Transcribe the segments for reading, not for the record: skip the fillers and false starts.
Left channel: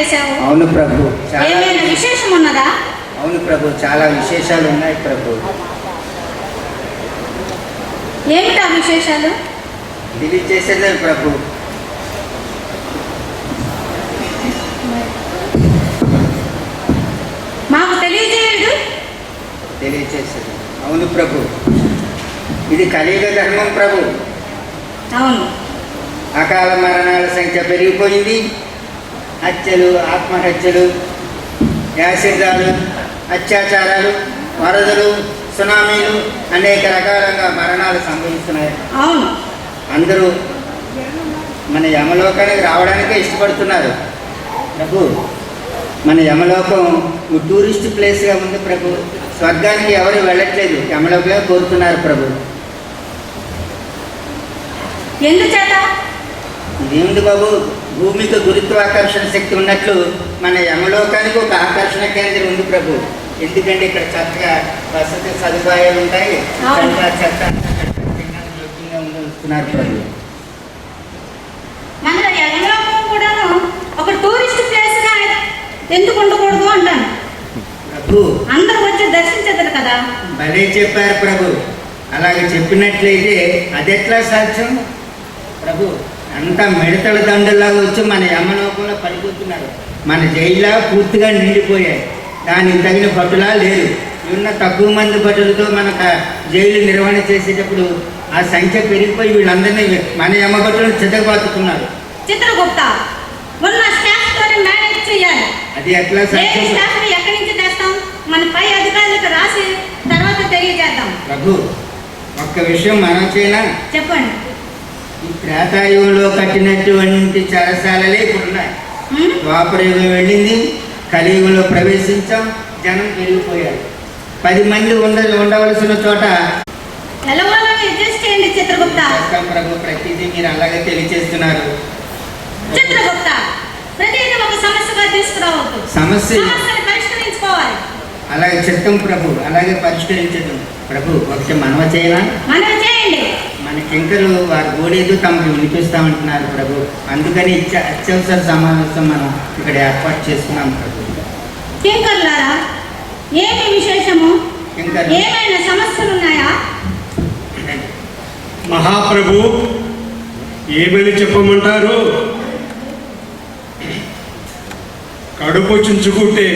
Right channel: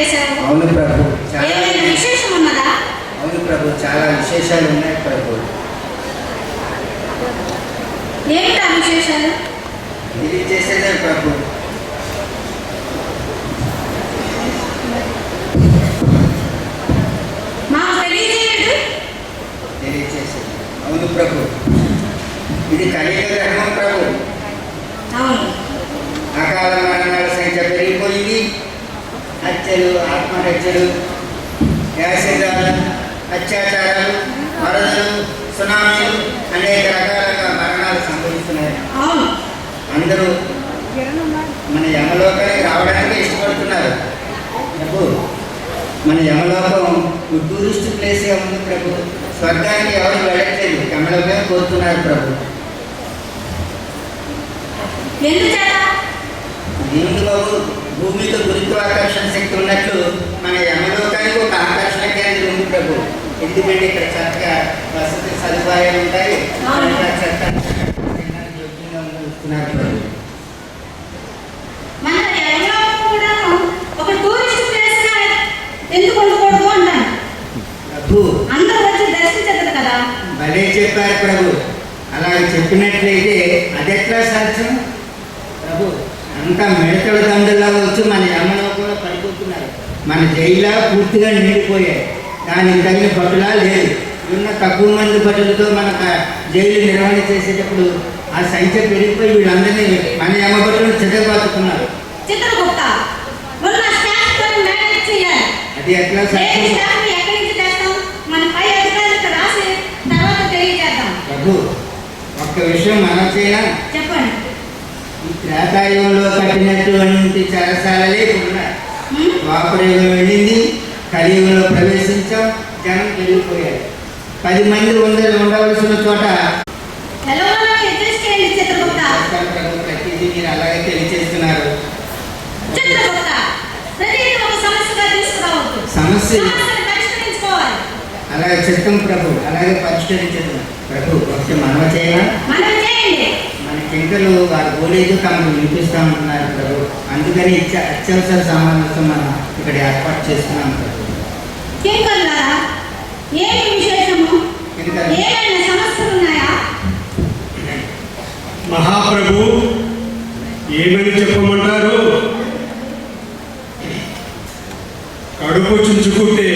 చేశావు. అవును ప్రభు. ఏమైనా విశేషం ఉన్నదా? అవును ప్రభు, చాలా విశేషాలు ఉన్నాయి ప్రభు. ఏమిటా విశేషాలు? తెలియచేసేదే ప్రభు. మాకు తెలియజేయడు. తెలియచేసేది. అవును ప్రభు, ఇది కలియుగ ధర్మం ప్రభు. అవును. అకాల మరణాల సంఖ్య పెరిగిపోయింది. హత్యలు, ఆత్మహత్యలు, యాసిడాలు, అత్యాచారాలు, వరదలు, సునామీలు, అనేక రకాలుగా మరణాలు సంభవిస్తున్నాయి. అవును. అందరూ మన యమలోకానికి రావడానికే ఇష్టపడుతున్నారు ప్రభు. మన యమలోకం టూరిస్ట్ ప్లేస్గా ఉంది ప్రభు. స్వర్గానికి ఎవరు వెళ్ళట్లేదు, యమలోకమే కోరుతున్నారు ప్రభు. ఎందుచేత? దేవుడు బాబు, భూమికి గురుత్వాకర్షణ శక్తి ఉన్నట్లు మన యమలోకానికి ఒక ఆకర్షణ కేంద్రం ఉంది ప్రభు. ఎందుకంటే ఇక్కడ చక్కగా వసతి సదుపాయాలు ఉంటాయి. ఉంటున్నారు ప్రభు. మన యమలోకం కూడాను ఒక టూరిస్ట్ ప్లేస్ గా ఎందుకు ఉండకూడదు అంటాను ప్రభు. అందరూ వచ్చి దర్శించదు కదా. భలే చెప్పారు ప్రభు. అలాగే చెప్పినట్లయితే అది ఎట్లా సాధ్యం ప్రభు? అంతా మిడతల దండల్లా వచ్చి మన యమలోకంలో పడిపోతున్నారు. మన జైల్లో పూర్తిగా నిండిపోయాయి. దానికి తగిన భటులా లేదు. ఉన్న తక్కువ మంది భటులతో మన జైలు నిర్వహణ చేసేటప్పుడు ఆ సంఖ్య పెరిగిపోయి వీళ్ళందరినీ మన యమ భటులను చితకబాతుతున్నారు. చిత్రగుప్త ఉన్న స్టాఫ్ తో మేనేజ్ చేయాలి. అది ఎట్లా సాధ్యం? స్టాఫ్ ఎక్కడి నుంచి తెస్తాం? మన పై అధికారులకు రాసి తర్వాత తెలియజేద్దాం ప్రభు. ఒక్క విషయం మనం చేయనా? చెప్పండి. ఈ త్రేతాయుగంలో కట్టినటువంటి చెరసాలలే ఇప్పుడున్నాయి. ద్వాపరయుగం వెళ్ళింది, కలియుగంలో ప్రవేశించాం, జనం పెరిగిపోయారు. 10 మంది ఉండవలసిన చోట చిత్రగుప్త ప్రభు. ప్రతిదీ మీరు అలాగే తెలియచేస్తున్నారు. చిత్రగుప్త ప్రతిదీ ఒక సమస్యగా తీసుకురావద్దు. సమస్యను పరిష్కరించుకోవాలి. అలాగే చిత్తం ప్రభు, అలాగే పరిష్కరించదు ప్రభు. ఒకటి మనవ చేయాలా? మనం చేయండి. మన కింకలు వారు గోడేదు తమకు వినిపిస్తూ ఉంటున్నారు ప్రభు. అందుకని అత్యవసర సమావేశం మనం ఇక్కడ ఏర్పాటు చేస్తున్నాం ప్రభు. కింకర్లారా, ఏమి విశేషము? ఏమైనా సమస్యలు ఉన్నాయా? మహాప్రభు, ఏమని చెప్పమంటారు? కడుపు చుంచుకుంటే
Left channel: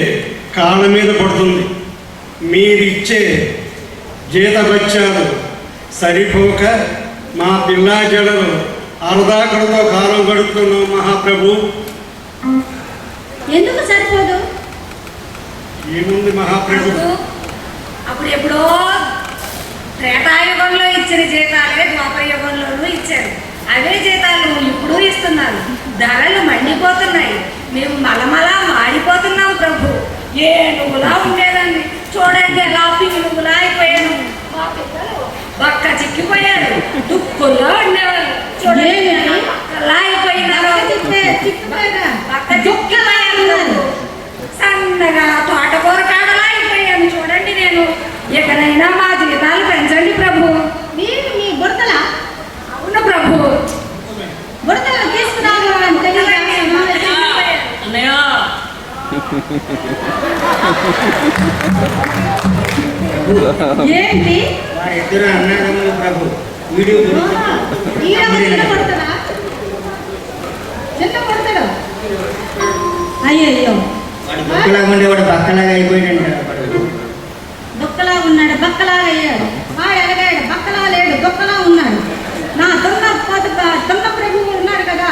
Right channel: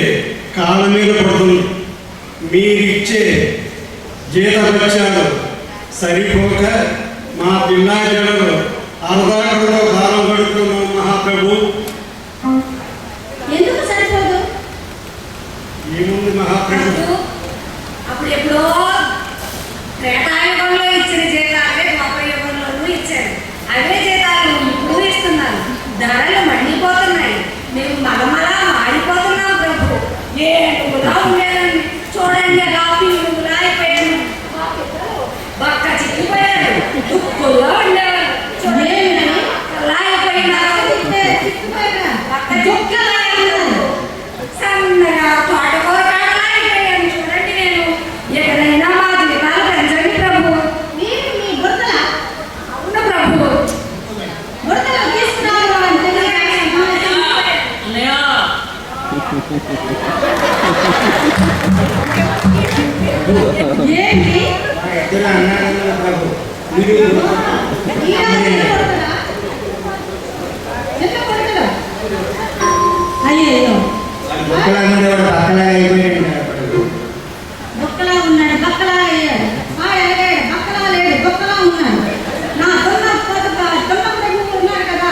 కాళ్ళ మీద పడుతుంది. మీరిచ్చే జీతభత్యాలు సరిపోక మా పిల్లా జడలు అర్ధాకడతో కాలం గడుపుతున్నాం మహాప్రభు. ఎందుకు సరిపోదు? ఏముంది మహాప్రభు? అప్పుడు ఎప్పుడో త్రేతాయుగంలో ఇచ్చిన జీతాలే ద్వాపరయుగంలోనూ ఇచ్చారు. అవే జీతాలు ఇప్పుడు ఇస్తున్నారు. ధరలు మండిపోతున్నాయి. మేము మలమలా మాడిపోతున్నాం ప్రభు. ఏ నువ్వులా ఉండేదాన్ని చూడండి, ఎలా నువ్వులా అయిపోయాను. మా పిల్లలు బక్క చిక్కిపోయారు. దుక్కుల్లో ఉండేవారు చూడండి ఎలా అయిపోయినారు. బక్క దుక్కలా సన్నగా తోటకూర కాడలా అయిపోయాను చూడండి. నేను ఎక్కడైనా మా జీతాలు పెంచండి ప్రభు. మీరు మీ బుడతల? అవును ప్రభు. బుడతలు తీసుకురావాలి అంటే ఏంటి? ఇద్దరు అన్నదమ్ములు ప్రభు. వీడియో అయ్యో, బొక్కలా ఉండేవాడు బక్కలాగా అయిపోయాడు. బొక్కలా ఉన్నాడు, బక్కలాగా అయ్యాడు. ఎలాగాడు? బక్కలా లేడు, బొక్కలా ఉన్నాడు. నా దొంగ ప్రభువు ఉన్నాడు కదా,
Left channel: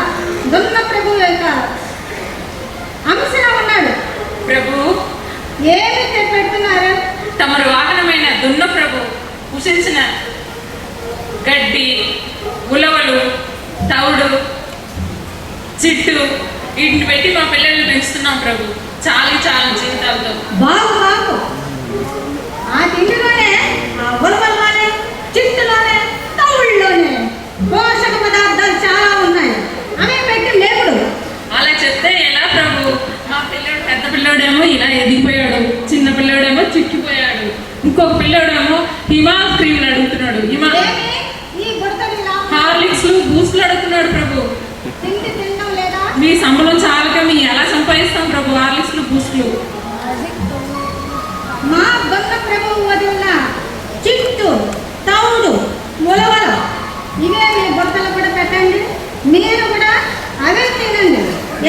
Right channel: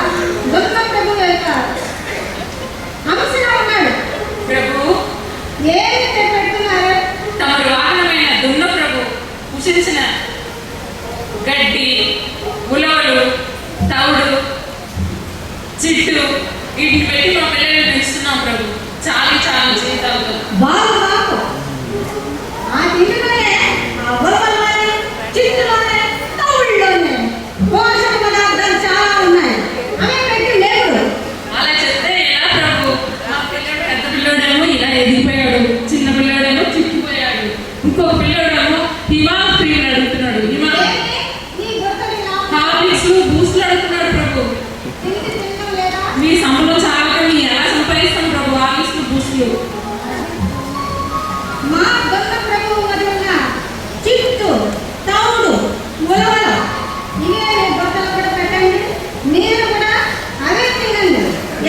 దొంగ ప్రభువు యొక్క అంశగా ఉన్నాడు. ప్రభు, ఏమి పెడుతున్నారు? తమరు వాహనమైన దున్న ప్రభు కుషించిన గడ్డి, ఉలవలు, తౌడు, చిట్టు వీటిని పెట్టి మా పిల్లల్ని పెంచుతున్నాం ప్రభు. చాలు జీవితాలతో. బాగు ఆ తిండిలోనే, ఆ ఉలవల్లోనే, చిట్టులోనే, తౌడులోనే పోషక పదార్థాలు చాలా ఉన్నాయి. అవే పెట్టి లేవుడు. అలా చెప్తే ఎలా ప్రభు? మా పిల్లోడు, పెద్ద పిల్లోడేమో ఇలా ఎదిగిపోయాడు, చిన్న పిల్లోడేమో చిక్కిపోయాడు, ఇంకొక పిల్లోడేమో హిమాల్ క్రీమ్ అడుగుతున్నాడు. హార్లిక్స్, బూస్ట్లు అడుగుతున్నాడు ప్రభు. తిండి తినడం లేదా? మీ సంబలం చాలక మీ ఎలా సంపాదిస్తాం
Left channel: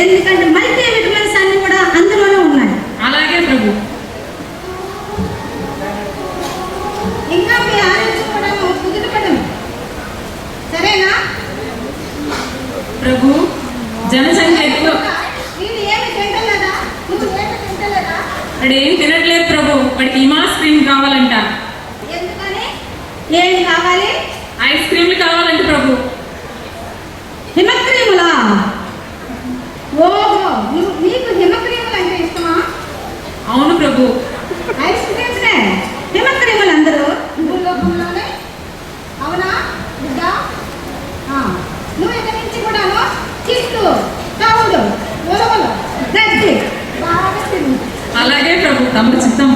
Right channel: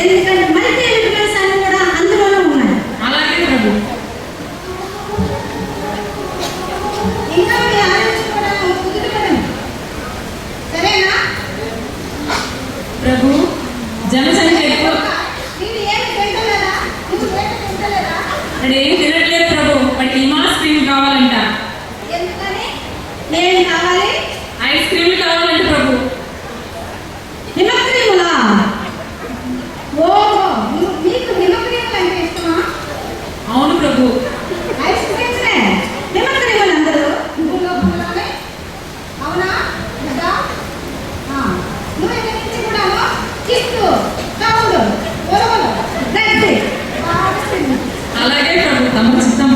ఎందుకంటే మల్టీ విటమిన్స్ అన్ని కూడా అందులోనే ఉన్నాయి. అలాగే ప్రభు. ఇంకా మీ ఆలోచన కూడా కుదురుపడం సరేనా ప్రభు? జనసంఖ్య ఎక్కువ. నేను ఏమి తింటలేదా? నువ్వు ఏమి తింటలేదా? వాడు ఏం తినట్లేదు ప్రభు. వాడికి హిమాస్ క్రీమ్ కావాలంట. ఎందుకని? ఏమి కావాలి? ఐస్ క్రీమ్లు కావాలంట ప్రభు. హిమక్రీములా? ఓహో, నీకు హిమక్రీములు అంటే ఇష్టమా? అవును ప్రభు. ఐస్ క్రీమ్సే హిమక్రీములు అందరూ భూలోకంలోనే. అవునా బిడ్డా? నువ్వు ఇక్కడి నుంచి కూడాను చిట్టు కౌడు ఉలవలు గడ్డి బాగా తిను. అలాగే ప్రభు, తమ చిత్తం.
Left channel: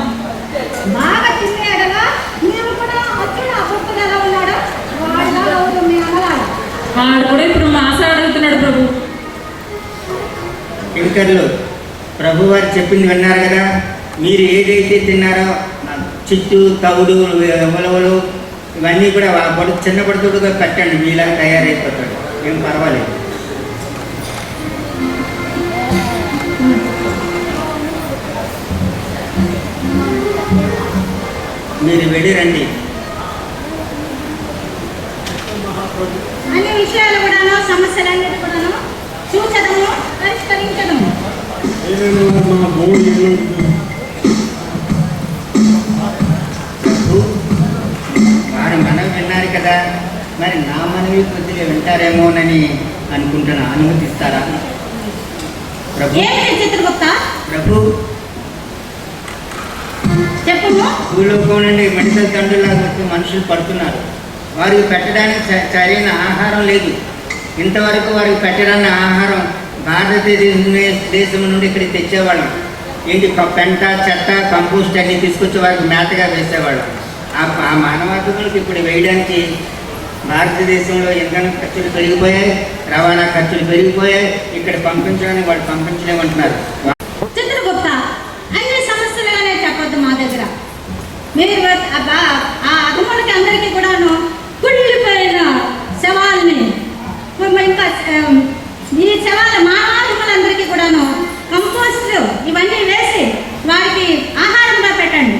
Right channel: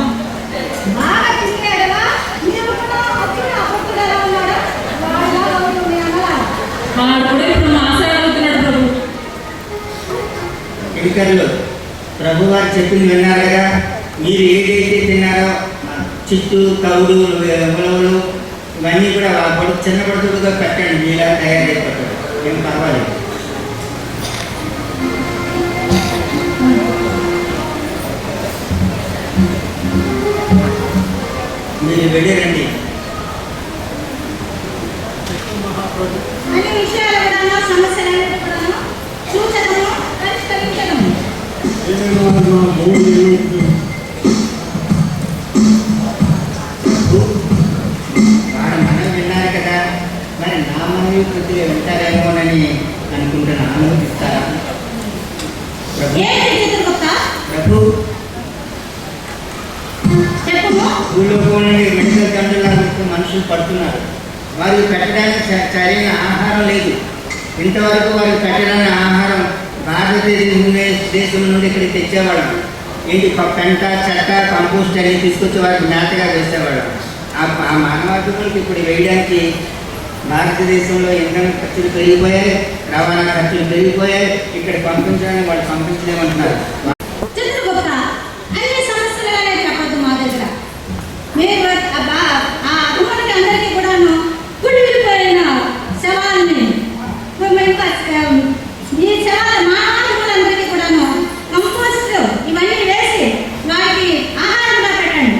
బాగా తినేడలా మీరు కూడా అప్పుడు అప్పుడు ఎలా ఉన్నాడు వాడుగా అవును మీ అన్నలా. వాడు కూడా ఇప్పుడు మాసాడు అడుగుతున్నాడు ప్రభు. కింకర్లు ప్రభు వారు చెప్పింది విన్నారు కదా. మీరు ఏదైతే తిన్నారో చిట్టు తవుడు ఉలవలు ఇవన్నీ కూడా చిన్న పడుతుడుగా పెట్టండి. మీలా తయారైపోతాడు, ఏం పర్వాలేదు. మీరు వెళ్ళిరండి. అన్ని విషయాలు కూడాను సమస్యలన్నిటి కూడాను చూచడము పరిష్కరించడము. వారు మనవి విన్నారు కదా, మరి నా మనవి కొద్దిగా వింటారేమోనని అనుకుంటున్నా. అనుమతిస్తారా ప్రభు? ఏంటి చిత్రగుప్త? ప్రభు, చెప్పు. భూలోకం నుండి మెడికల్ తండ్రులాగా మనుషులు పడుతున్నారు. వారికి పెట్టడానికి సరైన ఆహారం లేదు. ఇంతవరకు వారికి పెట్టడానికి ఆహారం భారతదేశం నుండి ఇక్కడికి తెచ్చేవాళ్ళం. ఏంటి పెంట చెత్త కంపోస్ట్ అన్ని తీసుకొచ్చి వారికి మేతగా వేసేవాళ్ళం. ఆ మానవాధికులకు ఇప్పుడు వేయడానికి భారతదేశంలో ఇంధన ఖర్చులు పెరిగిపోయాయి, రవాణా ఖర్చులు పెరిగిపోయాయి. ఇక్కడ పంపించడానికి వాళ్ళు పంపించలేమంటున్నారు. చిత్రగుప్త, అన్ని సమస్యలుగానే చెప్పొద్దు మా దగ్గర. మీరు ఆ అభిమానికి అందరికీ కూడాను కుళ్ళిపోయిన శవాలని ఇంకా ఈ శవాల మానవాధికులందరికీ కూడాను కంపోస్ట్ ఇవన్నీ వేసి వారికి ఆహారంగా పెట్టండి.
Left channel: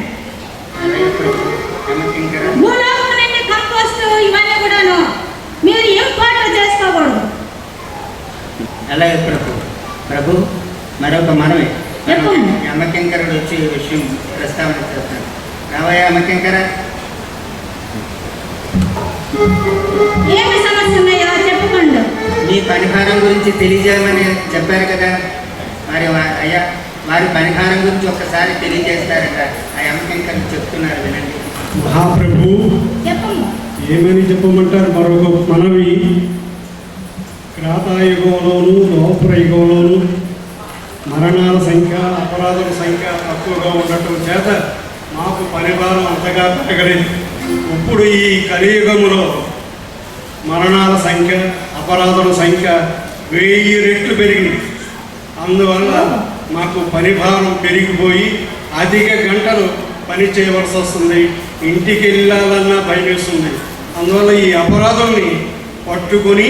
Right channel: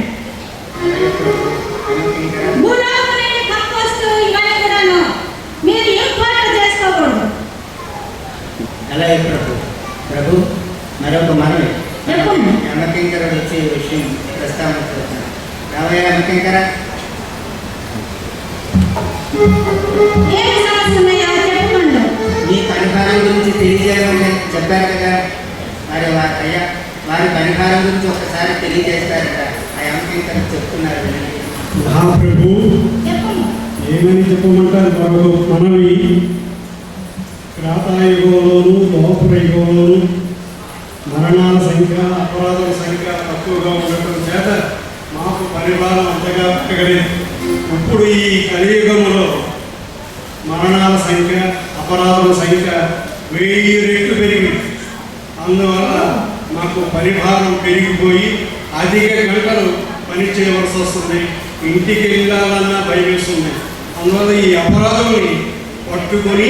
భూలోకం నుండి కంపోస్ట్ ఇవన్నీ కూడాను మీరు ఇంపోర్ట్ చేసుకోకూడదు. అలాగే ప్రభు మరొక మనమే. చెప్పండి. అమ్మకింకరుడు వచ్చి విషయం ప్రస్తావన చేస్తాను. రావయ్యా అమ్మకింకర. ఏమి సమస్య ఉన్నాయో చెప్పుకోండి. మీ పరిహారం గురించి తెలియజేయమని చెప్పారు కదా. మరి అయ్యా వారి పరిహారం గురించి ఒక్కసారి తెలియజేస్తారట. ఆ అమ్మకింకరు చెప్తున్నారు, వినండి. మహాప్రభు, చెప్పండి. ఏమని చెప్పమంటారు? మరొక మనవి. క్రాతాయుగంలోను ద్వాపర యుగంలోను మరణాల సంఖ్య అపరాధుల సంఖ్య తక్కువగా ఉండటం చేత మాకు పరిపాలన అంతగా పెరగలేదు. ఇప్పుడు ఈ కలియుగంలో మరణాల సంఖ్య అపరాధుల సంఖ్య 1000 రెట్లు పెరిగింది. అందువల్ల మాకు పరిభారం పెరిగిపోయి అధిక గంటలు పని చేయవలసి వస్తుంది. ఇంటికి వెళ్ళాలన్నా భయమేస్తుంది. అందువల్ల ఈ అపరాధుల్ని పట్టుకొని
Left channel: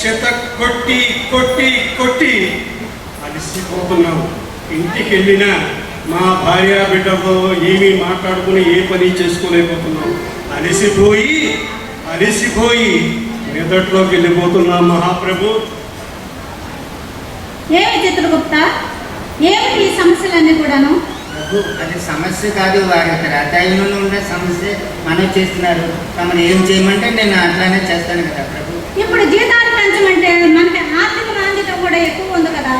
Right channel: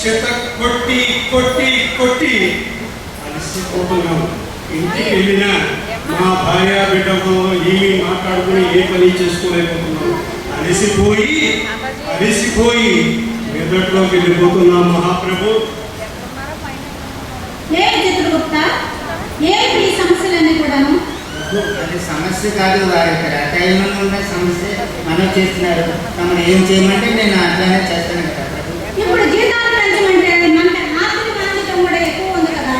చెత్త కొట్టి కొట్టి కొట్టి అలసిపోతున్నాము. ఇంటికి వెళ్ళినా మా భార్య బిడ్డతో ఏమీ మాట్లాడుకుని ఏ పని చేసుకోలేకపోతున్నాం. అలసిపోయి మెదట్లోకి వెళ్ళిపోతున్నాం మహాప్రభు. ఏమి చిత్రగుప్త, ఏమిటి ఈ సమస్యలన్నీ కూడాను? అది సమస్య కాదు, వారి రాతాయంలో ఉండే సమస్య మనం చేస్తున్నారు. తమను ఏం చేయమంటే నేను అట్లానే చేస్తాను కదా ప్రభు. ఇప్పుడు జీతాలు పెంచమంటే మనకి ఆర్థిక బాధ్యత కూడా ఎక్కువ ఉంది కదా.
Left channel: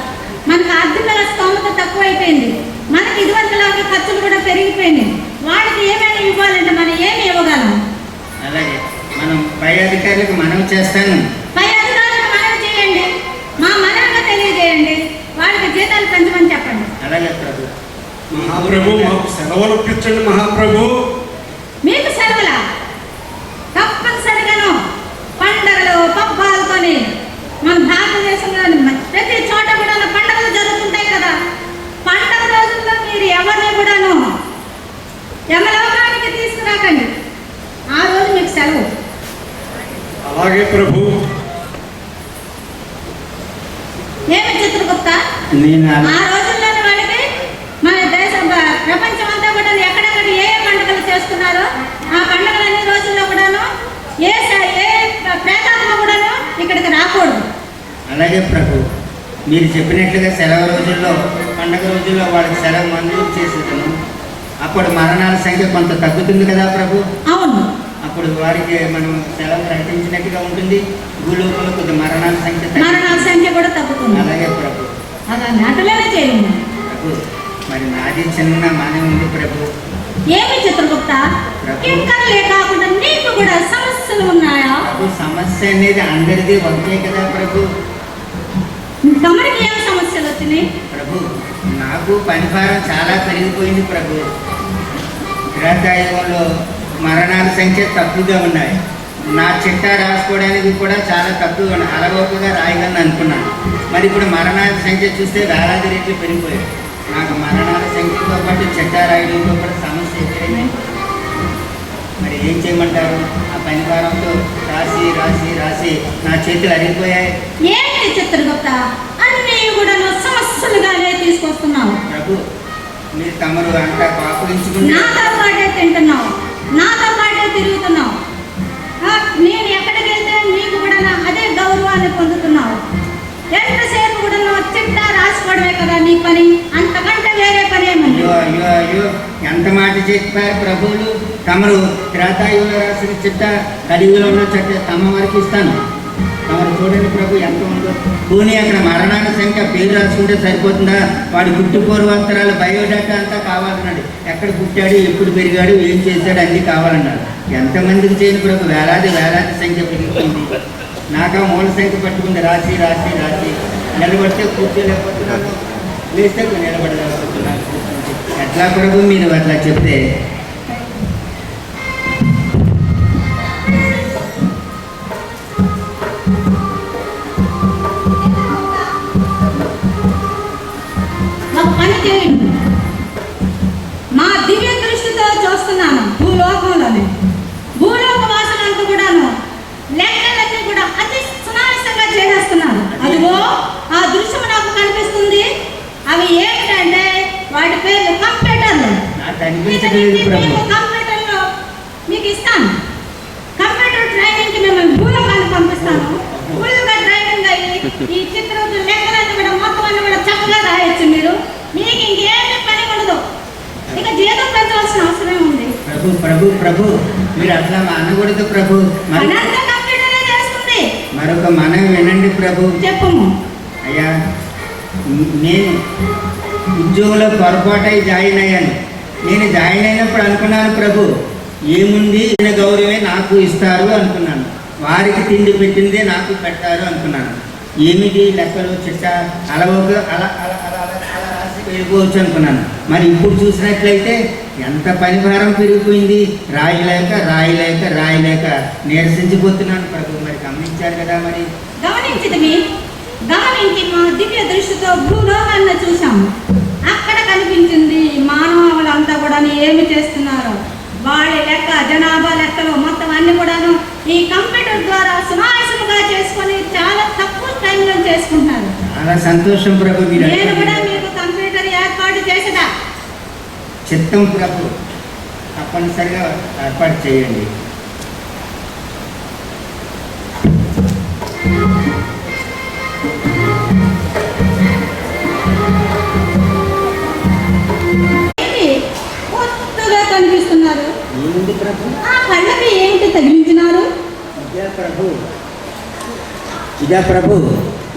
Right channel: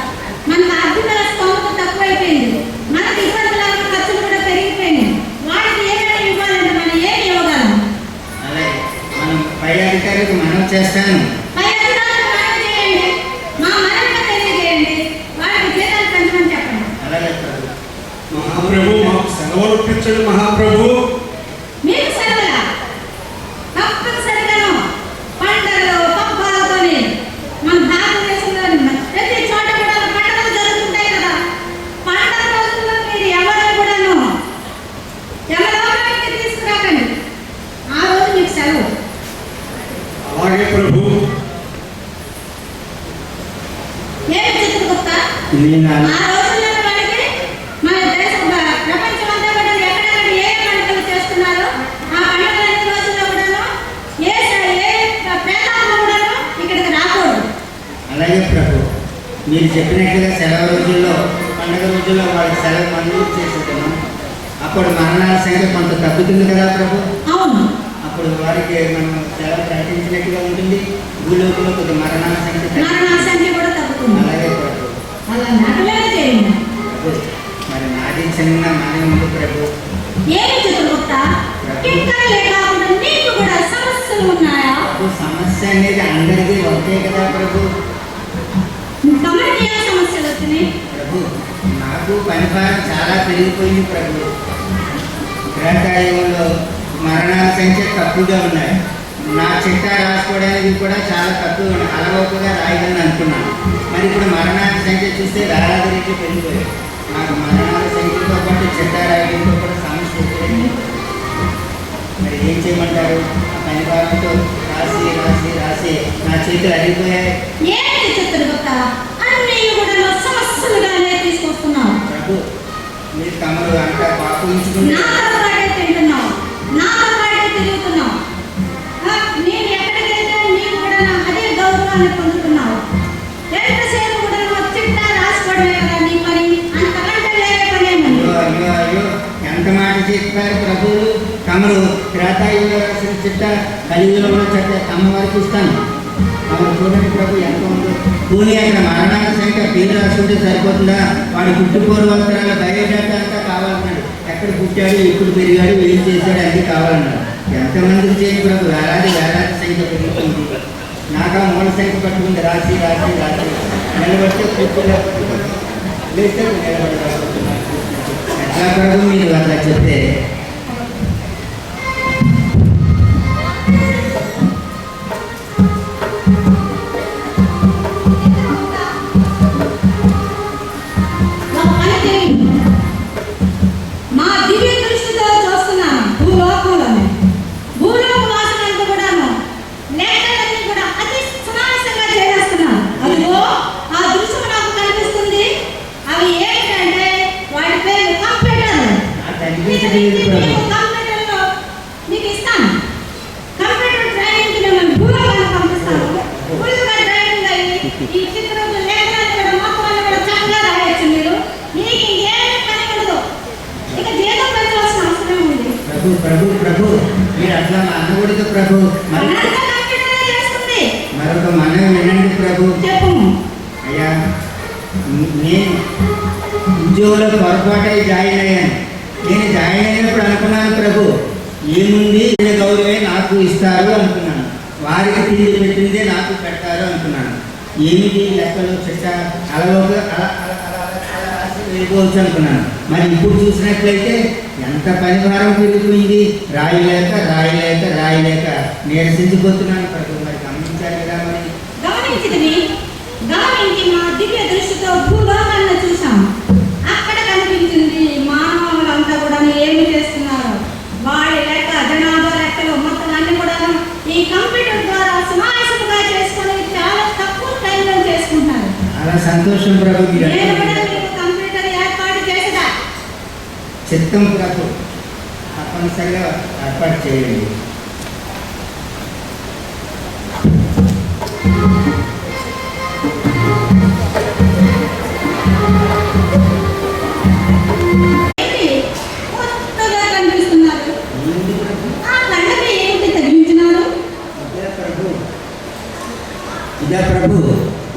మనకు ఆర్థిక స్తోమత తక్కువ అయిపోయింది. మనకి ఇదివరకులాగా ఖర్చులు కూడా పెరిగిపోయినాయి. వాడికి ఏమైనా ఇవ్వాలంటే మనం ఏమి ఇవ్వగలం? అలాగే మనం పై అధికారికి మనం చేస్తాను. పై అధికారులకు మనం చేయండి, మా మనల్ని తెలియజేయండి, వాడికి జీతాలు పెంచమని చెప్పండి. అలాగే ప్రభు. మహాప్రభు, మాకు సెలవులు ఇప్పించండి మహాప్రభు. మీకు సెలవులా? తప్పనిసరిగాను పండుగలు పబ్బాలతోని మన భారతదేశంలోని ప్రతి చోట కూడా పండుగలు జరుగుతుంటాయి కదా. పండుగ రోజుల్లో మీరు ఎవరిని కూడాను యమలోకానికి తీసుకురాకండి. ఆ రోజు మీకు సెలవు. అలాగే ప్రభు. ఏమి చిత్రగుప్త, నేను ఆ అలా- రోజుల్లో వాళ్ళకి మన దేశం ప్రపంచం అంతా కూడా ఎక్కడెక్కడ ఏ పండుగలు చేస్తున్నారో ఆ పండుగలన్నీ రోజుల్లో కూడాను ఏ ప్రేతాత్మ కూడాను ఇక్కడికి రాకూడదు. అలాగే ప్రభు మీరు చెప్పినట్లుగా సెలవు రోజుల్లో పండగ రోజుల్లో వాళ్ళకి సెలవు మంజూరు చేసేదాము. అప్పుడు మరణాల సంఖ్య కొంత తగ్గుతుంది కదా ప్రభు. అవును, అప్పుడు వారికి మనం సెలవు ప్రకటించినట్టుగా ఉంటుంది. భూలోకంలో కొద్ది మరణాల సంఖ్య మరణాల సంఖ్య కూడా తగ్గుతుంది. అలాగే ప్రభు. అలా నటలేని చేయండి. ప్రభు మరి నాది చిన్న మనవి ఉంది ప్రభు. ఏమి చిత్రగుప్త కింకరలే కాకుండా నీకు కూడా సమస్యలు ఉన్నాయా? ప్రభు సమస్య అనేది అందరిది ఒకటే కదా ప్రభు. గమనికి ఏం సమస్యలు వచ్చినాయి? ప్రభు నాకు పనిభారం చాలా పెరిగిపోయింది ప్రభు. గ్రహకాయంలో మరణాల సంఖ్య తక్కువగా ఉన్నాయి. నా చిట్టా రాసుకోవడానికి కూడా చాలా తక్కువగా ఉన్నాయి. అలవోకగా రాయగలను అనుకున్నాను. మరి ఇప్పుడు మరణాల సంఖ్య చూస్తే వేలాది రెట్లు పెరిగిపోయాయి. నాకు మరణాల సంఖ్యతో పాటు చిట్టా రాయడంతో పాటు సమస్య ఎదురైంది. మరి ఏం చేయమంటారు? ఆ పనిభారంతో రాసి రాసి రాసి నా చేతులు అరిగిపోయాయి. ఏంటి చిత్రగుప్త అన్నీ కూడా సమస్యలుగానే తీసుకొస్తున్నావు. ప్రభు మీరు తమరు అంతా పాపించుకుంటే నాతో పాటే తింటున్నావు, నాతో పాటే తిరుగుతున్నావు. నేను ఎక్కడికి వెళ్తే నీకు కూడా అదే గౌరవాన్ని పొందుతున్నావు. ఎంతసేపు కూడా చిట్టా రాసుకోవడమే కదా నీ పని, అంతకంటే వేరే పని ఏమని? అయ్యో అయ్యో అయ్యో ఎంత మాట చెప్పారు ప్రభువులు. తమరు త్రేతాయుగంలో రాసిన చిట్ట కలియుగంలో చెట్ట తమ వరకు ఇస్తాను. తమరు చూడండి ప్రభు ఎంత ఉందో. పోనీ అక్కడ మరణాల సంఖ్య పేరు రాసుకుంటే సరిపోతుందా? వాడి పుట్టి పూర్వోత్తరాల బయోడేటా అంతా కావాలన్నాడు. ఎక్కడ పుట్టాడు, ఎప్పుడు పెరిగాడు, ఏం చేశాడు అన్నీ కావాలన్నాడు. ఎంతమందికి చేయని ప్రభు వేలాది సంఖ్య పెరిగిపోయింది. నాకా మూల సంఖ్య పట్టుకుంది రాసి రాసి రాసి నిలబడితే కూర్చోలేకపోతున్నాను, లేస్తే నిలబడలేకపోతున్నాను. ఎట్లా ప్రభు మీరు అట్లా చెప్తే? ఒక పని చేయండి. మా దివ్య దృష్టితో చూస్తున్నాను. భూలోక వాసనలకు కూడాను లెక్కలన్నీ కూడా అతి సునాయాసంగా చేసేస్తున్నాను. అదిగో ఆ దృశ్యం నాకు కనిపిస్తుంది. అవి ఏంటంటే వాటి పేరు కంప్యూటర్లు. నాకు అనిపించలేదు ప్రభు. కంప్యూటర్లో మీకు ఇస్తాను. కంప్యూటర్ ట్రైనింగ్కి మిమ్మల్ని భూలోకానికి పంపిస్తాను. ఫుల్గా ట్రైనింగ్ అయ్యి ఈ చిత్రం లెక్కలన్నీ కూడా మొత్తం అన్ని కూడా చక్కగా రాయొచ్చు. మీకు ఇంకేమీ పని ఉండదు. ఇక జీతం పెంచవలసిన అవసరం ఉంది. ప్రభు ప్రభు ప్రభు మీరు అట్లా అనకూడదు ప్రభు. అనంత కంప్యూటరే చేస్తుంది. మరొక మనం వినండి ప్రభు. చెప్పము. అయ్యా నేను ఉద్యోగంలో పొరపాటై జాయిన్ అయ్యాను. నేను జాయిన్ అయినప్పుడు అనుకున్నాను ప్రభు ఏముంది గౌరవమే నాకు ఇస్తారు అనుకున్నాను. వారికి తిండి పెట్టిందే నాకు పెడతారు అనుకున్నాను. ఏమిటి లెక్కలు చిట్ట అలవోగా అలా అలా అలా అలా అలా రాసి వెళ్ళిపోవచ్చు అనుకున్నాను. మరి ఇప్పుడు చూసినట్లయితే ఎంత పనిభారం పెరిగిపోయింది. రాయలేక రాయలేక రాయలేక నీరసించిపోతున్నాను ప్రభు. మరి గమనించారు కదా. మరి గమనించి మా దివ్య దృష్టితో భూలోకాన్ని చూసాము. అక్కడ కనిపించింది మానవులంతా కూడా ఏమి చేస్తున్నారు. వాళ్ళ లెక్క జనాభా లెక్కలు మొత్తం అన్ని కూడాను ఈ కంప్యూటర్ ద్వారా సునాయాసంగా చేసుకొని చాలా తక్కువ టైంలో చేసుకుంటున్నారు. చాలా సంతోషం ప్రభు. నేను కూడా మీకు కంప్యూటర్ ఏర్పాటు చేసేదా? చిత్తం ప్రభు తప్పనిసరిగా ఏర్పాటు చేయండి. కొత్తగా కనిపిస్తున్నారు. ఏంటి ప్రభు? ఆ కళ్ళకి ఏంటి తగిలించినారు? ఇదా ప్రభు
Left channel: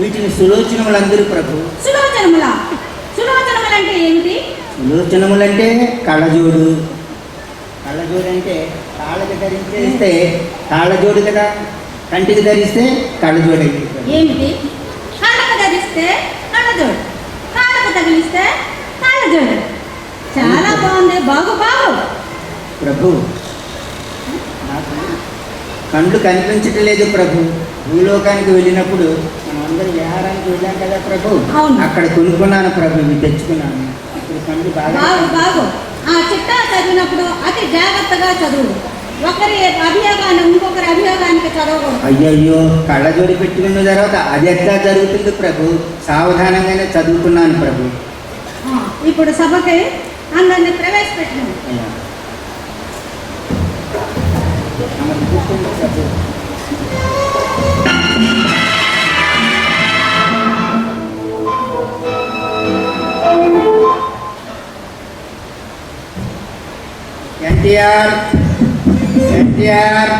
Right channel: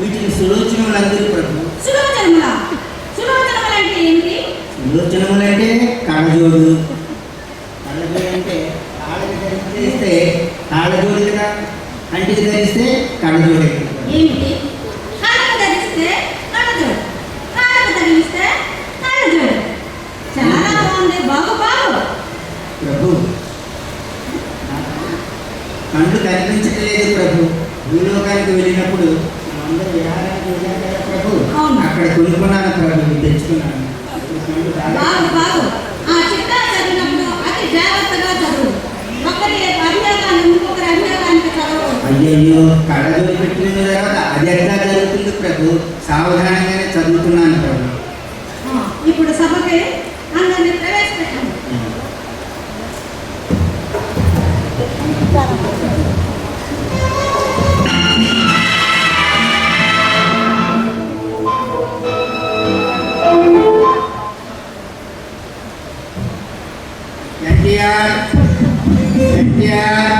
వీటిని సులోచనములందరూ ప్రభు. సులోచనముల అంటే ఏంటి? సులోచనములంటే కళ్ళజోడు. కళ్ళజోడు అంటే కాళ్ళకి ధరిస్తే కాళ్ళజోడు కదా. కంటికి ధరిస్తే కళ్ళజోడు. ఏమిటి? కళ్ళకు ధరిస్తే కళ్ళజోడు, కాళ్ళకు తగిలిస్తే కళ్ళజోడు. చాలా బాగుంది. బాగు ప్రభు నాకు కళ్ళు కనిపించటం లేదు ప్రభు. భూలోకానికి వెళ్ళినప్పుడు అందరూ విహారానికి వెళ్ళాం కదా ప్రభు. అవును. అక్కడ కొనుక్కున్నాను ప్రభు, మీరు తెచ్చుకున్నాను. ఇప్పుడు కళ్ళు బాగు. ఆ చిట్టా చదివినప్పుడు అతి జాగ్రత్తగా చదువు. ఒకరి అభియోగాన్ని ఇంకొకరి అభియోగానికి చదవకూడదు. అయ్యయ్యో కళ్ళజోడి పెట్టుకున్న తర్వాత అది ఎట్లా జరుగుతుంది ప్రభు? సావధానంగానే చదువుతున్నాను ప్రభు. ఇప్పుడు సభకి అందరినీ ప్రవేశపెట్టాము. ఎన్టీఆర్ ఎన్టీఆర్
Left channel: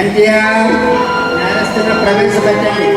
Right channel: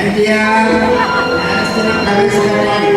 ఎన్టీఆర్ న్యాయస్థానం ప్రవేశపెట్టాలి.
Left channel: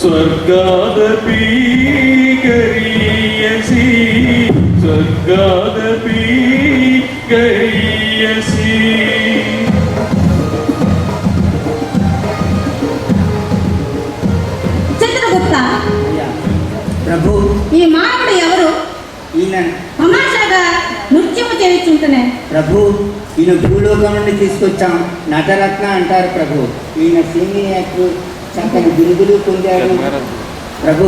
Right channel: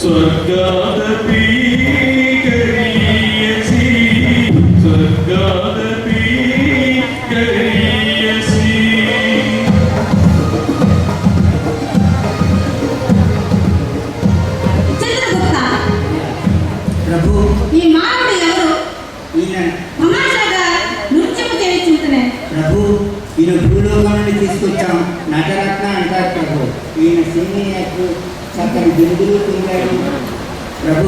స్వర్గాదపి గరీయసి స్వర్గాదపి గరీయసి. చంద్రగుప్త ప్రభు ఈ మానవుడు ఎవరు? ఈయన తమాషాగా నృత్యము చేయించుంటేనే. ప్రభు ఈయన భూలోకం నుండి తీసుకొచ్చాం. నటరత్న అంటారు ప్రభు. ఈయన సీనియర్ చక్కని బిరుదులు పొందాడు ప్రభు.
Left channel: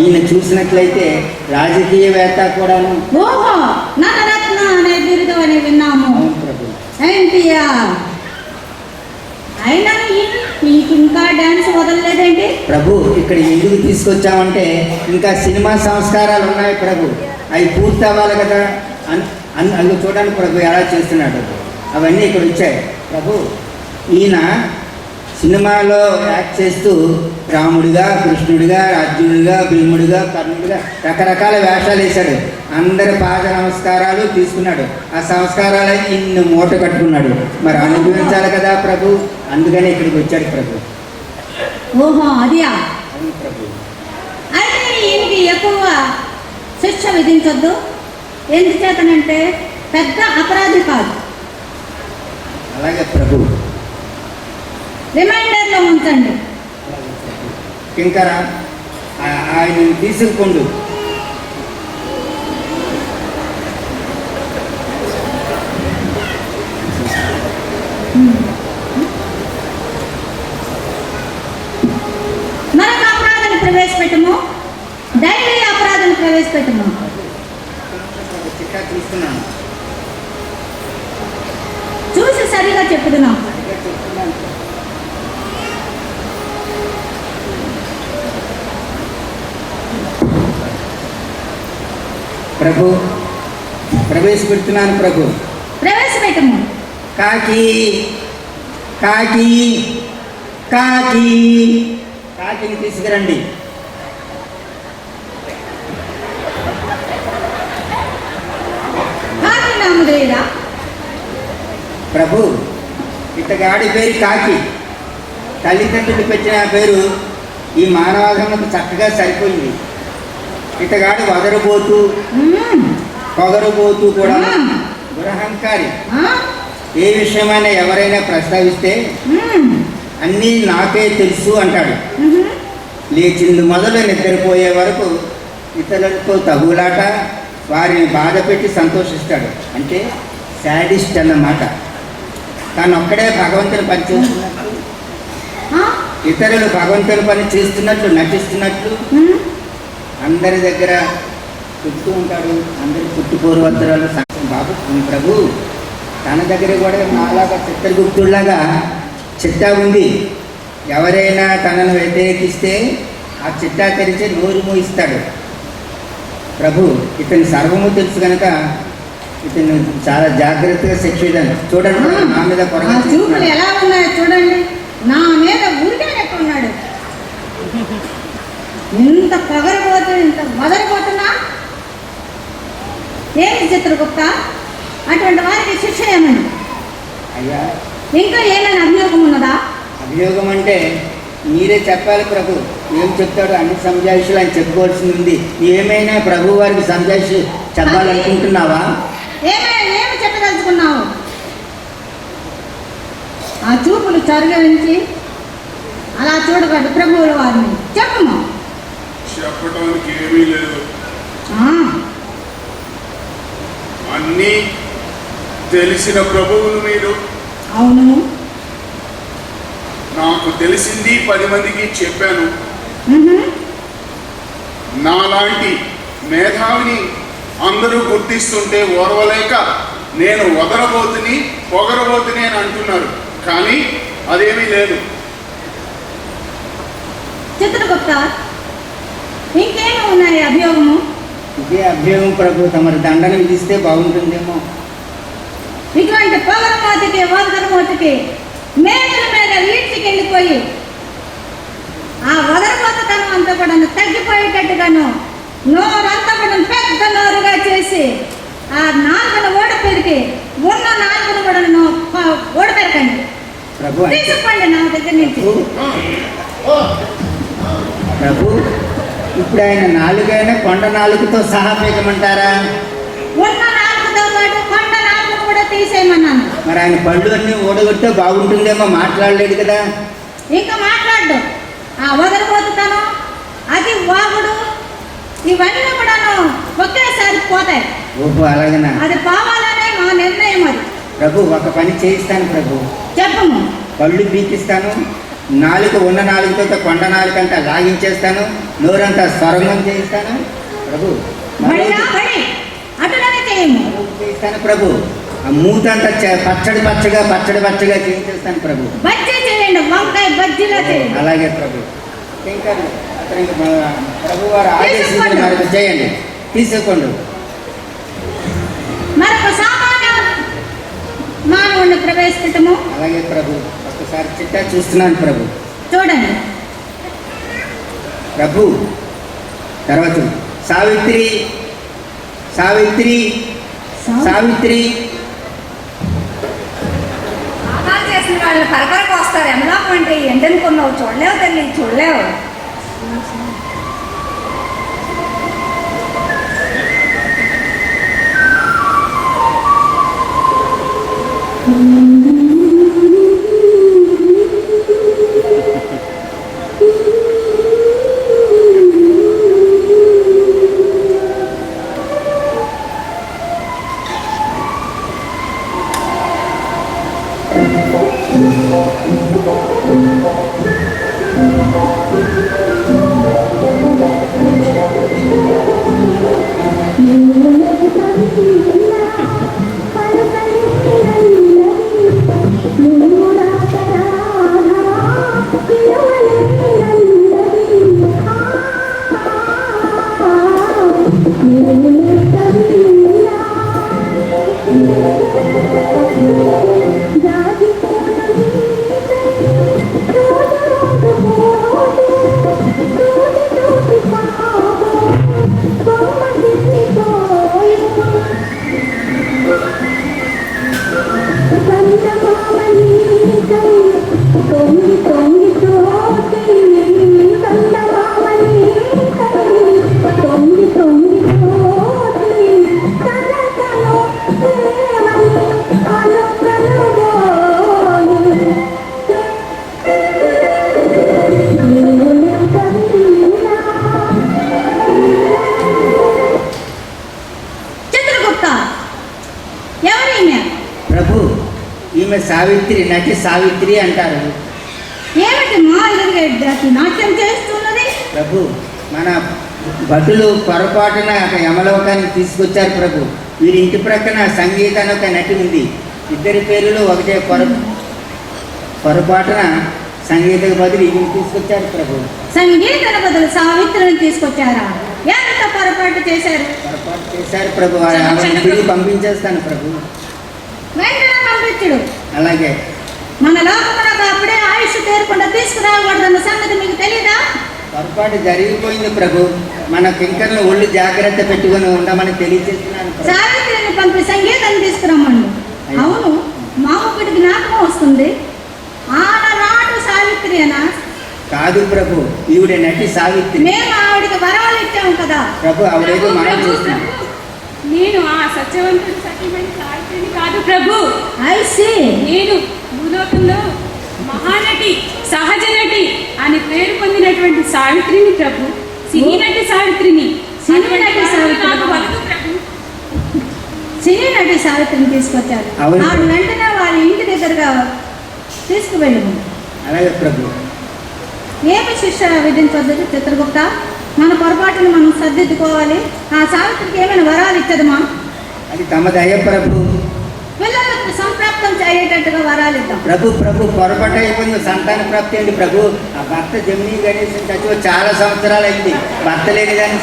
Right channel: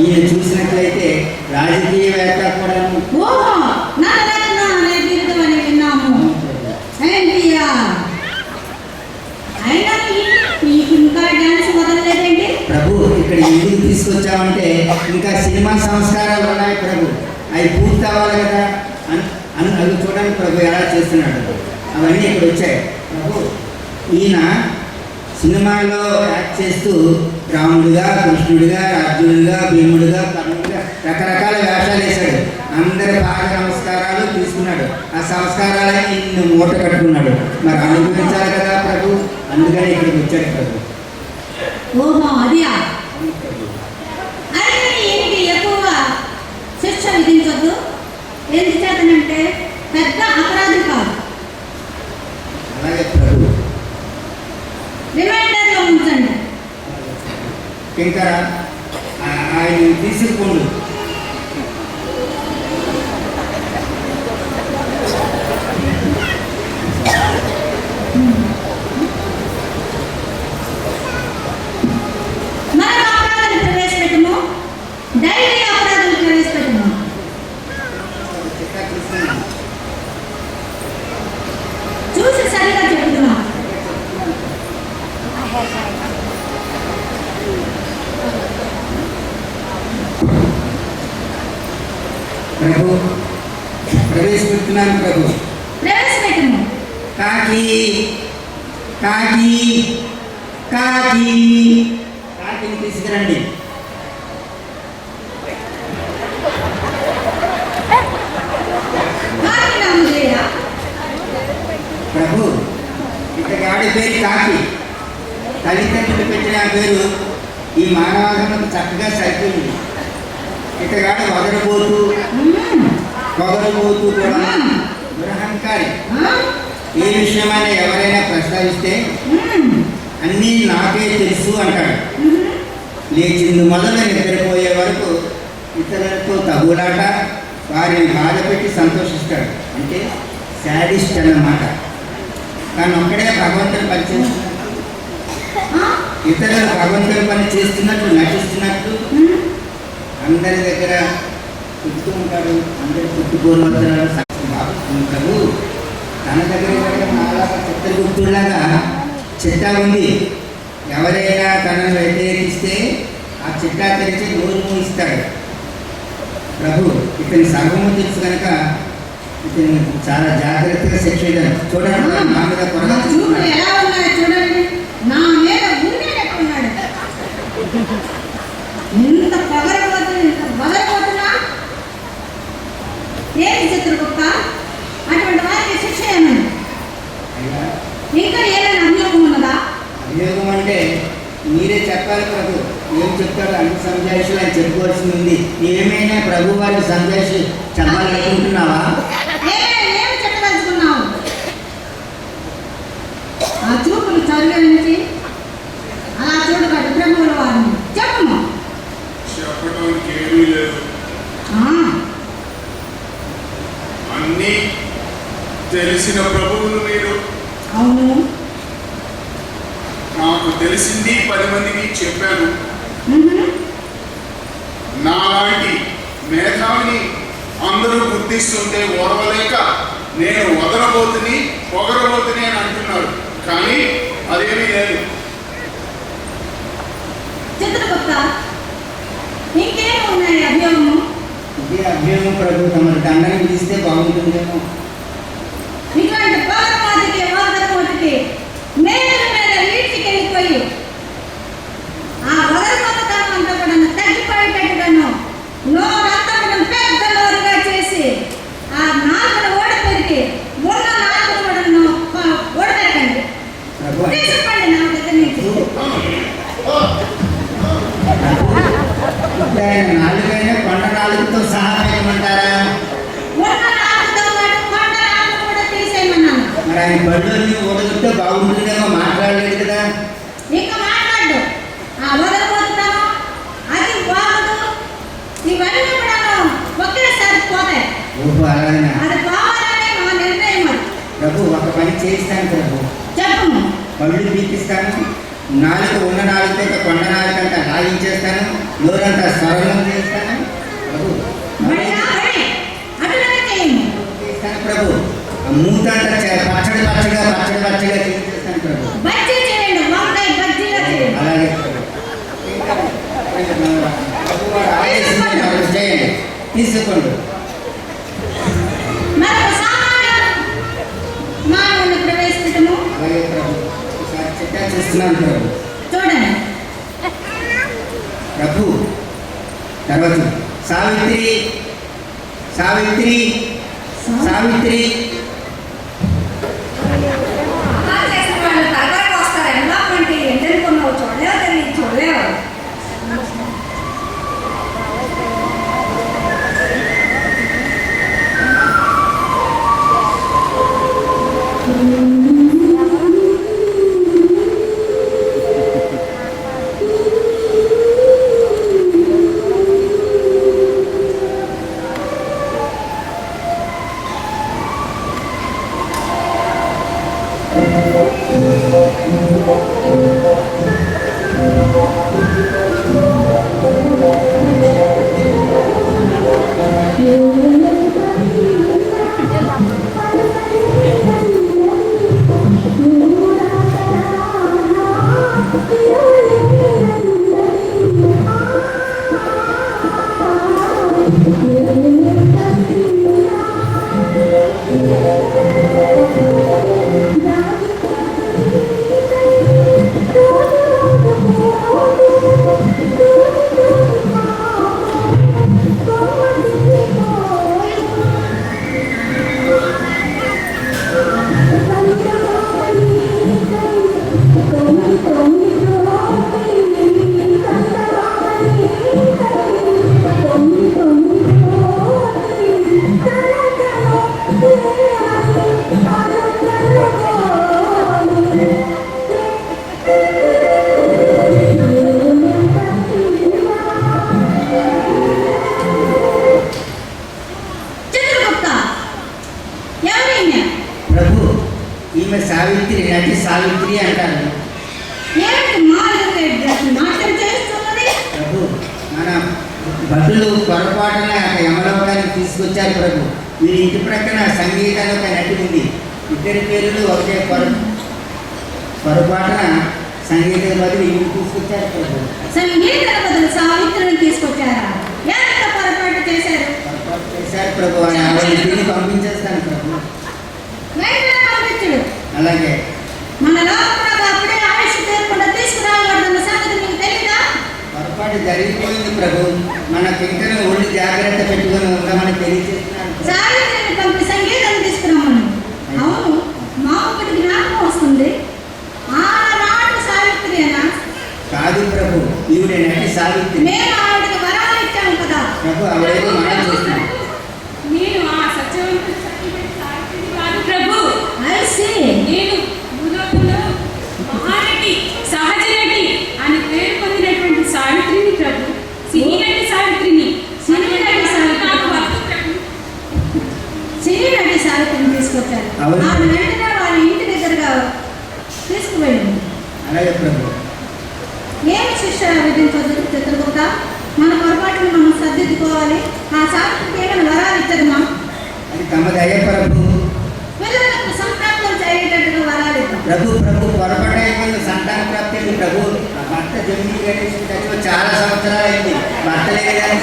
ఈయన చూసినట్లయితే రాజకీయవేత్త కూడాను. ఓహో, నటరత్న అనే బిరుదు అని విన్నాము. ఎన్టీఆర్ అయినా నీకు ఇంకా డాన్స్ వదలలేదండి ప్రభు. ఇక్కడ ఎందుకు తీసుకొచ్చామంటే ఇంకా సినిమా సంస్కారాలు ఉన్నాయి ప్రభు. అవి పూర్తి అవ్వాలి కదా. అందులో చూడండి ప్రభు ఎలా చేస్తున్నాడు. అవన్నీ ఇక్కడ వచ్చాయి ప్రభు. ఈయన సినిమాలో యాక్ట్ చేస్తూ రాముడిగా, కృష్ణుడిగా, అర్జునుడిగా, భీముడిగా, కర్ణుడిగా రకరకాల వేషాలు వేశాడు. అందరి పాద నమస్కారాలు తీసుకున్నాడు. ఆ సంస్కారాలని ఇన్ని మూట కట్టుకున్నాడు. మరి అనుభవించాలి కదా ప్రభు. అందుకనే ఇక్కడికి వచ్చాడు ప్రభు. ఓహో, అదియా. అవును ప్రభు. అయితే ఈయనకి ఎక్కువ శిక్ష విధించొద్దు. ఎందుచేతనంటే పెద్ద అపరాధి కాదు. అలాగే ప్రభు. రిమైండర్లో ఉంచండి. ఇంకా ఆయన తీసుకుండు. మరొక అపరాధాన్ని ప్రవేశపెట్టము. డైరీ అపరాధాన్ని ప్రవేశపెట్టము. తీసుకున్నాను. చూసి సరిగా చెప్పుతున్నాం. ప్రభు ప్రవేశపెడుతున్నాను ప్రభు. ప్రవేశపెట్టము. కాకి కాకి కాకి కాకిని తీసుకురండి. కాకి నామధేయుడా? ప్రభు ఇతగాడి పేరు కాకి. తల్లిదండ్రులు పెట్టిన పేరు ఈ మానవాధములకు చక్కగా సరిపోయింది. ఇతగాడు వదరబోతూ పొగరబోతూ కూడా దురహంకారి. ఏ విషయమైనా ఎవరైనా ప్రస్తావిస్తే అన్నీ నాకే తెలుసు అంటాడు. లేచింది మొదలు నిద్రపోయే వరకు ఇతరులతో తగులాట, వారిని బాధ పెట్టి సంతోషిస్తాడు. అంటే శాడిస్ట్ అన్నమాట. తాను ఒక్కడే భగవంతుని పని చేస్తున్నట్లు, ఇతరులు భగవంతుని పని చేస్తున్నట్లు నటిస్తున్నట్లు అందరి దగ్గర చెప్తూ ఉంటాడు. అందరి పుట్టుపూర్వోత్తరాలు బాబు ప్రభు తన దగ్గర కూడా నాలాగా చిత్రగుప్తుడిలాగా చిట్టా ఉంది. ఎవరైనా తనను వ్యతిరేకిస్తే ఆ చిట్టా తెరిచి నోరు మూయిస్తాడు. ప్రభు ఇతని సర్వము తెలుసు కనుక ఇతను చాలా జాగ్రత్తగా శిక్షించాను. చూడండి నా మీద నా కొరగా చూపులు ఎలా ఉన్నాయో చూడండి, నా మీద ఉండేటట్టున్నాడు. ఇంత పొగరబోతు, ఇంత వదలబోతున్నా ఏమి చిత్రగుప్త, అటువంటి వారికి శిక్ష ఏమని? అయ్యా, ఇంకా ఏమైనా అభియోగం ఉన్నదా? అభియోగం అంటే మీరే చెప్పాలి ప్రభు. ఏం చెప్తాడు? అన్ని సంజాయిషులు ఆయన చెప్పుకోవాల్సింది ఉంది. ఏమైనా ప్రభు వారికి సంజాయిషి చెప్పాలనుకుంటున్నావా? ఏమి చెప్పదలుచుకున్నావు? ఆ చూపులు చరుగరించి అలా చూడబడ్డ ప్రభువుల వారిని చెప్పము. చెప్పడానికి ఏమీ లేదు. ఆ, అన్నీ తెలిసిన ప్రభువులు మీరు. అవును. నాకు తెలిసింది 10 మందికి చెప్పాను. మ్హూ. నాలాంటి మేధావిని అందరూ గుర్తిస్తుంటే ఓర్వలేక నేను వదలబోతుని పొగరబోతుని అని అంటున్నారు. కానీ అదేమీ లేదు. చిత్రగుప్త, ఇంకేమి ఉన్నాయి అభియోగము? ఇదే అభ్యోగం ప్రభు. తమరి దండన విధిస్తే బాగుంటుందేమో. ఇటువంటి పొగరమోతికి వదరమోతికి మేడల మీద ఈడ్చికి వెళ్ళిపోయి ఆ వదరమోతతనం అంతా కూడా తగ్గిపోయేటట్టుగాను నోరంతా కూడా పెద్ద నోరుగా చేసి ఆ నాలుగును ఓడపెరికి ఉన్న నాలుగును కూడా ఓడపెరకండి, ప్రభు తీసుకోండి నా దగ్గర నుంచి. ప్రభు ఇప్పుడు ఆయన నాలుగైనా కొండ నాలుగుతో సహా పెట్టమంటారా? ఉన్న నాలుగుతో పాటు కొండ నాలుగు కూడా తీసేయమన్నాను. మరి ఆయన పళ్ళు అన్నీ ఓడగొట్టే బాగుంటుందేమో. మాట్లాడలేదు కదా. ఇంకా మాట్లాడు. ఆ వదలబోతున్నాను, అది వాగుడు, ఇవన్నీ కూడాను ఒకేసారి పోతాయి. ఓహో, అలాగనా అది పోవాలనే మా నిర్ణయం. అది ప్రభు. ఒక పని చేయిస్తాను ప్రభు. చెప్పము. పళ్ళు పీకిస్తాను. నాలుగు ఉన్న నాలుగుతో కొండ నాలుగు అంతా లాగించేస్తాను. నోరంతా స్వరంగం చేయిస్తాను ప్రభు. బడిగా బడి అటులనే చేయము. చేయిస్తాను ప్రభు. ఆ మూతంతా పచ్చడిగా చేయించేస్తాను ప్రభు. బజ్జీ చేయండి, వంకాయ బజ్జీలో చేయండి. అలాగే ప్రభు. ఇంకా ప్రభు వారు ఆదేశించినారు, చేయండి, తీసుకోండి. మరొక సామాన్య మానవుని ప్రవేశించటము. అలాగే ప్రభు. ఒకసారి చిట్టా చూస్తున్నాను ప్రభు. చూడండి. ప్రభు తర్వాత సావిత్రి సావిత్రి సావిత్రి అలా చేసిన వాళ్ళు తరతరకు వస్తారు. ఎందాకంటే ఎండనుకున్నావు, చూడలేవు తల్లి, చూడలేవు. ఈమె సావిత్రి, నటి సావిత్రి అంటారు. ఏమిటి మా ఎదురుగా నాట్యం చేస్తున్నది? ప్రభు, మన భటులు పొరపాటున యమలోకానికి తీసుకొచ్చారు ప్రభు. వీరి ఇంటి ప్రక్కన సంగీతాన్ని ఒక నటి ఉంది. ఇద్దరి పేర్లు ఒకటే. పొరపాటున సంగీత బదులు వీరిని తీసుకొచ్చారు ప్రభు. సంగీతల బదులు సావిత్రిని తీసుకొచ్చారా? ఎంత పొరపాటు చేశారు? పొరపాటు చేశారు ప్రభు. ఆవిడని తిరిగి పంపించేస్తాను ప్రభు. వెంటనే పంపించుడు. అలాగే మన లోకమునకు అప్పుడే ఆయుష్ తీరకుండా తీసుకురాకూడదన్న సంగతి మీకు తెలీదా? పొరపాటు జరిగిపోయింది ప్రభు. మన కింకర్లు ఒళ్ళు జాగ్రత్త పెట్టుకుని ఉండమని తెలియజేస్తున్నాను ప్రభు. సావిత్రిని పంపి సంగీతం తీసుకురమ్మని. అవును, మా ఒకటి జ్ఞాపకం వస్తుంది. ఆనాడు సావిత్రినా? కాదు ప్రభు, ఈవిడ నటి సావిత్రి. మేము ఆవిడకి వరాలు ఇచ్చాము కదా ప్రభు. ఆవిడేదో మనం ప్రభు, చూస్తున్నాం. నేను ఆ సత్యవంతుడి సత్యమైన సావిత్రిని కాదు ప్రభు. ఐసి నేను భూలోకంలో మహానటి, సహజ నటి అని పేరు పొందినటువంటి సావిత్రిని ప్రభు. సినీ నటి సావిత్రిని. సినీ నటి సావిత్రి. నాకు వద్దు ప్రభు. సినీ నటి సావిత్రిని తీసుకొచ్చారు. అవును. ఆవిడ వెంటనే వాళ్ళ ఇంటి దగ్గరగా తీసుకువెళ్ళింది. అలాగే ప్రభు. ఏమి శిక్ష విధించవద్దు చిత్రగుప్త? మన పొరపాటును మనం సర్దిద్దుకోవాలి. ఆ సావిత్రికి ఏమైనా వరాలు ఇచ్చదమా? అది తమ దయ ప్రభు. పిల్లలకు సంప్రాప్తం అయ్యేటట్టుగా వరాలు ఇద్దాం. ప్రభు పొరపాటు అయిపోయింది. సంతాన ప్రాప్తి అయింది ప్రభు. ఆ భర్త జమినీ గణేశం చచ్చి చాలా సంవత్సరాలు అయింది. భర్త లేని కానీ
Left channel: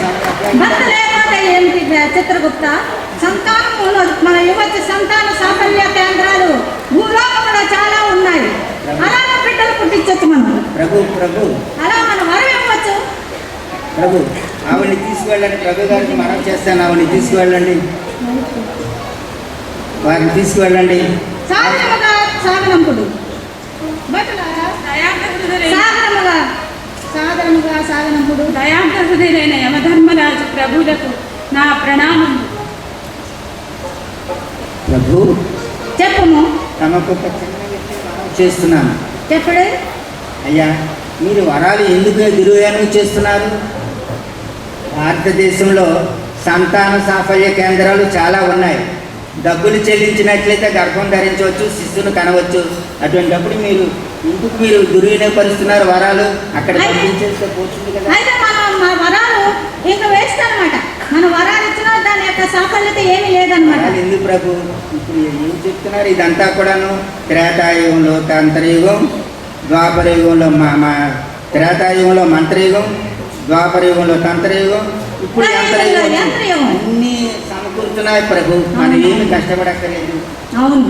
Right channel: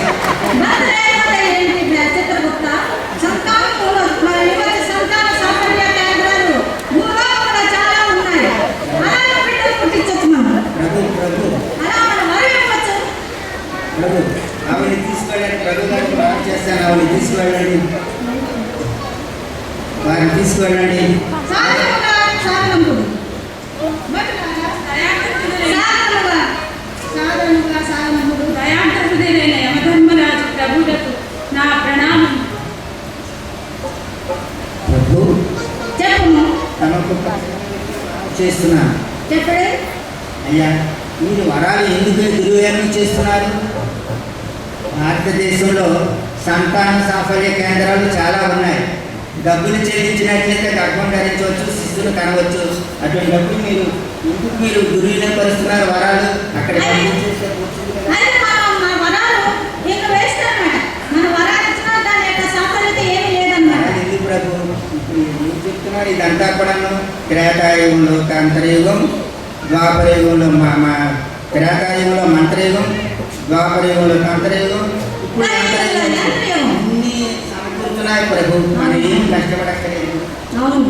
భర్త లేకపోతే ఏంటి చిత్రగుప్త? సంతానంలో మన యువతి సంతాన సాఫల్య కేంద్రాలు భూలోకంలో చాలా ఉన్నాయి. అలాగే బిడ్డలు పుట్టించవచ్చు మనం. ప్రభు అలా మనం వరం ఇవ్వచ్చు. ప్రభు ఆవిడని తీసుకువెళ్ళండి. ప్రభు గారికి మనం చేస్తాను. ఆవిడని తీసుకువెళ్ళండి. వారిని తీసుకువెళ్ళండి. సాగరముగా సాగనంపుడు. భటులారా, సాగరముగా సాగనంపుడు. దయాంతహృదయులైన యమధర్మరాజు ప్రభువులకు నా ప్రణామం. ప్రభు చెప్పుము. తమకు ఒక చిన్న విషయం మనం చేస్తున్నాను. చెప్పుడే. అయ్యా, మీరు వరాలు ఎందుకు దుర్వ్యానం చేస్తున్నారు? భారతదేశంలో సంతాన సాఫల్య కేంద్రాలు చాలా ఉన్నాయి. డబ్బులు చెల్లించినట్లయితే గర్భం ధరించవచ్చు, శిశువును కనవచ్చు. అటువంటిప్పుడు మీరు దుర్వినియోగపరుస్తున్నారు వరాలు. అక్కడ పంపించేస్తే పోతుంది కదా. అయితే మన వరాలు ఇంకా వేస్ట్ అన్నమాట. మన వరాలు ఇచ్చినా దాని యొక్క సాఫల్యత ఏమీ లేదన్నమాట. వరాలు ఎందుకు ప్రభు? ఇప్పుడు ఏం చెప్తున్నారు? ఇదంతా కూడాను త్రేతాయుగంలో తంత్రయుగం, ద్వాపరయుగంలో త్రేతాయుగంలో మంత్రయుగం, ద్వాపరయుగంలో తంత్రయుగం, ఇప్పుడు యంత్రయుగం. అన్నీ సమకూరుతున్నాయి ప్రభు. మనం ఏమి కష్టపడక్కలేదు. అవును,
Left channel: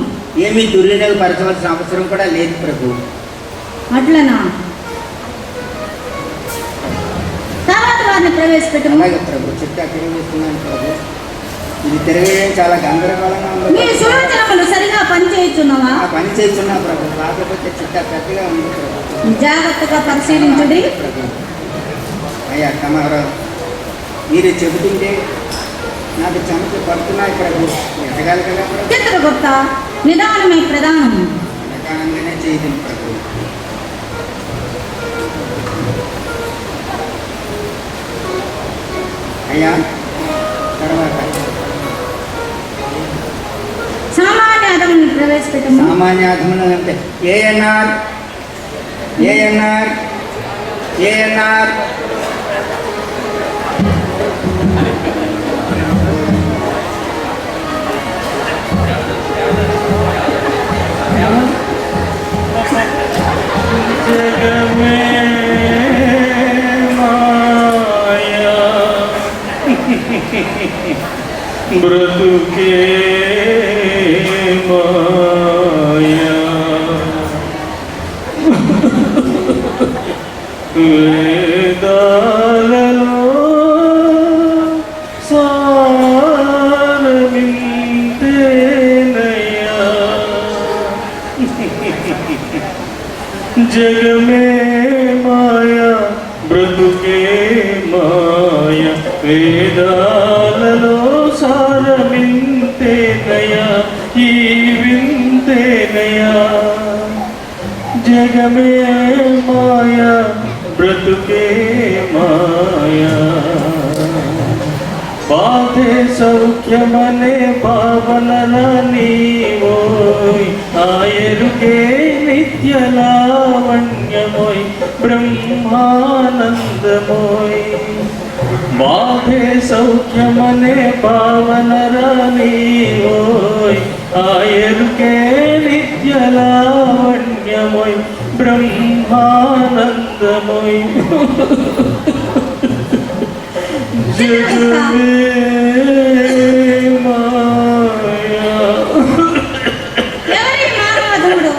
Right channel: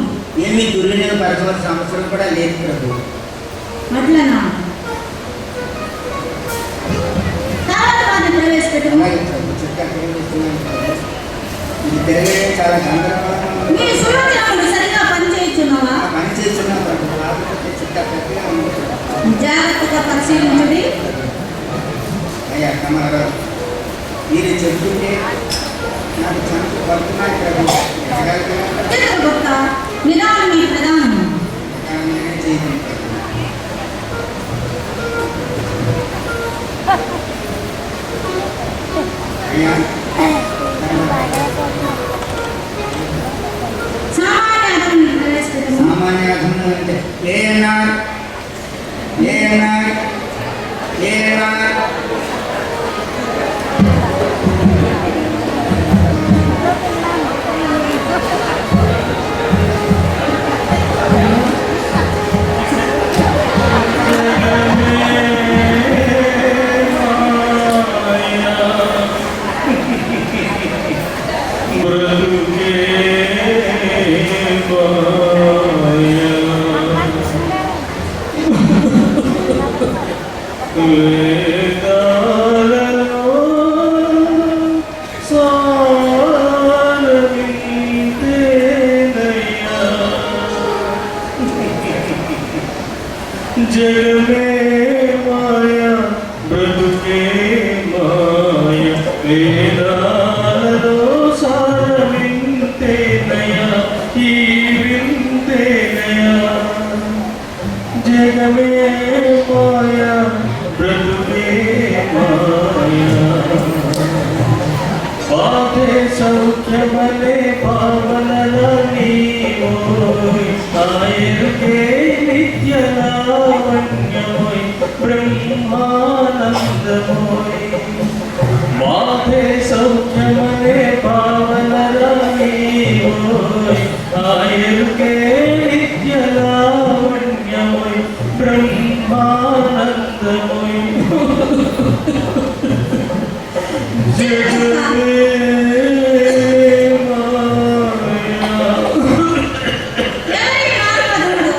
ఏమీ దుర్వినియోగపరచవలసిన అవసరం కూడా లేదు ప్రభు. అట్లనా? తర్వాత వారిని ప్రవేశపెట్టు. అలాగే ప్రభు. చిత్తా తిరిగిస్తున్నాను ప్రభు. ఇది తిరగడం చాలా గందరగోళంగా ఉంది. నీ సూచనలు సరిగా పనిచేయుచున్నావా? ఆ పని చేస్తున్నా ప్రభు. కాకపోతే చిత్తా పెద్దగా ఉంది ప్రభు. జాగ్రత్తగా పరిశీలించుడి. అయ్యా తమరు మీరు చెబుతుంటే నాకు చనుకు పడుతున్నాయి ప్రభు. ఎక్కగాలి కదా చిత్రగుప్త, నిదానమే ప్రధానం. ప్రకారంగానే చేయదు ప్రభు. అయ్యా సామాన్యాదముని ప్రవేశపెట్టము. సామాన్యాధములు అంటే ఏఎన్ఆర్ బ్రతుకే మాయా వేదాలలో సారమింతేనయ్యా జగమే మాయా బ్రతుకే మాయా వేదాలలో సారమింతేనయ్యా ఈ వింతేనయ్యా జగమే మాయా బ్రతుకే మాయా బాధే సౌఖ్యమనే భావనల నీవోయ్ ఆయరుకే నిత్య లావణ్యమోయ్ బ్రహ్మానందమోయ్ బాధే సౌఖ్యమనే భావనల నీవోయ్ ఆయరుకే నిత్య లావణ్యమోయ్ బ్రహ్మానందమోయ్ ఎవరి మానవధుడు?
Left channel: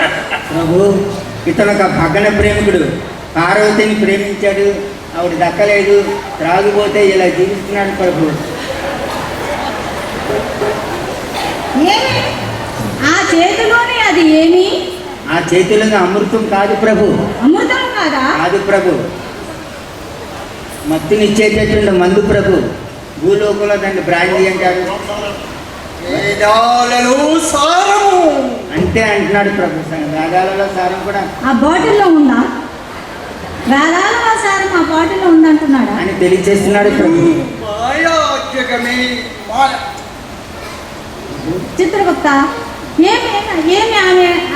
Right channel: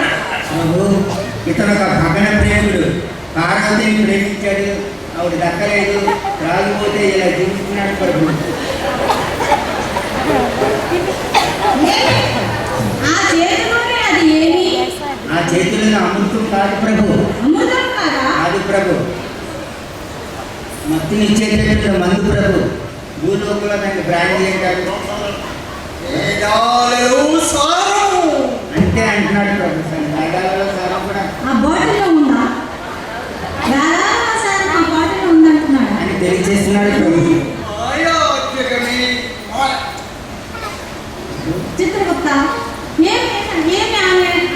ప్రభు ఇతను ఒక భగన ప్రేమికుడు. పార్వతిని ప్రేమించాడు, ఆవిడ దక్కలేదు, త్రాగిపోతే ఇలా జీవిస్తున్నాడు ప్రభు. ఏమి? ఆ చేతిలోనే అది ఏమి? ఆ చేతిలోని అమృతం కాదు ప్రభు, అమృతం కాదా? కాదు ప్రభు, మత్తునిచ్చేటటువంటి మందు ప్రభు. భూలోకంలో దాన్ని బ్రాండీ అంటారు. వేదాలలో సారము. అంటే అంటున్నాడు ప్రభు. రాగాలలో సారం కూడా ఆ బాటిల్లో ఉందా? వేలాల సారం ఆ బాటిల్లో ఉందంటున్నాడా? అని తెలియచేస్తున్నాడు ప్రభు. మాయా జగమే మాయ. చిత్రగుప్త, ఏమి ఏమి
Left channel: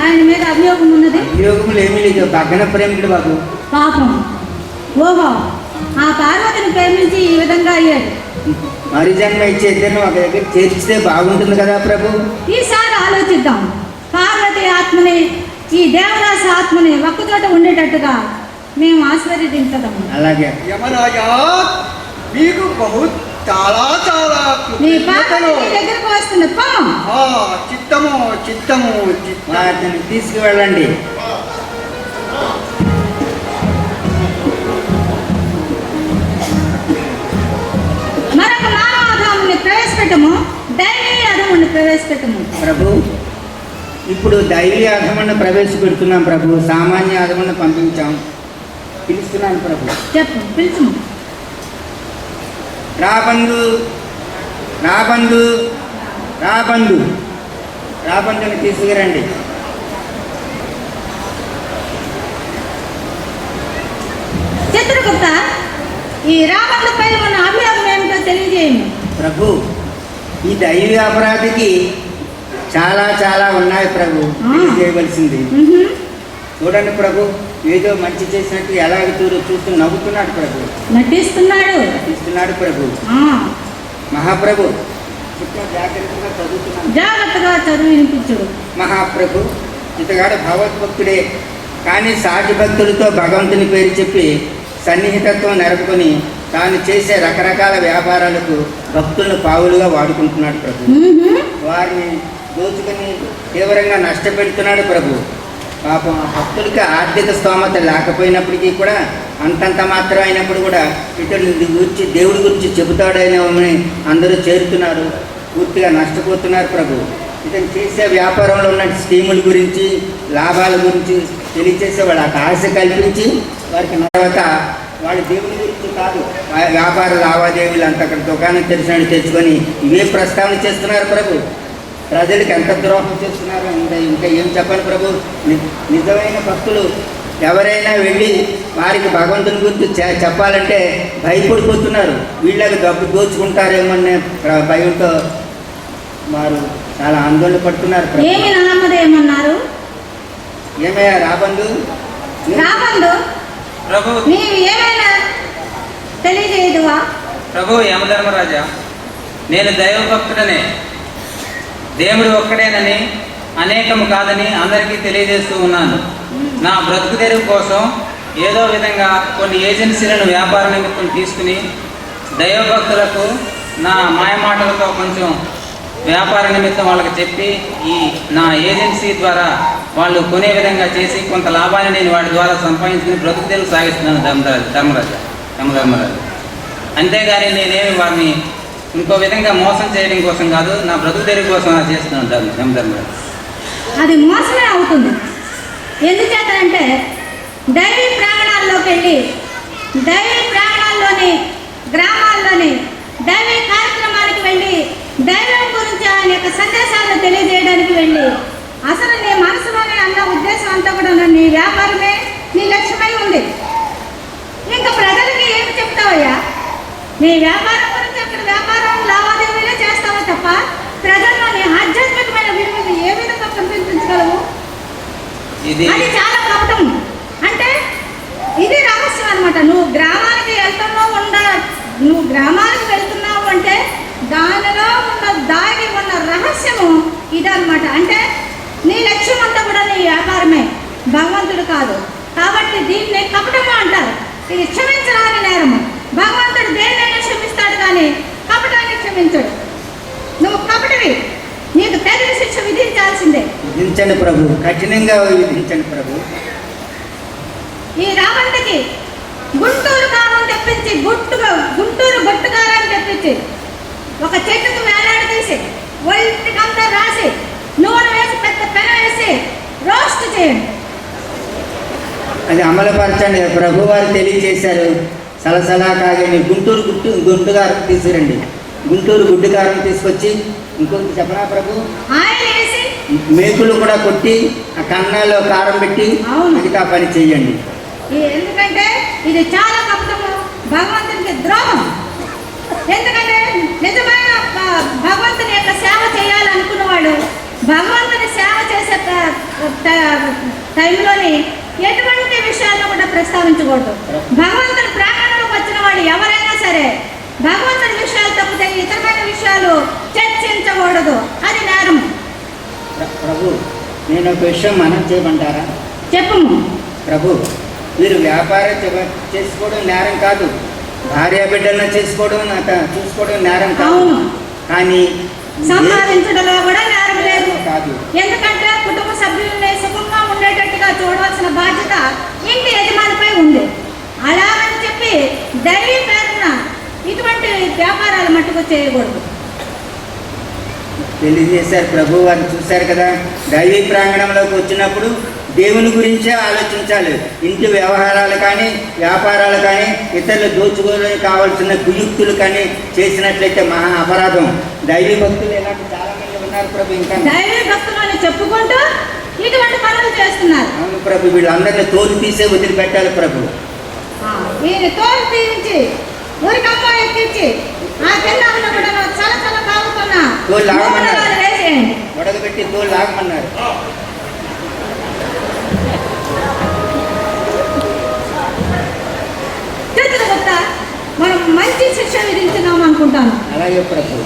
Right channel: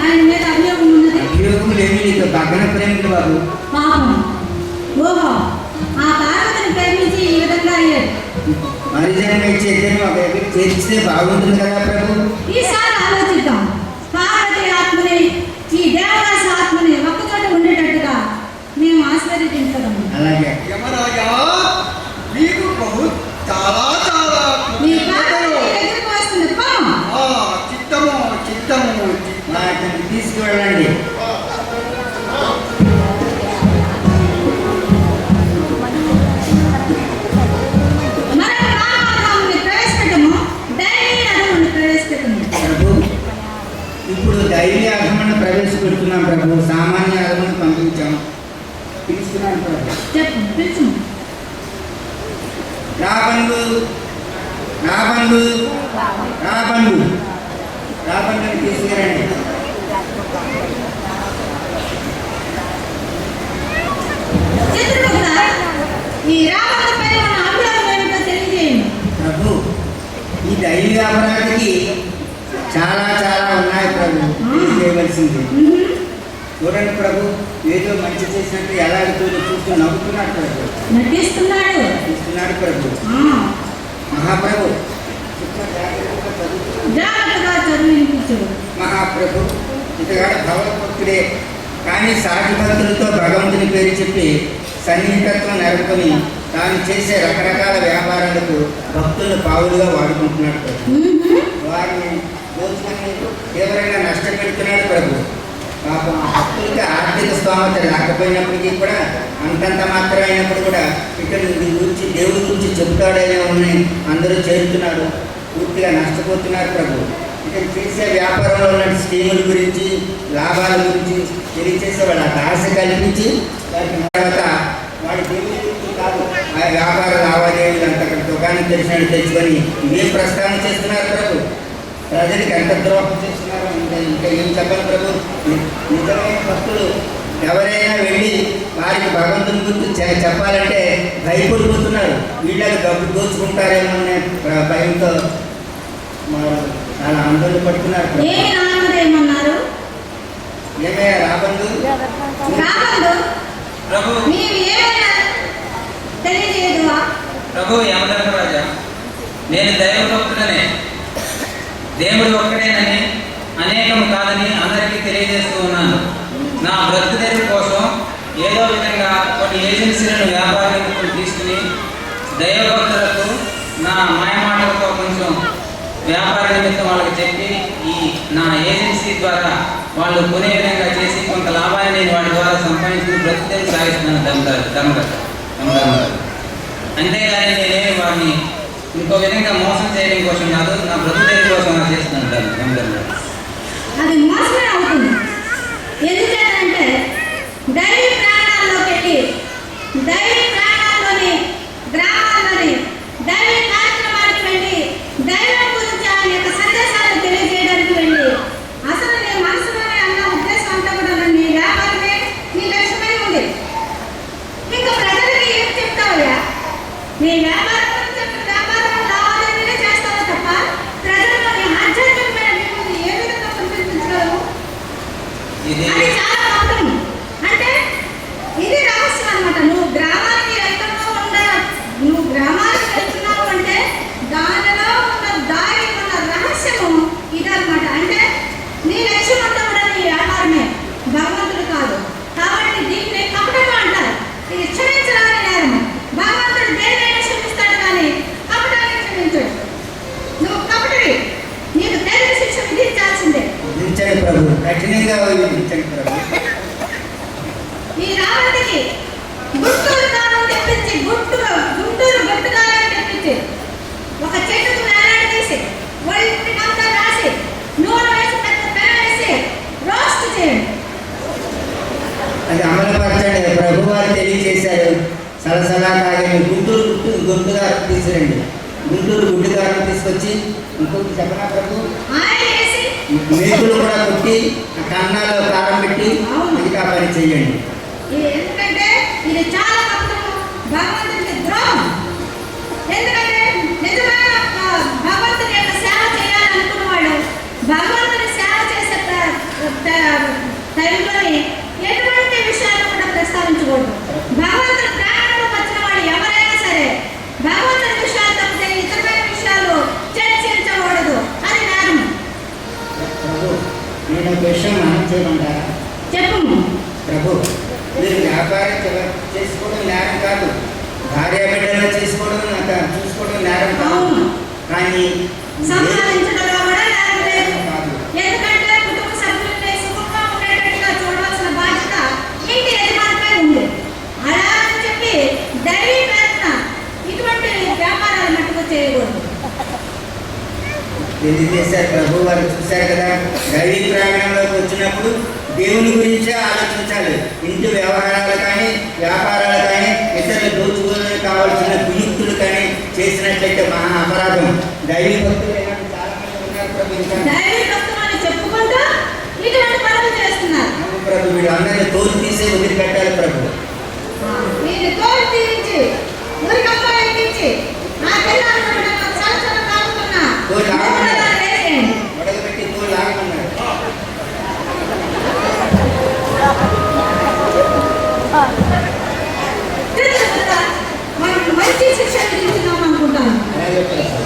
ఆయన మీద అభియోగం ఉన్నది? అభియోగములు ఏమీ లేదు, భగన ప్రేమికుడు బాబు. పాపం. ఓహో, ఆ పార్వతిని ప్రేమించి ఈ విధంగా అయ్యాడు. మరి జన్మ ఇచ్చేద్దరు ఒక దగ్గర చేర్చితే బాగుంటుంది కదా ప్రభు. ఈసారి ఆలోచిద్దాం. పార్వతి ఆత్మని, ఈ దేవదాసు ఆత్మని ఒక్కచోట ఉండేటట్టుగా మేము ఆశీర్వదించదాము. అలాగే యమరాజా, మీకు చాలా చాలా నీ పార్వతి నీ దగ్గరకు వస్తుంది. పాపం. చిత్తము చిత్తము వాటిని తీసుకువెళ్ళండి. మరొక మానవాధాముని ప్రవేశపెట్టము, దైవీ అధముని ప్రవేశపెట్టము. ప్రభు, ఇప్పుడు దైవీ అధమును ప్రవేశపెడుతున్నాం ప్రభు. సామాన్య అధమును పంపించాం. పిలుస్తున్నాను ప్రభు. చెప్పు, పిలుచుము. రాబందు రాబందు రాబందు రాబందుని తీసుకురండి. చిత్రగుప్త, ఈ రావణులపై ఉన్న అభియోగం ఏమిటో తెలియజేయండి. ప్రభు, ఈ దైవీ అపరాధికి చాలా చాలా ఉన్నాయి ప్రభు, చేయవలసింది. చూడండి ప్రభు, ఏదో మంచి చేసినట్టు ఎలాగ చూస్తూ నవ్వుతున్నాడు ప్రభు. నటిస్తున్నాడు. నటిస్తున్నాడు ప్రభు. మహాప్రభు, జాగ్రత్తగా చదువుతున్నాడు. జాగ్రత్తగా చదువు వినిపించడు. మహాప్రభు, ఇతగాడు భగవద్భక్తుడే, కానీ సాటి భక్తులతో భగవంతుని పేరు చెప్పి సన్నిహితత్వం నెరపుకొని తాను చేసే రకరకాల వ్యాపారాలకు భక్తులను పావులుగా వాడుకుంటున్నాడు ప్రభు. వారిని దోచుకొని తీవ్రంగా నష్టపెడుతున్నాడు ప్రభు. పాపం ఆ భక్తులకి ఆర్థిక స్తోమత లేకపోయినప్పటికీ కూడా అంతంత మాత్రం అయినప్పుడు కూడా ఇతడు గురించి దేవుడి గురించి చెబుతాడని అందరూ చేరుతున్నాడు. పూర్తిగా నష్టపోతున్నారు ప్రభు. ఇతను చేసే వ్యాపారంలో ఉన్న స్కీముల గురించి, లాభాల గురించి తెలియచేసే వాళ్ళకి ఆశ కల్పించి వారికి తర్వాత వాడి దేవుడి గురించి కాదు, ఆ వ్యాపార లావాదేవీలు అంత అక్కడ దుకాణం తెరిచినట్టు తెచ్చుకొని ఇవే ప్రస్తావన చేస్తున్నారు ప్రభు. ప్రజలకు ఎంత ద్రోహం చేస్తున్నారు, ఇంకా ఏం చెప్పాలి ప్రభు. నిజమైన భక్తులు ఎవరైనా వెళ్ళి వారికి భగవంతుని గురించి చెప్పాలంటే భయపడిపోతున్నారు. వీళ్ళకి డబ్బు దోచుకుంటారేమో అనే భయంతో వారు చాలా ఆందోళన పడుతున్నారు. ఏమి నామదేమన్నారు? ఏమయ్యా రాబందు? రాబందు, ప్రభు నీవు ఏమైనా తెలియజేయదువా? ప్రభు యమధర్మరాజా, నేను దైవభక్తుడనే, దేవుడు ఒక్కడేనని, అనేకము కాదని అందరికీ తెలియజేస్తూ ఉన్నాను. నా బ్రతుకు తెరువు కోసం ఏదో విధంగా కొన్ని ఏజెన్సీలను వ్యాపార నిమిత్తం తీసుకుని దైవభక్తులకు నా మాయమాటలతో కొంచెం వ్యాపార నిమిత్తం వాళ్ళకి చెప్పి ఈ నా ఏజెన్సీ ద్వారా వాళ్ళు కొనే విధంగా చేసి కొంత లాభాన్ని నేను వాటి ద్వారా సంపాదించుకుని బ్రతుకు తెరువు సాగిస్తున్నాను యమధర్మరాజు. అంతేగాని నేనేమి వారిని ఇంకో విధంగా మోసం చేయడం కోసం కాదు, నా బ్రతుకు తెరువు కోసం అలా చేస్తున్నాను యమధర్మరాజు. అది మోసమే అవుతుంది. ఎందుచేతంటే దైవీ ప్రాంగణాల్లోకి వెళ్ళి, దైవీ ప్రాంగణాల్లోని గ్రామాల్లోని దైవీ కార్యక్రమానికి వెళ్ళి దైవం గురించి ఆయన యొక్క సందేశాలను తెలియజేయడానికి వెళ్ళి అసలు నీ మనసులోనే అన్న ఉద్దేశం అంతా కూడా నీ వ్యాపారమే నీ లక్ష్యమై ఉంది. ఇంకా ప్రజలకి ఏమి చెప్తావయ్యా? నీ వ్యాపారం గురించి అక్కడ వ్యాపారం లావాదేవీలే చేస్తావా తప్ప ప్రజల్లో నీ ఆధ్యాత్మికమైన విలువలు ఏ విధంగా పంపించగలవు? అది చాలా కష్టం. అంటే ఇది రహస్యం అనమాట. నువ్వు గ్రామానికి వెళ్తున్నావు అంటే దానిలో ఉన్న దాగి ఉన్న రహస్యము ఇదనమాట. అంటే నీ లక్ష్యం అంతా కూడా నీ వ్యాపారమే, భగవంతుడు కాదు. కాబట్టి దీన్ని కపటము అంటారు. కఠినంగా విధించండి ప్రభు. ఈ రావంటికి గుంటూరు కారం తెప్పించి గుంటూరు బొట్టుకారం తెప్పించి ఒక చెట్టుకు వేలాడి తీసి ఒంటికంతా రాసి నూనె వేసి పెద్ద పెన వేసి రోస్ట్ చేయండి. అది అమలుపరచండి. ప్రభు వారు తెలియజేశారు, సలసలా కాగని గుంటూరు గుడ్డుగారం తీసుకురండి. గుంటూరు గుడ్డుగారం తీసుకొచ్చి ఇంకొకటి చెప్పనా ప్రభు, ఆయిల్ వేసి మేకులు కూడా కొట్టి ఆ కన్నాల్లో కారం పెట్టి అవును. అది ఆ పని చేయండి. ఎందుకంటే ఇది చాలా కష్టము, భగవంతునికి ద్రోహం. ఎందుకంటే నిజమైన భగవంతుని యొక్క సేవ చేయాలనుకున్న వాళ్ళు భగవంతుని సేవ చేసే టైంలోని ఎటువంటి విషయాలను కూడా ప్రస్తావించకూడదు. భగవంతుని ప్రాంగణంలోకి వచ్చిన వాళ్ళు ఎవరైనా సరే భగవంతుని విషయాలు తప్పితే ఇతరమైన విషయాలు చర్చించకూడదు, అది నేరం. ప్రభు, నేను ఒక విషయం మనం చేయమంటారా? చెప్పము. ప్రభు, మీరు వ్యాపారం చేసుకోవడం నేరం కాదు, భార్య బిడ్డలను చూసుకోవడం నేరం కాదు. అవును. కానీ సంపాదించడంలో కూడా నేరం లేదు. కాదు. ఎందుకంటే కుటుంబ సభ్యుల్ని సుఖంగా ఉండేటట్టుగా చూడవలసిన బాధ్యత ఇంటి యజమానిపై ఉంది. అలా అని చెప్పి దైవీ పేరున ఇటువంటి వ్యాపారాలు మట్టుకు చేయకూడదు. తెలియజేశారు ప్రభు వారు. చూశారు కదా, దైవీ ప్రాంగణంలోకి వచ్చినప్పుడు దేవుని గురించే ఆలోచించాలి. ఇంటి వ్యవహారాలు కానీ వ్యాపారాలు కానీ ఇతరులు దోచుకోవడానికి కావాల్సిన కుయుక్తులు కానీ చేసినట్లయితే మహా అపరాధం. దైవీ భక్తులు ఇలాంటి చాలా మంది ఉన్నారు ప్రభు. ఇంకా దైవీ భక్తులని చెప్పుకుంటూ ఇటువంటి పనులు చేస్తున్నారు. అవును ప్రభు, వీళ్ళందరినీ తోలు తీసే వదిలిపెట్టాలి ప్రభు. వీరి తోలు తీయించి ఊరికమ్మ ఎక్కించి ఆ పిల్లలను కూడా చాలా చాలా కాకుండా తోలు లాగమన్నారు, వేసేయండి. వడగబెట్టి తోలు లాగమన్నారు. మనం మంచి శిక్ష విధించున్నాం అనుకుంటాను. అలాగే ప్రభు.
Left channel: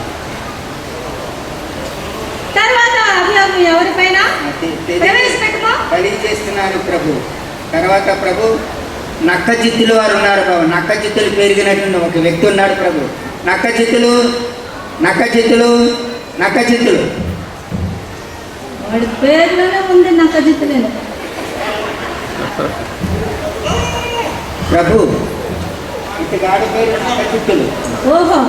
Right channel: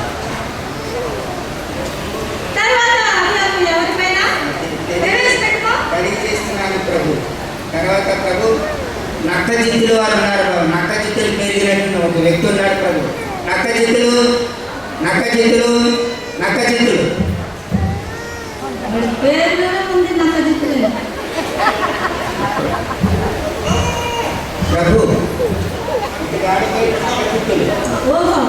తర్వాత అభియోగం ఎవరిపైన ప్రవేశపెట్టుకో తెలియజేస్తున్నాను ప్రభు. తర్వాత ప్రభు, నక్క చిత్తులు వారు ఉన్నారు బాబు. నక్క చిత్తులు పెరిగినటువంటి ఒక వ్యక్తి ఉన్నాడు ప్రభు. నక్క చిత్తులు వాడి పేరులోనే ఉంది నక్క చిత్తులు. ప్రభు, ఇతగాడి పేరు నక్క చిత్తులు. ఓహో,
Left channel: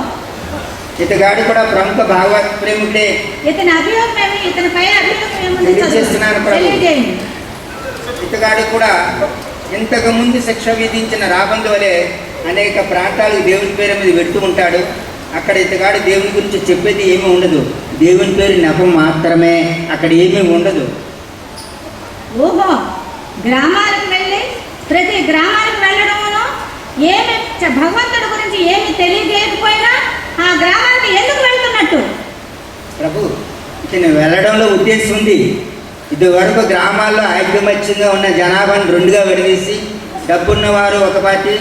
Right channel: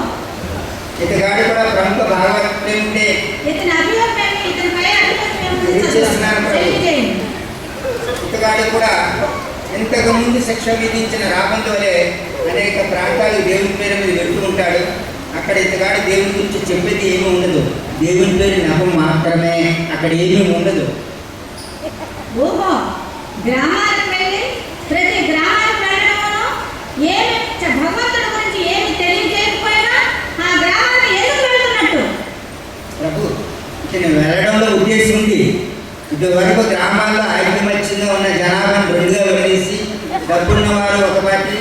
ఇతగాడి కూడా ప్రముఖ భాగవత ప్రేమికుడే. ఇతని అభియోగం ఏమి, ఇతని పై అభియోగం ఏముంది తెలియజేస్తున్నారు ప్రభు. తెలియజేయండి. ఇతగాడి కూడా ఇంతకు ముందు శిక్ష విధించిన రాబందు వలె అనేక ప్రాంతాలకు దేవుని పేరు మీద వెళ్తూ ఉంటాడు. అక్కడ ఇతగాడు దేవుని గురించి చెప్పేది ఏమీ ఉండదు, దేవుని పేరు నెపం మాత్రమే, అక్కడ ఏమీ ఉండదు. ఓహో, గ్రామాలకు వెళ్ళి ప్రతి గ్రామానికి వెళ్ళడంలో ఏమి భగవంతుడి గురించి ఏమి తెలియజేయకపోయినా ఆ గ్రామానికి ఎందుకు వెళ్తున్నట్టు? ప్రభు, ఇతను వెళ్ళడంలో ఉద్దేశం ఉంది. ఇదివరకు గ్రామాల్లో ఐకమత్యంగా ఉన్న జనాభాను రెండుగా విడదీసి డబ్బున్న వారు ఒక పార్టీ,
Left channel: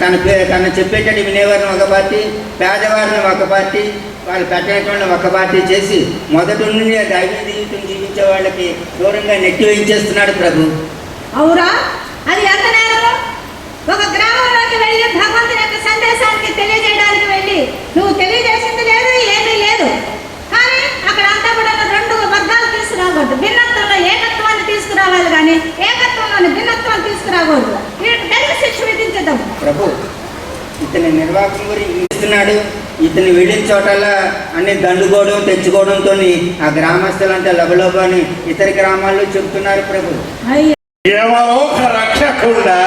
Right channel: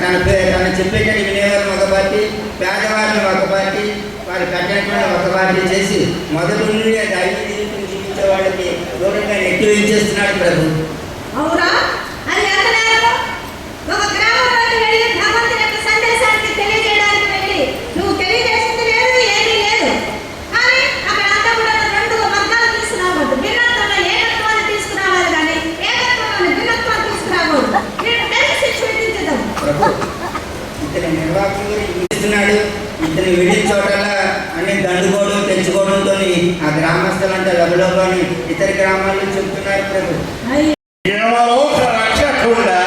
తన చెప్పేటట్టు వినేవారిని ఒక పార్టీ, పేదవారిని ఒక పార్టీ, వాళ్ళు కట్టేటువంటి ఒక పార్టీ చేసి మొదటి నుండి దైవ జీవితం జీవించే వాళ్ళకి దూరంగా నెట్టి వేయించేస్తున్నాడు ప్రభు. అవురా, అది ఎంత నేరము? ఒక గ్రామంలోకి వెళ్ళి భగవంతుని యొక్క సందేశానికి తెలియజేయడానికి వెళ్ళి నువ్వు తెలియజేసింది లేదు, ఏమీ లేదు. కానీ అక్కడ అంతా కూడా రెండు వర్గాలు తీసుకురాకూడదు. భిన్నత్వంలో ఏకత్వాన్ని తీసుకురావాలి, కానీ ఏకత్వంలోని భిన్నత్వాన్ని తీసుకురాకూడదు. వీటి శిక్ష విధించదు ప్రభు. ఇతని నిర్వాహకం గురించి ఇస్తున్నాడు. ఇతను వెళ్ళిన చోటల్లా అన్ని దండుకోవడం తెచ్చుకోవడంతో ఆ గ్రామస్తులంతా లబలోబాని ఇతర గ్రామాల్లో చెబుతున్నారు ప్రభు. అయ్యో, ఏమలోక రక్షకుండా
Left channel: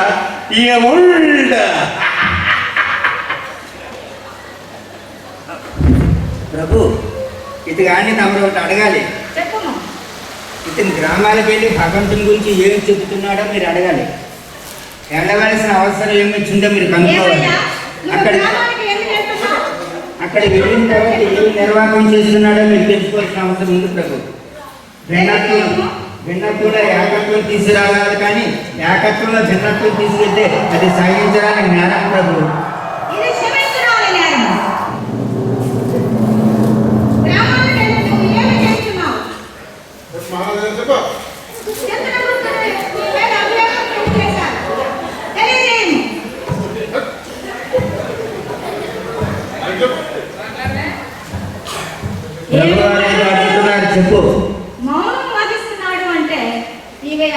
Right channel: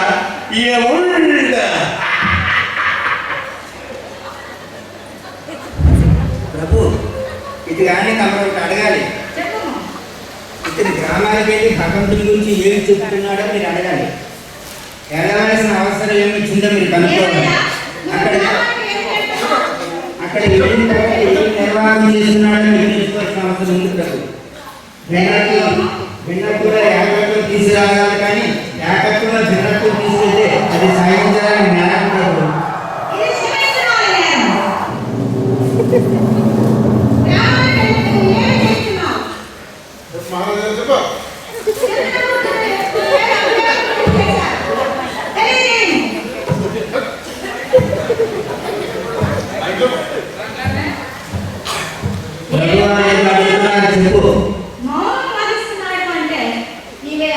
ఏముండ ప్రభు, ఇది కానీ తమరు ఒకటి అడగాలి. చెప్పము. ఇతని గ్రామాలకు వెళ్ళి భగవంతుని గురించి ఏమి చెబుతున్నాడో మీరు అడగాలి. వెళ్ళవలసిన అవసరం ఏమొచ్చిందో మీరు కనుక్కోవాలి. ఏమయ్యా, నువ్వు అక్కడ గ్రామానికి ఎందుకు వెళ్తున్నావు? అక్కడికి వెళ్ళిన తర్వాత ఏం నిర్వాహం చేస్తున్నాడో మీరు తెలుసుకోవాల్సిన అవసరం ఉంది ప్రభు. భిన్నత్వంలో ఏకత్వం తీసుకురావాలి, కానీ ఏకత్వంలో భిన్నత్వం తీసుకెళ్తే అది సాధించడానికి నేరం ప్రభు. ఇది క్షమించడం నేరం. గ్రామానికి వెళ్ళి నువ్వు ఏమి చేస్తున్నావు? తెలియజేయండి. ప్రభు వారు ఏం అడుగుతున్నారు చెప్పు. మౌనం వహిస్తున్నాడు అంటే ఇవి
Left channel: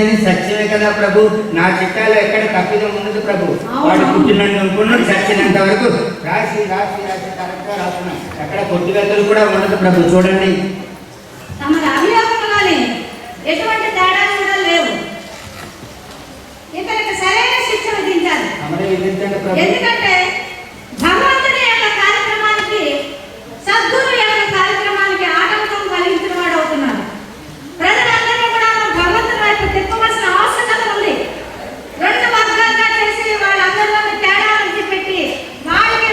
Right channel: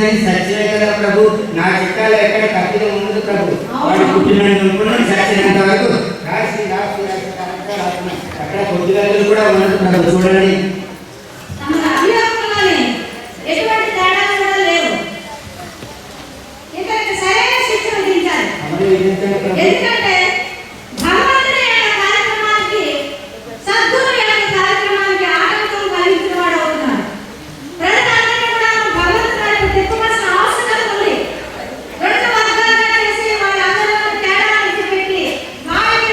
చేసినది సత్యమే కదా ప్రభు. నా చిత్తాలు ఎక్కడ తప్పిదం ఉండదు ప్రభు. వాడు పుట్టినందుకు చచ్చినంత వరకు రాసి రాసి రాసి కరెక్ట్గా రాస్తున్నాం. అక్కడ కొద్దిగలు కూడా ఉండదు ప్రభు. చూడండి, తమ అభియోగంలోనే ఎటువంటి తేడాలు కూడా లేవు. ఇతనికి సరైన శిక్ష విధించాలి. ఎందుకంటే భగవంతుడి యొక్క కార్యక్రమానికి, సద్గురు యొక్క కార్యక్రమానికి ఆటంకం కలిగించిన వాడు అవుతున్నాడు. ప్రజలందరినీ కూడా భగవంతుడి వైపు తిప్పవలసిన అవసరం ఉంది. రెండు వర్గాలుగా చేసి వాళ్ళందరిలో తేడాలు పెట్టి వాళ్ళకి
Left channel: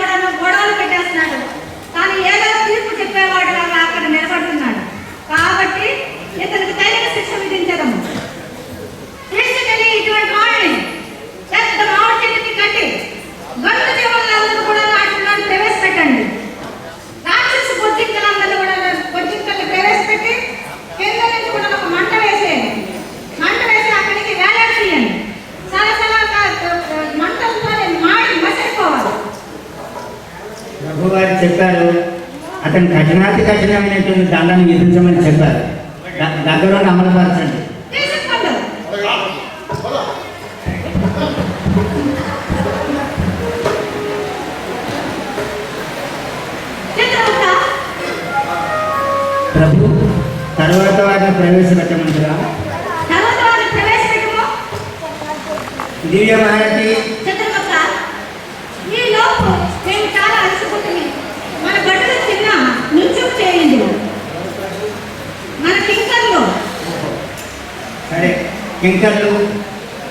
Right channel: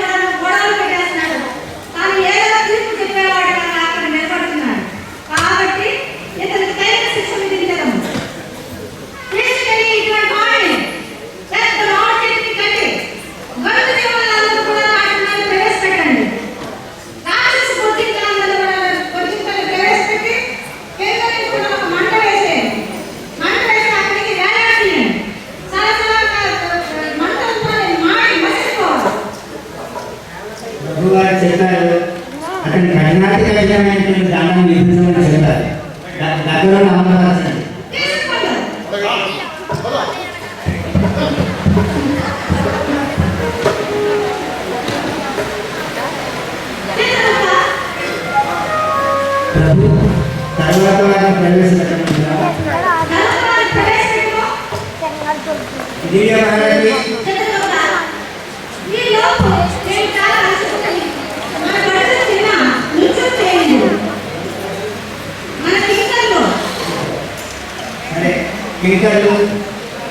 కూడా గొడవలు పెట్టేస్తున్నాడు. కానీ ఏదో తీర్పు చెప్పేవాడు అక్కడ నిలబడుతున్నాడు. కాబట్టి ఇతనికి తగిన శిక్ష విధించడం. తీసుకెళ్ళి ఇటువంటి వాడిని పెద్ద మామిడి చెట్టుకి కట్టి గండు జీవులందరూ కూడా వాటిని ప్రవేశపెట్టండి. రాక్షసు బొద్దింకలందరూ కూడా బొద్దింకలు ప్రవేశపెట్టి కింద నుంచి కూడా ఒక మంట వేసేయండి. మంట వేసి అక్కడికి వేలాడేయండి. సలసలా మంటలతో మాడి మసిలిపోవాలి. ప్రభు గారు చెప్పారు, అతను కఠినాతి కఠినమైనటువంటి దండం విధించమని చెప్పారు. దగ్గర అమలుపరచండి. తీసుకోండి. చిత్రగుప్త, ప్రభు తర్వాత వారిని ప్రవేశపెట్టమంటారా? తర్వాత వారిని ప్రవేశపెట్టుకో. దివ్య భారతి, చిత్రగుప్త, ఈ లోపు నేను చాలా అలసిపోతుంది. మన గడులు చిన్న నృత్యం చేయండి. మన కింకర్లు సరే కింకర్లు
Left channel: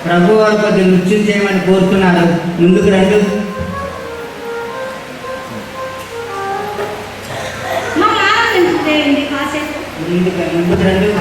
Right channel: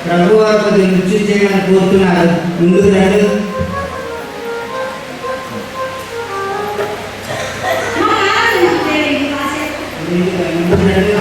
ప్రభు వారు కొద్ది నృత్యం చేయమని కోరుతున్నారు. ముందుకు రండి. మా ఆనందం చేయండి కాసేపు. ముందుకు రండి.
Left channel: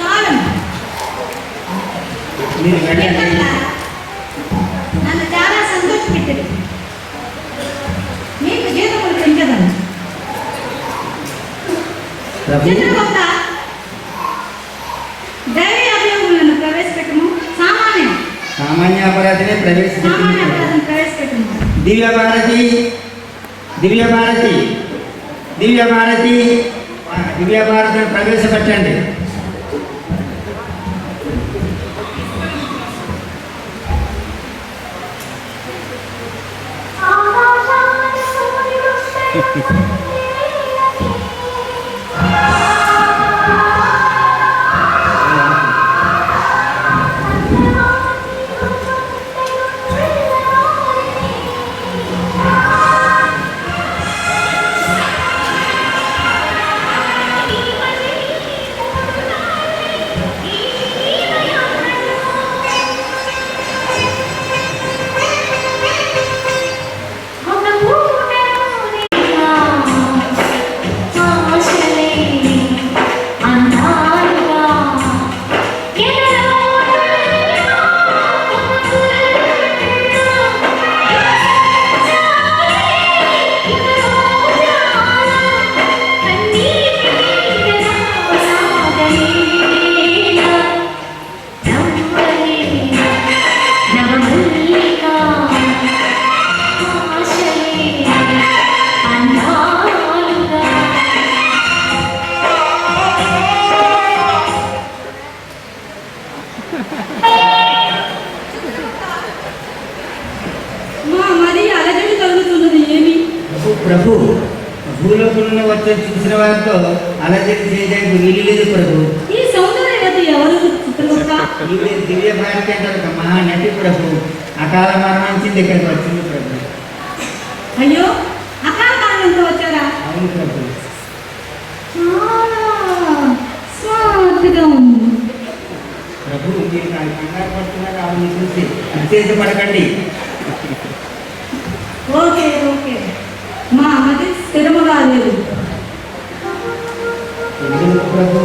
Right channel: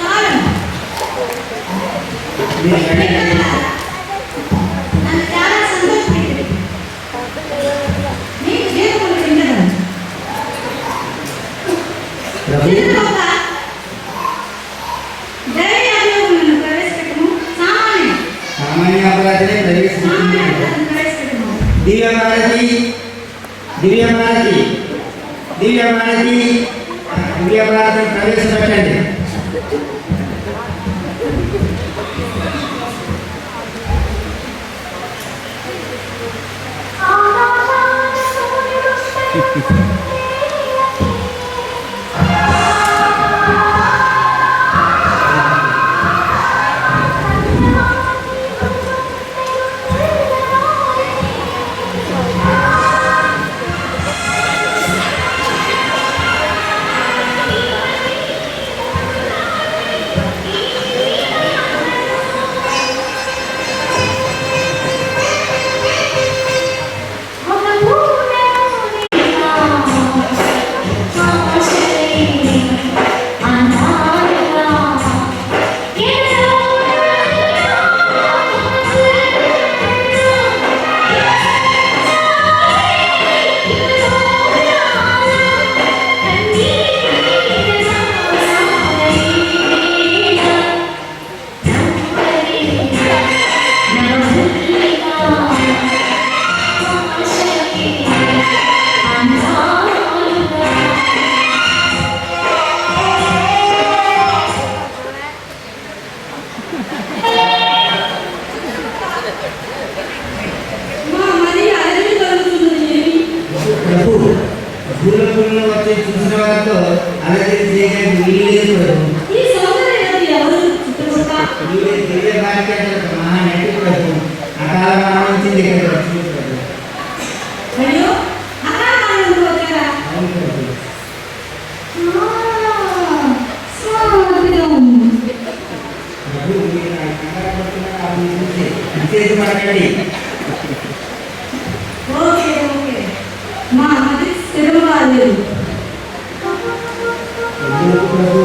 కాలం మీరు వెళ్ళండి. నన్ను చాలా సంతోషపెట్టింది. మీకు జీవితం పెంచగలను. ప్రభు చిత్రగుప్త, దైవ అభియోగులను ప్రవేశపెట్టము. సామాన్య అపరాధిని ప్రవేశించింది. ప్రవేశపెట్టము. దివ్య భారతి, దివ్య భారతి, దివ్య భారతి, దివ్య భారతిని ప్రవేశపెట్టండి. ప్రభు భూలోకంలో వచ్చే చూసిన వారితో అలజడి చేయడానికి వీలు లేదు ప్రభు. ఈ సౌందర్యవతి ఎవరు చిత్రగుప్త? నీవే దివ్య భారతి అంటే ఒక మహానటి ప్రభు. అకాల మరణించింది ఇక్కడికి వచ్చింది ప్రభు. అయ్యో, అకాల మరణంతో వచ్చారా? అవును ప్రభు. స్మార్ట్గా ఉంది. ప్రభు మీరు నాకు కంగారు పడుతున్నారు ఆమె చూసి విశేష పడకండి. ఓకే ఓకే మా అమ్మకి స్థిరముగా లేదు. ఎందుకు ప్రభు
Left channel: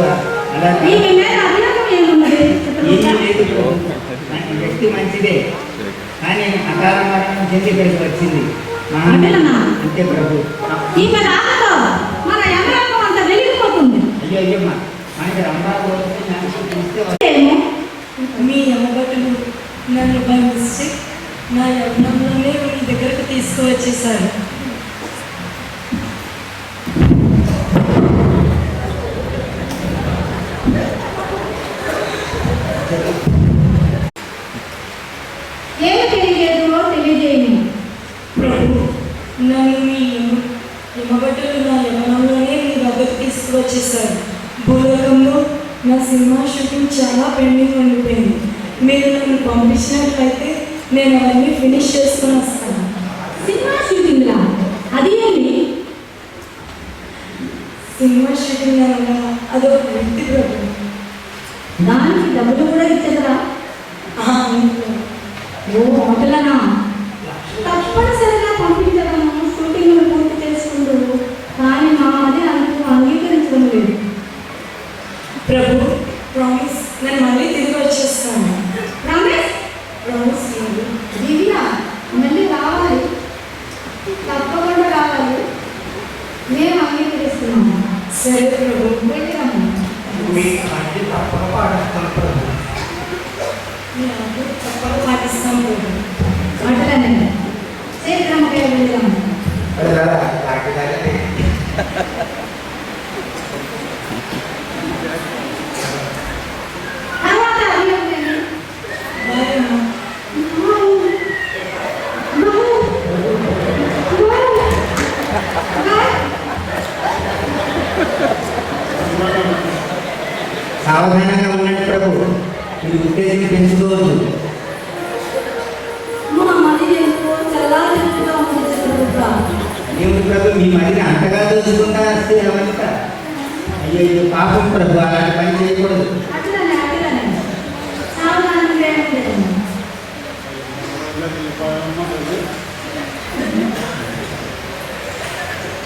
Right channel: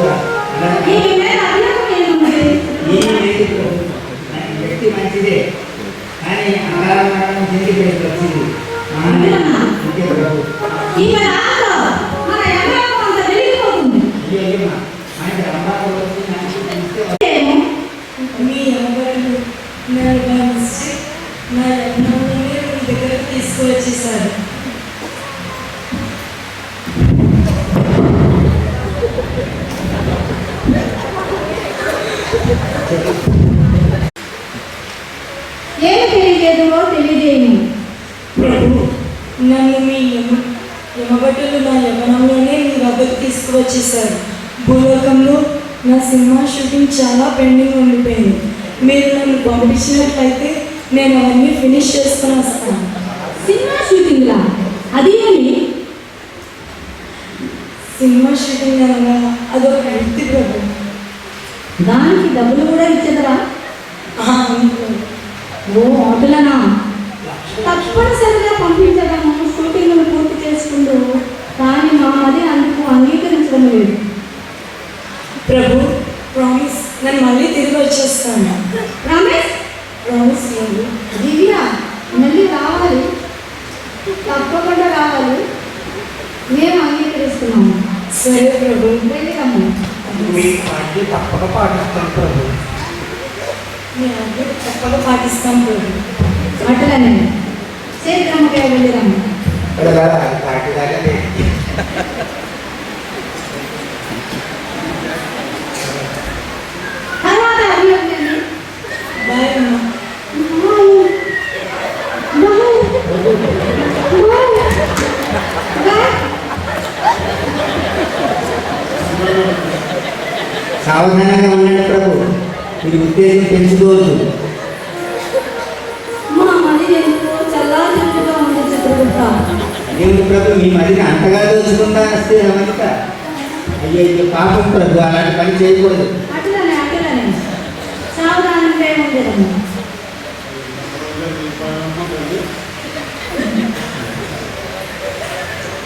అలా ఈ మీద అభియోగం ఏమున్నది? ఈ లేదు ప్రభు. నాకు వ్యక్తి మంచిదే కానీ అకాల మరణం చెంది ఇక్కడికి వచ్చింది. అంతే ప్రభు. ఈమె రాకతో మన యమలోకం అంత వెలిగిపోతుంది. అయ్యో అయ్యమ్మా ఆయన అమ్మాయి వచ్చి నాకు చూస్తే ఏమో మీ అమ్మగారు నన్ను బై మిస్టేక్ నా యజ్ఞంలోనే మీ దగ్గరకు తీసుకువచ్చేసారు. ఏమి తెలియజేదో తెలియజేయము. ప్రభు నన్ను మీ యమభటులు నా యవ్వనంలోనే మీ వద్దకు తీసుకువచ్చేసారు. భూలోకంలో నా సినిమా షూటింగ్ చాలా పెండింగ్ ఉండిపోయింది. మీరు నన్ను పంపించినట్లయితే నేను అవన్నీ ఫినిష్ చేసుకొని వస్తాను. సినిమా షూటింగ్లా? అది ఏంటి? సినిమా షూటింగ్ అనగా అదొక వృత్తి ప్రభు. దానికి డబ్బులు కూడా ఇచ్చేదరా? అవును ప్రభు. ఓ ఆటలనా? తప్పనిసరిగా పంపించడము, షూటింగ్లు పూర్తి చేసుకుంటూ, కానీ మా అది అందుకు అంగీకరించడం లేదు. ప్రభు ప్రామిస్ నేను మళ్ళీ తిరిగి వచ్చేస్తాను. రమేష్ ప్రామిస్ లేదు. దివ్య మళ్ళీ రావాలి, తప్పకుండా రావాలి. మేము అంగీకరిస్తున్నాము. సరే ప్రభు. వెళ్ళిరమ్ము. మీ పార్టీ తప్పక పాటిస్తాను ప్రభు. మీ ఆజ్ఞ తప్పక పాటిస్తాం ప్రభు. అట్లనే శీఘ్రముగా వెళ్ళిరమ్ము. తర్వాత అభియోగం ఏంటి? బాయ్ అమ్మా. సావధానంగా ఉండండి ప్రభు. మీరు ఉత్తేజం పెంచుకోవద్దు. మా మది ఎందుకో చల్లారిగా ఉంది చిత్రగుప్త. దేవుడు ప్రభు మీ మదిని అంతగా దోచుకుంటా వస్తే రమణిక. అయ్యో పాపం ప్రభు అలాంటి పని చేయకూడదు. అట్లనే సావధానంగా ఉండేదమ్మ.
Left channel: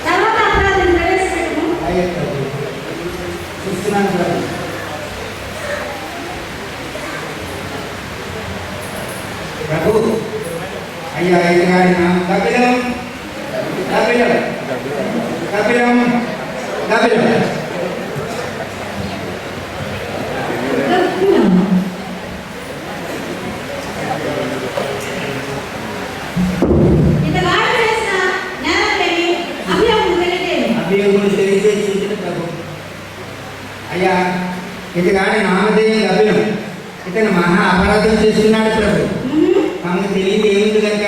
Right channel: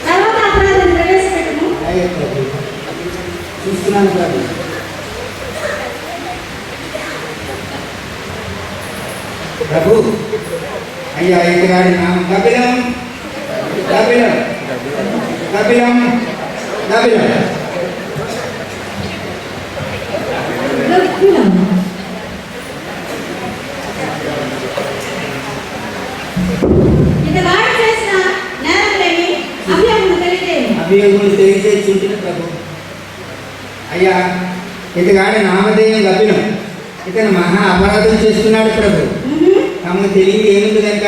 తర్వాత అపరాధం ప్రవేశపెట్టము. అయ్యో ప్రభు చూస్తున్నాను ప్రభు. ప్రభు అయ్యా ఎదుగాడి నామం కపిలం కపిలం కపిలం కపిలం. ఇతగాడు చేసిన నేరములేమి? అభియోగము తెలియజేయము. అభియోగులు తెలిసే చూసిన ప్రభు. అయ్యా ఇతగాడి నామధేయం కపిలం. ఇతను మహా అపరాధం చేస్తున్నాడు ప్రభు. తమకు తెలియదు ఏమిటి కనుక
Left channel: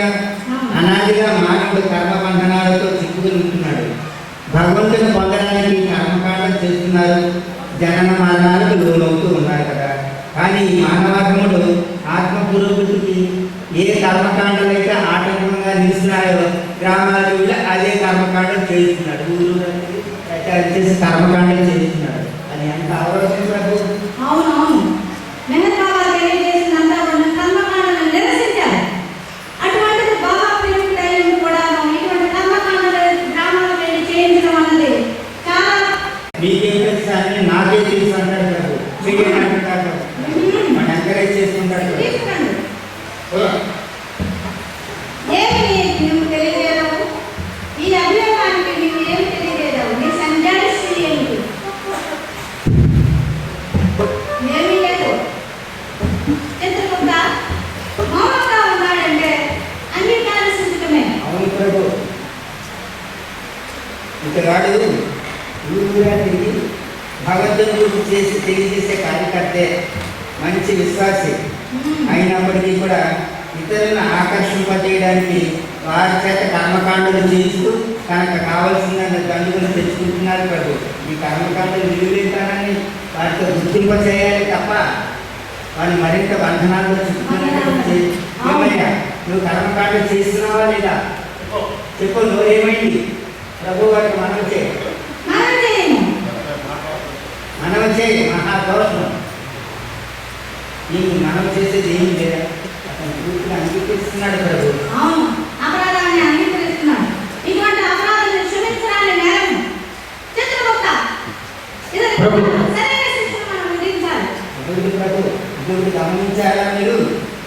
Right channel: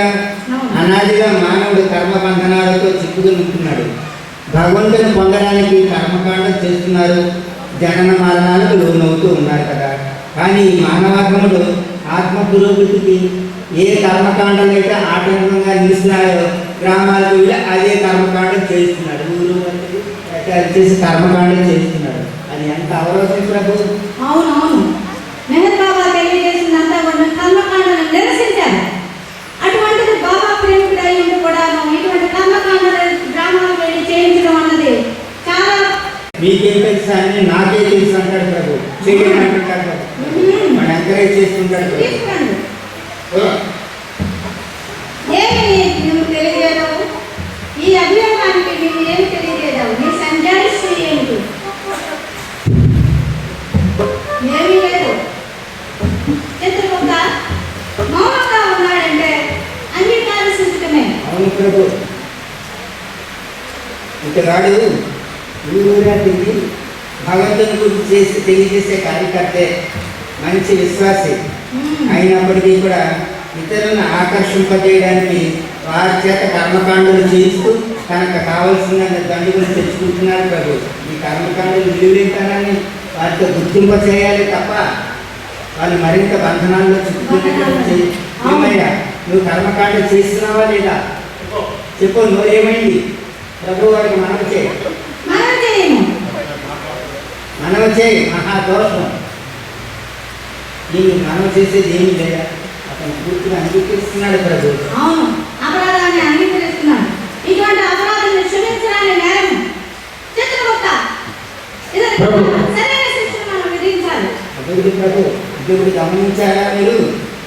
అనాదిగా మానవుడు కర్మ బంధనాలతో చిక్కుకుని ఉంటున్నాడు. భగవంతుని పొందడానికి కర్మకాండం చేస్తున్నారు, జనన మరణాలకు లోనవుతూ ఉన్నారు కదా. కానీ ఈ మానవాగముడు ఆత్మ పురోగతికి ఏ కర్మకాండలైతే ఆటంకంగా నిలుస్తున్నాయో గ్రామాలకు వెళ్ళి అదే కర్మకాండం చేస్తున్నాడు. ఊరు చేసి కర్మకాండం చేస్తున్నాడు. అది ఎంత అవరోధం ప్రభు. అవునవును, మెహర్ బాబా తెలియజేసినంతా కూడా కర్మకాండను నిరసించారు. అటువంటిది బాబా ప్రేమికుడై ఉండి కూడా ఇటువంటి కర్మకాండలు గ్రామాలకు వెళ్ళి చేయించడం అన్నది చాలా మీకేం తెలుసా అని నాకే తెలుసు అంటాడు ప్రభు. చేయని అంటాడు మన ఎంకరేజ్ చేస్తుంటాడు. తీసుకురండి. ఏమి నువ్వు తెలియజేయవు? ఈ అభియోగానికి నువ్వు ఏమి తెలియజేయవు? నీ సంజాయిస్తూ ఏంటి? ఏమీ లేదు. చిత్రగుప్త మౌనంగా ఉన్నాడంటే అంగీకారమే. అవును ప్రభు. ఇతగాడు ఊరుగా తిరిగి భగవంతుని గురించి చేసి తెలియజేసే కార్యకర్తే, మంచి విశ్వాసి. అయినప్పటికీ కూడా ఇతరులను ఆకర్షింపజేయడానికి వారి చేత కర్మకాండలు చేస్తూ తనకు కావలసిన దండుగులు తెచ్చుకుంటున్నారు ప్రభు. ఈ కర్మకాండలు విలువలేతానని వారితో గుర్తింప చేయాలి తప్ప వాళ్ళు మరింత బంధనాల్లో చిక్కుకునేటట్టు ఏమయ్యా నువ్వు కర్మకాండ చేస్తున్నావా లేదా చెప్పు. నువ్వేమైంది ప్రభు వారికి మనవి చేయి, మనవి చేయి. మహాదోషం ఈ మనం చేసేది ఏమీ లేదా, అతను పూర్తిగా అంగీకరిస్తున్నాడు ప్రభు. అవును, అపరాధాన్ని అంగీకరిస్తున్నాడు. ఇటువంటి అపరాధాన్ని క్షమించడాన్ని నేరం. చిత్రగుప్త, ఇది సరైన శిక్షను మనం విధించాలి. ప్రభు ఇప్పుడు గమనించారా మీరు?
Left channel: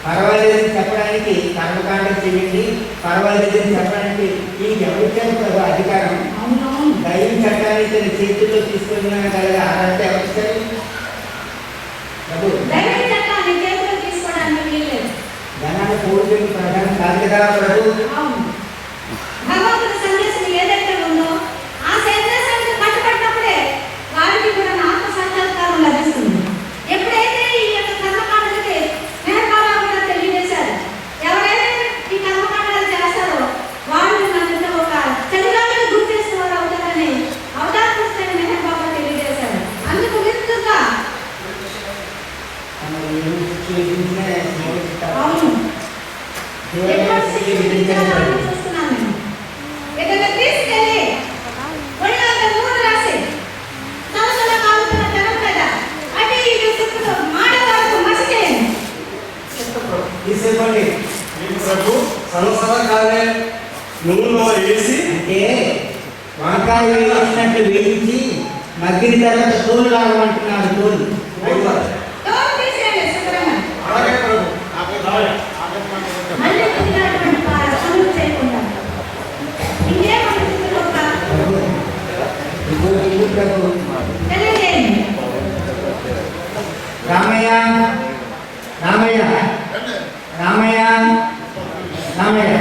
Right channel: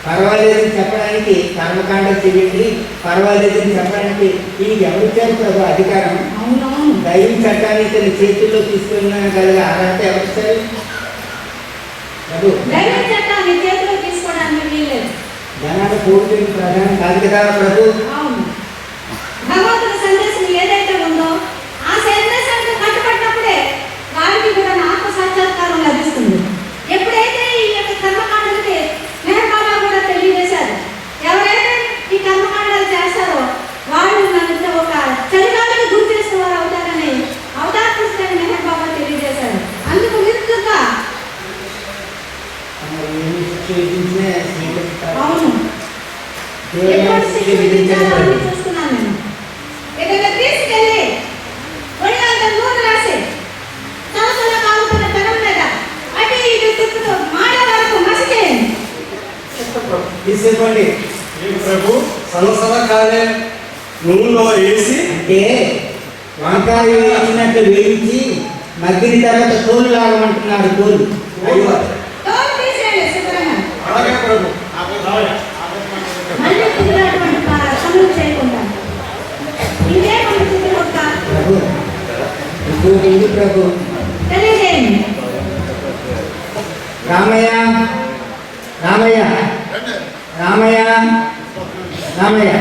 పర్వాలేదని చెప్పడానికి కర్మకాండం చేయండి, పర్వాలేదని చెప్పడానికి ఈయనకి ఎవరిచ్చారు ప్రభు అధికారం? అవునవును, దైవ చట్టాన్ని తన చేతుల్లో తీసుకున్న కలిగే అర్హత ఎవరిచ్చారు ప్రభు? దైవ చట్టాన్ని చేతిలో తీసుకోవడానికి వీల్లేదు. జనాన్ని పూర్తి ప్రధానం కాదు కదా ప్రభు. అవును, భగవంతుడి సందేశం ఏదైతే ఉందో ఆ సందేశానికి కట్టుబడినప్పుడే వారికి కూడా ఆత్మ సాక్షాత్కారం లభిస్తుంది. ఎప్పుడైతే ఈ యొక్క కర్మకాండలకి మెహర్బాబా కూడా తెలియజేశారు, ఎవరైతే ఈ కర్మకాండాలు చేస్తారో వాళ్ళు నన్ను ఒక చలిగాలికి గురి చేసిన వారు అవుతారని అవతారకృష్ణ మెహర్బాబా తెలియజేశారు. అందుకు విరుద్ధంగా అవును చూస్తున్నాను నేను. ఏదైనా తీసుకెళ్ళి ఒళ్ళంతా నూనె రాసి తలసల కాలుతున్న జనం మీద అటు ఇటు చుట్టూ మాట వరకు మసి చేయండి. తీసుకోండి. ఈ ప్రభు సలసల కాలే నూనెలో వేసి అంటే వంకాయ వేయించినట్టు వేయించి మగ్గిన తర్వాత తోలు లాగమంటున్నాడు. తోలు తోలు తీసేయండి శుభ్రంగా. అలాగే ప్రభు. మళ్ళీ కుదిరినటువంటి పనులు చేయకుండా ఇదే మన చిత్రగుప్త ప్రభు ఇంకోటి ఇది ప్రభు. తెలియజేయండి. రామయ్య రామయ్య రామయ్య రామయ్య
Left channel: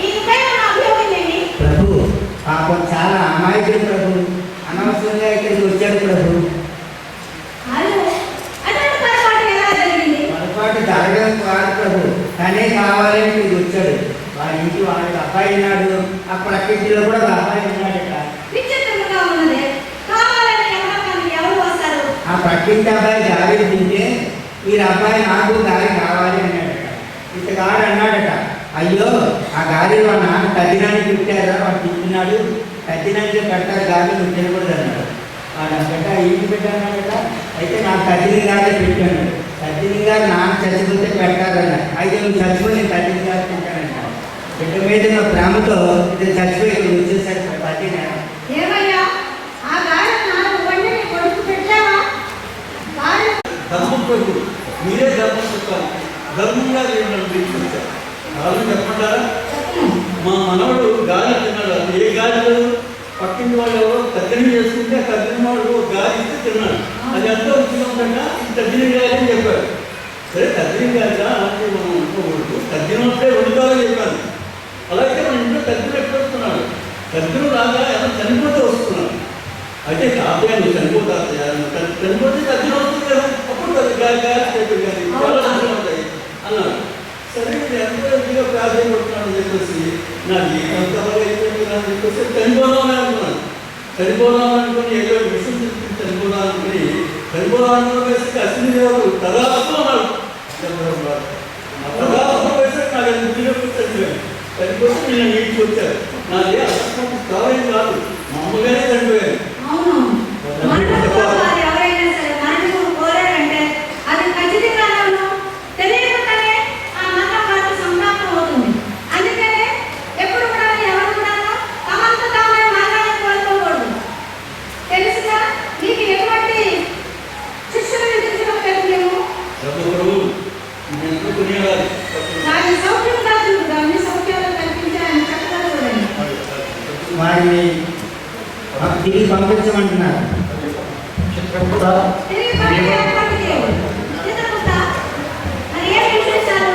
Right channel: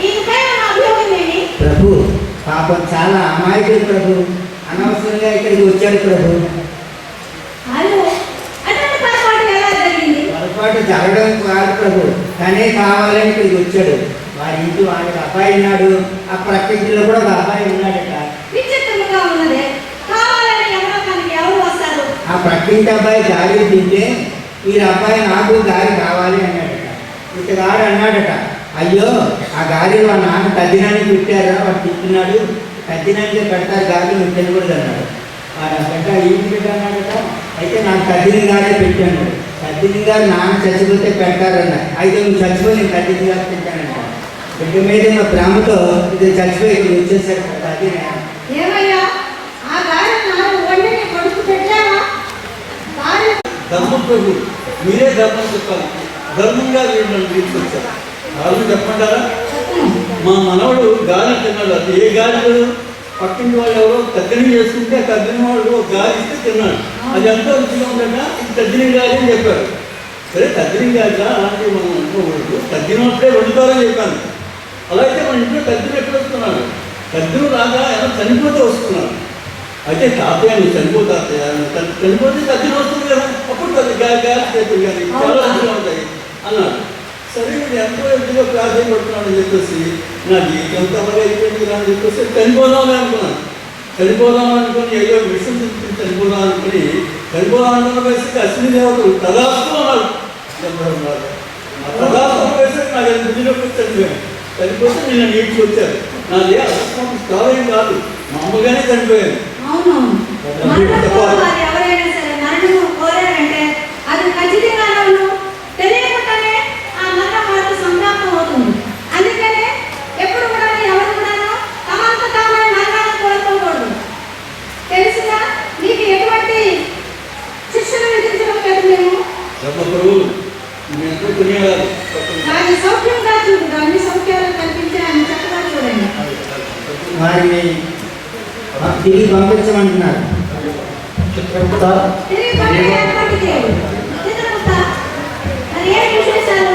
ఈమెపై ఉన్న అభియోగం ఏమి? ప్రభు పాపం చాలా అమాయకుడు ప్రభు, అనవసరంగా ఇక్కడికి వచ్చాడు ప్రభు. అయ్యో, అటువంటి పొరపాటు ఎలా జరిగింది? పొరపాటు జరగడం కాదు ప్రభు, తనే కావాలని ఇక్కడికి వచ్చాడు. వాడి ఇంటి వాడికి అబ్బాయి ఉన్నాడు, ఆ ప్రకృతిలో కూడా ఒక అబ్బాయి ఉన్నాడట. విచిత్రముగా ఉన్నది. కావాలని ఎవరు వస్తారు? ఆ ప్రకృతి అబ్బాయి గాలి తింటే ఈ అబ్బాయి నాకు గాలి కావాలి అన్నాడట. ఇతగాడు అన్నాడట, అయ్యో ఆ గాలిలో ఆ నాన్న తద్దినానికి పెట్టారా, వాడు తింటున్నాడు, తద్దినానికి పెడతారు గాలి నువ్వు తినకూడదు అన్నాడు. వాడు గట్ట ఏం పెట్టాడట, అయితే నాకు తద్దిని గారే పెట్టాను. తద్దిని గారు నాన్న చచ్చిపోతే పెడతారన్నాడు. అయితే నువ్వు చచ్చిపోయి నేను తద్దిని గారు తింటానంట. బిడ్డ మీద నా ప్రేమతో ఇది చచ్చిపోయి ఇక్కడ వచ్చేసాడు తద్దిన. ఏమయ్యా, ఆ గాలి నాలుగు వండిని కొడుకు పెట్టావా? గాలి ధర్మం ప్రభు, మీరే ధర్మం చెప్పాలి. ధర్మంగా వీళ్ళని తీసుకొచ్చారు. వాళ్ళు చెప్పమంటారా? మా మనవడు గాలి తిన్నాడు. అది ఏ గాలి? పక్కింటి వాళ్ళు ఎవరో తద్దిని చేసుకుంటే తద్దిన వాళ్ళు గాలి ఇస్తే తిన్నాడు. అది ఎంతో రుచిగా ఉండగా ఇది తద్దిని గాలి అని చెప్పారు. సరే తద్దిని గాలిగా అలాంటివి మనం అనుకోకూడదు. తద్దినప్పుడే వండుతారని చెప్పాను. అలా అయితే మన ఇంట్లో తద్దిన ఎప్పుడు వస్తున్నాడు? తద్దిన రాగా ఎలా చనిపోతే వస్తున్నాడు. అయితే తాతయ్య నువ్వు చనిపోతా చనిపోతే తద్దిన వస్తుంది కదా, అప్పుడు గాలి చేతులు కానీ చాలా రుచిగా ఉంటాయి అన్నాడు. సరే ఇది ఎంతో ఎదురుగా ప్రాధాన్యపడుతున్నాడని చెప్పేసి నా జీవితం తమగా అయిపోయింది అని చెప్పేసి చనిపోదామని అనుకున్నాను. చనిపోదామని అనుకుని ఏదో విషయం చెప్పి చనిపోదాం అనుకుని చనిపోదామని వేసి అశ్విని దేవతలు తదాస్తు అన్నాడు. తదాస్తు వేసి నాకు అది బుద్ధిలోకి చనిపోయాను. చనిపోతే నేను నీటికి వచ్చాను. నాది అకస్మాత్తు కావేం కాదు, మామూలుగానే చనిపోయాను. అవునవును, మరణం ఎవరైనా సరే మరణం కోరారంటే అది ఖచ్చితంగా తెలియకుండానే ఆ మరణం వారికి సంప్రాప్తం అవుతుంది. అందుకనే ఎప్పుడు కూడా ఎవరు కూడా తమంత తామని మరణాన్ని కోరుకోకూడదు. తెలుసుగా, నీకు ఎటువంటి శిక్షణ విధించడం లేదు. మేము దాన్ని సౌఖ్యంగా చూడు, అన్ని సౌఖ్యాలు కల్పించి ఆయన చక్కగా చూడండి. వారిని తిరిగి పంపించమంటున్నారు. తిరిగి పంపించేటువంటి దేవుడు చిత్రగుప్త, మరి ఏం విశేషాలు?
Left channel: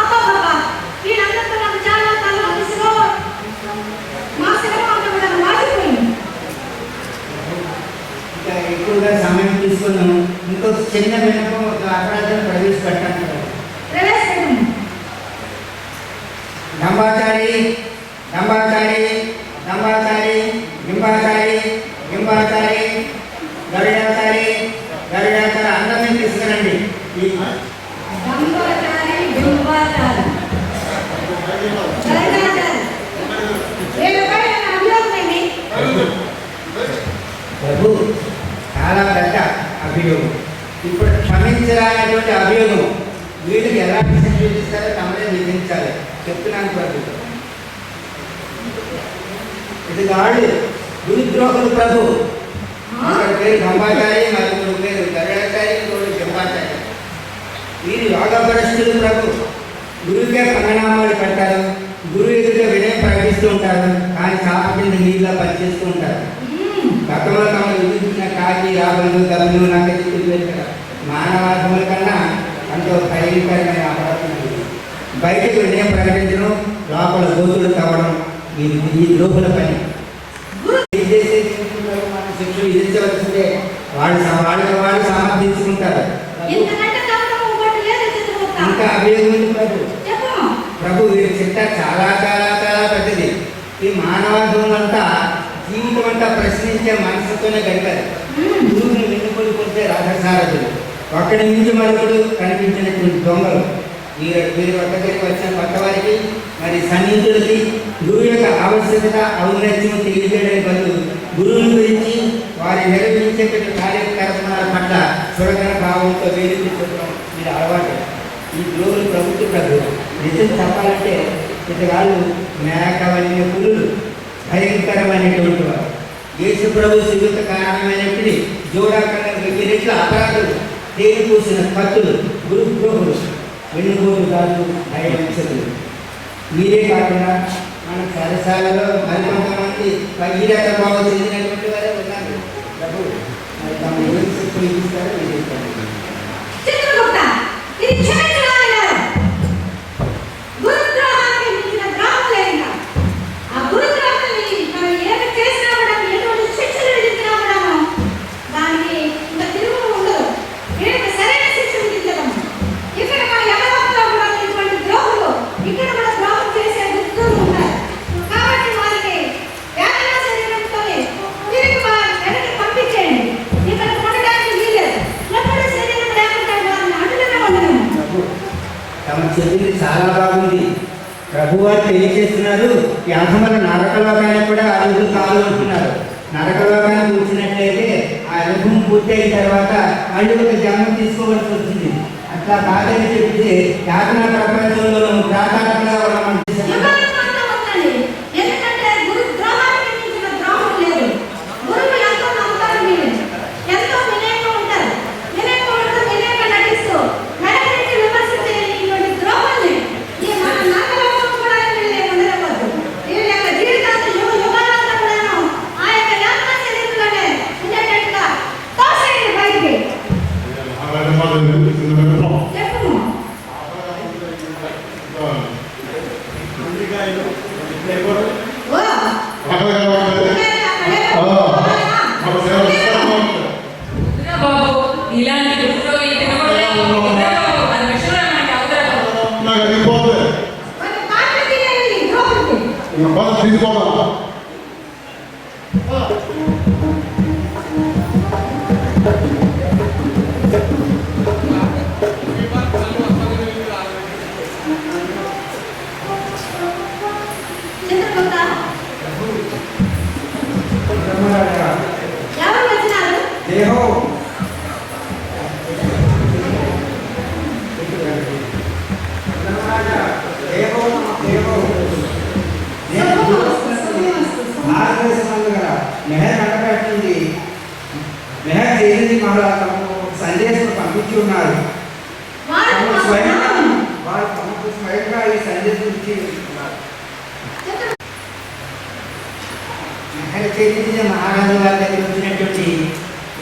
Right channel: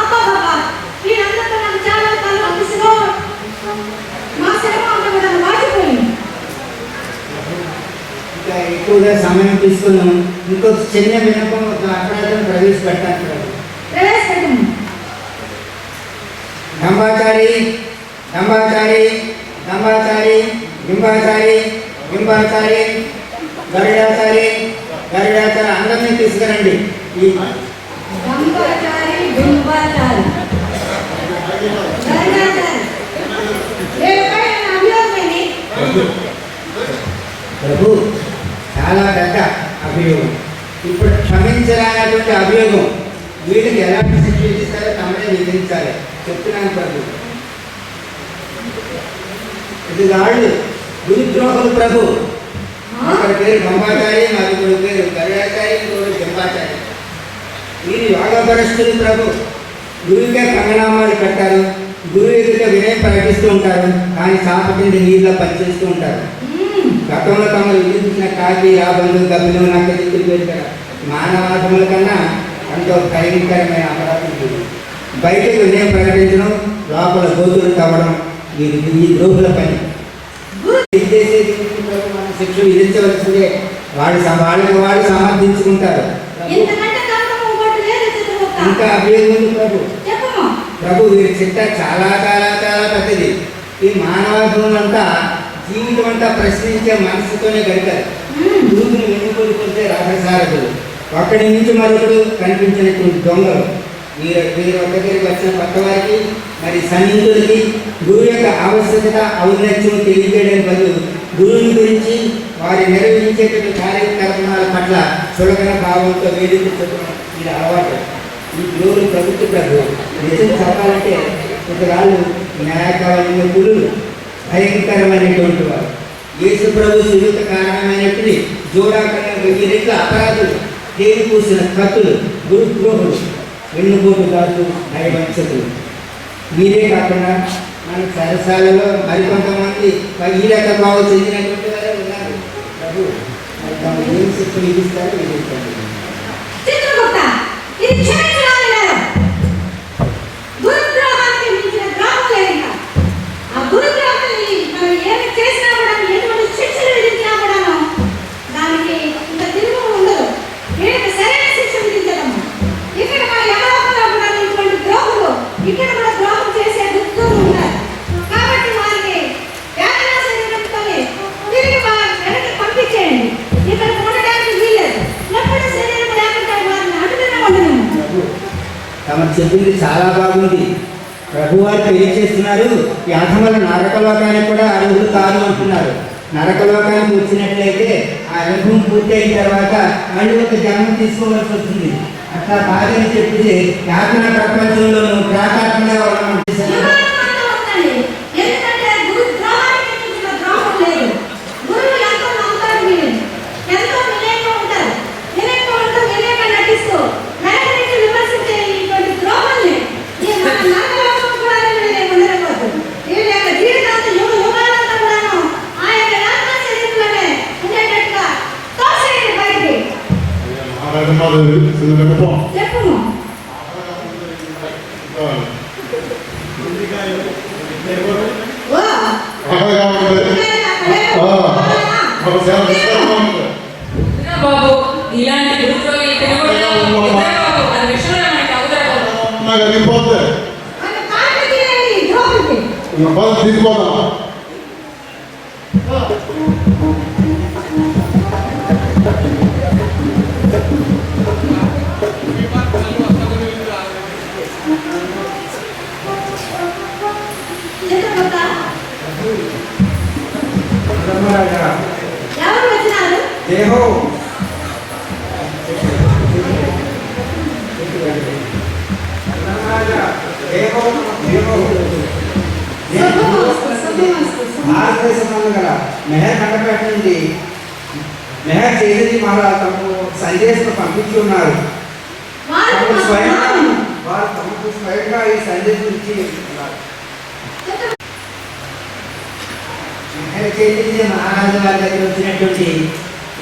అబ్బా బాబా, వీళ్ళందరితో నాకు చాలా తలనొప్పిసిగా మా శరీరం అంతా కూడా వాచిపోయింది. ఇంకా ఎక్కువగా సమయం తీసుకున్నాం. ఇంకొక చిన్న వినపం, ఒక అపరాధం ప్రవేశపెట్టాను. ప్రవేశపెట్టము. డంబాచారి డంబాచారి డంబాచారి గింబాచారి గింబాచారి గరుడాచారి గరుడాచారి అందరినీ తీసుకురండి. ఈ దంబాచారి, బింబాచారి, దండాచారి, వీళ్ళపై అభియోగం ఏంటి? ప్రభు చాలా పెద్ద అభియోగం. ఇప్పుడు క్షమించరానటువంటి అభియోగం వీళ్ళకి ఎలాంటి శిక్ష విధిస్తారో తమనే విధించాలి చెప్తున్నాను ప్రభు. ఇది వాళ్ళు గురుద్రోహులు ప్రభు. ఒకరి పేరు గంబాచారి, మరొకరి పేరు గరుడాచారి, ఇంకొకరు జంబాచారి. వీరు యోగపరస్తులు ప్రభు. గురువుకే పంగనామాలు పెట్టారు, గురువు ఎదుట వినయం ప్రకటిస్తూ ఉంటారు, కానీ సాపటిని నీళ్ళ పనిచేస్తూ ఉంటారు. గతంలో తమను విధించిన కాకి, యాభలు, గబ్బులు, నక్కలు పెట్టారు. మానవాధముల కన్నా ఎంతో భయంకరమైన అపరాధం. బయటకు వినయం ప్రకటించడం, లోపల గోతులు తవ్వడం ఈ ద్రోహుల పని. మనం శిక్ష విధించవలసిందే. వాళ్ళకి వాళ్ళు సమర్థించుకుంటారు. ఇంకా అభియోగం ప్రభు. ప్రభు వీరి చిట్ట చాలా చాలా చాలా పెద్దది. ఈ మానవాధం అంతా జీవితం అంతా ప్రశ్నించే మనసుతోనే గడిపారు. గురువుని వెన్నుకొలిపోతే రథసారథులు, ఒక్కడి నుంచి మరొకడు కనిపించినటువంటి దొంగలు. వీరు ఒక దగ్గరికి వచ్చిన కొత్త వారికి మరి సన్నిహితులకి గురువు యొక్క ఆవశ్యకత ఔన్నత్యం తెలియజేయడం బదులు గురువుని గురించి వారి నిర్వహించేటువంటి కార్యక్రమాల పట్ల చులకన భావంతో వేదించడం ఇది అలవాటు. ఈ గురువులు ప్రభుత్వ ప్రభు నిజం చెప్పాలంటే ఇతరాలు న్యాయకాలైన గురువులు భయంకరమైనటువంటి వారు. యేసు ప్రభు శివుత కారణమైనటువంటి జోడాకరణ రెట్ల అపరాధులు, తేలి పూసిన కత్తులు, గురుద్రోహులు, వెన్నుపోటుదారులు, నయవంచకులు. మీరే కాకుండా మన సరసాలలో మరికొంతమంది భగీరథ భావం చెందినటువంటి వారే ఉన్నారు. ప్రభు మరి తమ ఏం శిక్ష విధిస్తారో విధిస్తారు. తమ చెప్పింది చాలా బాగుంది. ప్రభువారు తెలియజేస్తున్నారు, ఈ అధమల నరకలోకానికి కూడా అర్హులు కాదు అంటున్నారు. నరకలోకానికి వచ్చినట్లయితే ఆ అనుభవం పూర్తయిన తర్వాత మళ్ళీ ఒక జన్మ తీసుకోవాల్సి వస్తుంది. అట్లా బాధని చెప్తే యాత్రా ప్రపంచంలోనూ ప్రాకారంగా మెహర్ మండపేట నుండి మెహర్ చేసి మళ్ళా తమకు సందేశం పంపించి ఉన్నారు. వారు తమకు స్వయంగా ఈ సందేశం ఇచ్చి ఉన్నారు. మెహర్ చైతన్య మహారాజు వారి దగ్గర వచ్చినటువంటి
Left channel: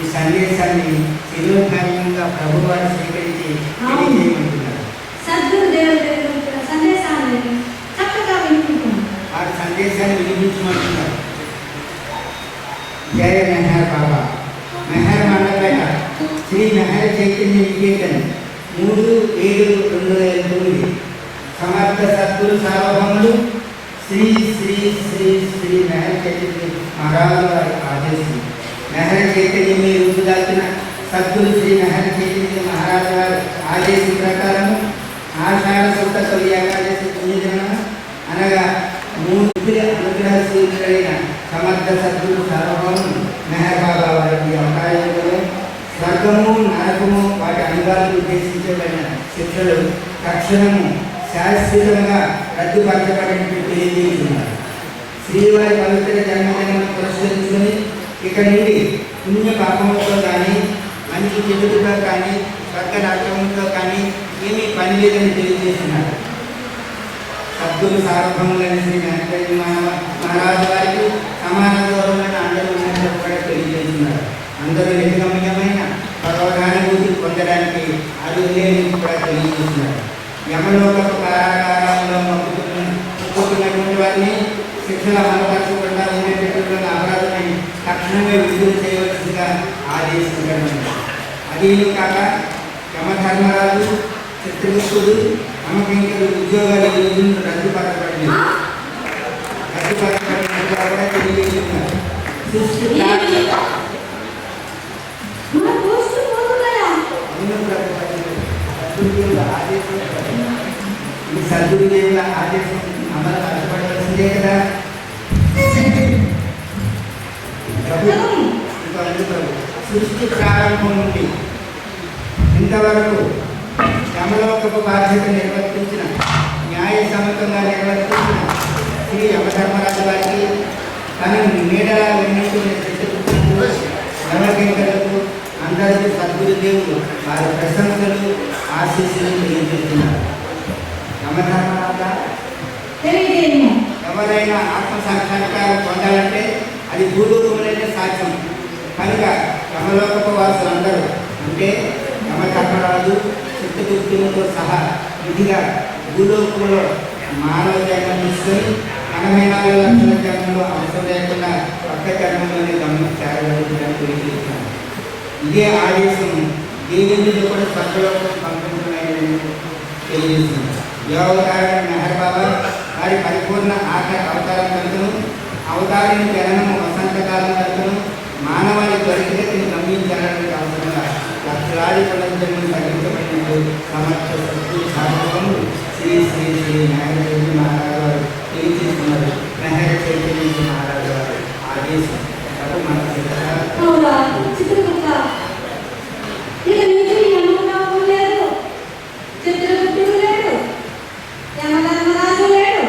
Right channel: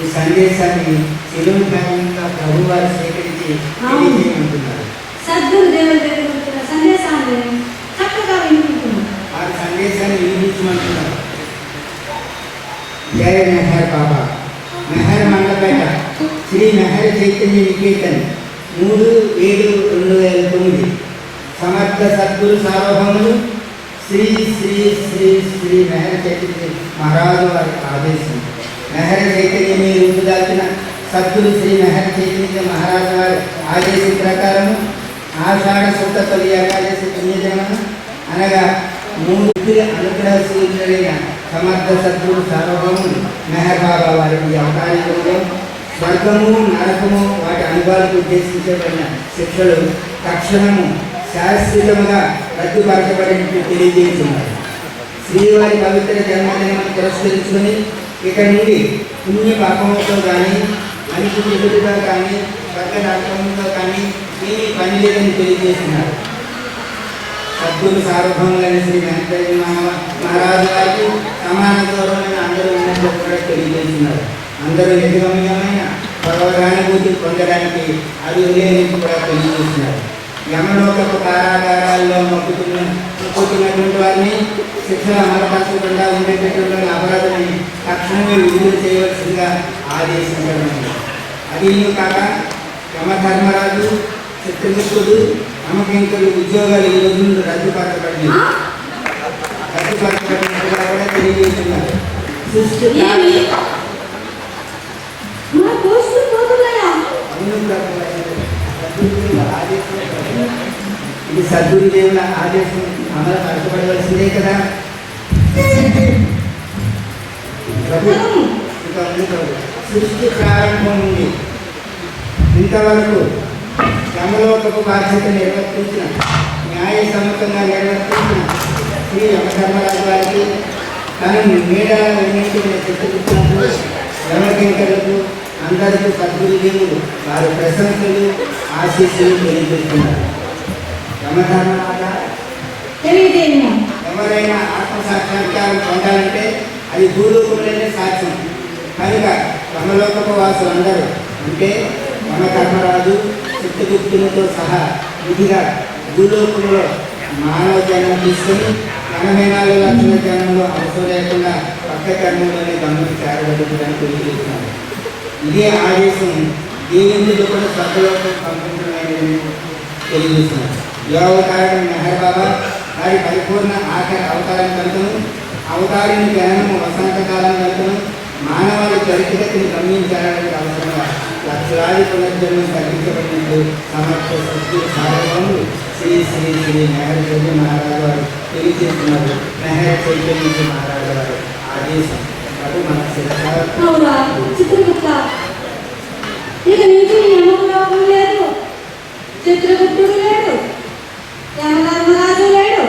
ఈ సందేశాన్ని శిరోభాగంగా ప్రభు వారు స్వీకరించి తెలియజేయమంటున్నారు. సద్గురు దేవుడి దగ్గర వచ్చిన సందేశాన్ని చక్కగా వినిపించుకున్నారు. వారి సందేశాన్ని వినిపించమంటున్నారు. जय मेहर बाबा मेहर मंडपेट श्री मेहर चैतन्य निकेतन 3/7/2009 समर्थ सद्गुरु सार्वभौमुలు श्री श्री श्री श्री मेहर चैतन्य महाराज वाరి ఆదేశం. మెహర్ చైతన్య మీరు రూపుదాల్చిన సద్గురు శ్రీ మెహర్ చైతన్య మహారాజ్ వారి ఆదేశం ప్రకారం ఆషాఢ శుద్ధ తొలి ఏకాదశి పుణ్యదినం అనగా 3 అనుగ్రహ సూర్యుడైన సమర్థ సద్గురు సార్వభౌము మెహర్ బాబా వారికి అవకాశంలో స్వర్గము నరకము వాటి అనుభవాలకు ఉద్దేశించబడిన శిక్షలు తక్షణము శాశ్వతంగా రద్దుపరచబడినట్టు తెలియజేస్తున్నారు. శ్రీవారి పవిత్ర జన్మదినం పురస్కరించుకొని ఇక నుండి పుణ్య పాపములతో కానీ మనిషి చెడుతో కానీ స్వర్గ నరకంతో కానీ ఏమీ పని లేదని తెలియజేస్తున్నారు. సద్గురు సార్వభౌములైన శ్రీ వెంకటేశ్వర మహారాజు గారికి సమాన గౌరవమైన అందరూ ఉన్నట్లు కూడా తెలియజేస్తున్నారు. అందరూ నిజగమ్యమైన భగవదానుభూతి పొందడానికి అర్హులేని కూడా తెలియజేస్తున్నారు. యమలోకపు కారాగారాల్లో మొక్కుతున్నటువంటి వారిని శిక్షణ అమలుపరచకుండా ఉండేటటువంటి అపరాధులని తక్షణమే విడుదల చేయవలసిందిగా ఆదేశించడం. అదీను కాక యమధర్మరాజు చిత్రగుప్తుడు నమ్మకింకుడు ఉద్యోగాలు ఈ రోజులు రద్దుపరచబడినట్టుగా కూడా తెలియజేస్తున్నారు. సృష్టి ఇది సద్గురుదేవుల ఆదేశం అమలు పరచబడవలసిందే కదా. సృష్టి ప్రారంభం నుండి ఇంతవరకు యమలోకపు బాధ్యత నిర్వర్తించిన న్యాయ సమ్మతంగా నిర్వర్తించిన శ్రీ యమధర్మరాజు వారికి తన నీడలా విన్నటువంటి చిత్తగుప్తులకు యమకింకరులకు అందరికీ సద్గురుదేవులు వారి ప్రశంసలు ఆశీస్సులు తెలియజేస్తున్నారు. యమధర్మరాజా, ఎవరైనా ఆత్మసాక్షాత్కారం పొందాలంటే అది భూలోకంలోనే సాధ్యం. కనుక యమలోకపు వాసులందరూ అంటే యమధర్మరాజు చిత్తగుప్తులతో సహా విధిగా భూలోకంలో మానవ జన్మ తీసుకొని 84 లక్షల జన్మలో అవసరం లేకుండా పక్క జన్మలోనే గమనం చేరబడుతుందని తెలియజేస్తున్నారు. ఇదే ఆదేశం దేవునిలో కూడా స్వర్గలోకం పంపించడం తెలియజేస్తున్నారు. యోగకారణ మెహర్ బాబా వారి పరిపూర్ణ అవతారం కనుకను అవతారిని జననము వసంతకాలం కనుకను మానవాళి చరిత్రని గమనించడానికి అవసరంగా లక్షలాది పునర్జన్మం తగ్గించబడినట్టు సమర్థ సద్గురు సార్వభౌములు శ్రీ శ్రీ శ్రీ మెహర్ చైతన్య మహారాజు వారు తెలియజేస్తున్నారు. మెహర్ చైతన్య మహారాజు వారు ఆదేశం మన చిత్రగుప్త ఇక నుంచి యమలోకం లేదు, చిత్రగుప్తుడు లేడు, యమధర్మరాజు లేడు.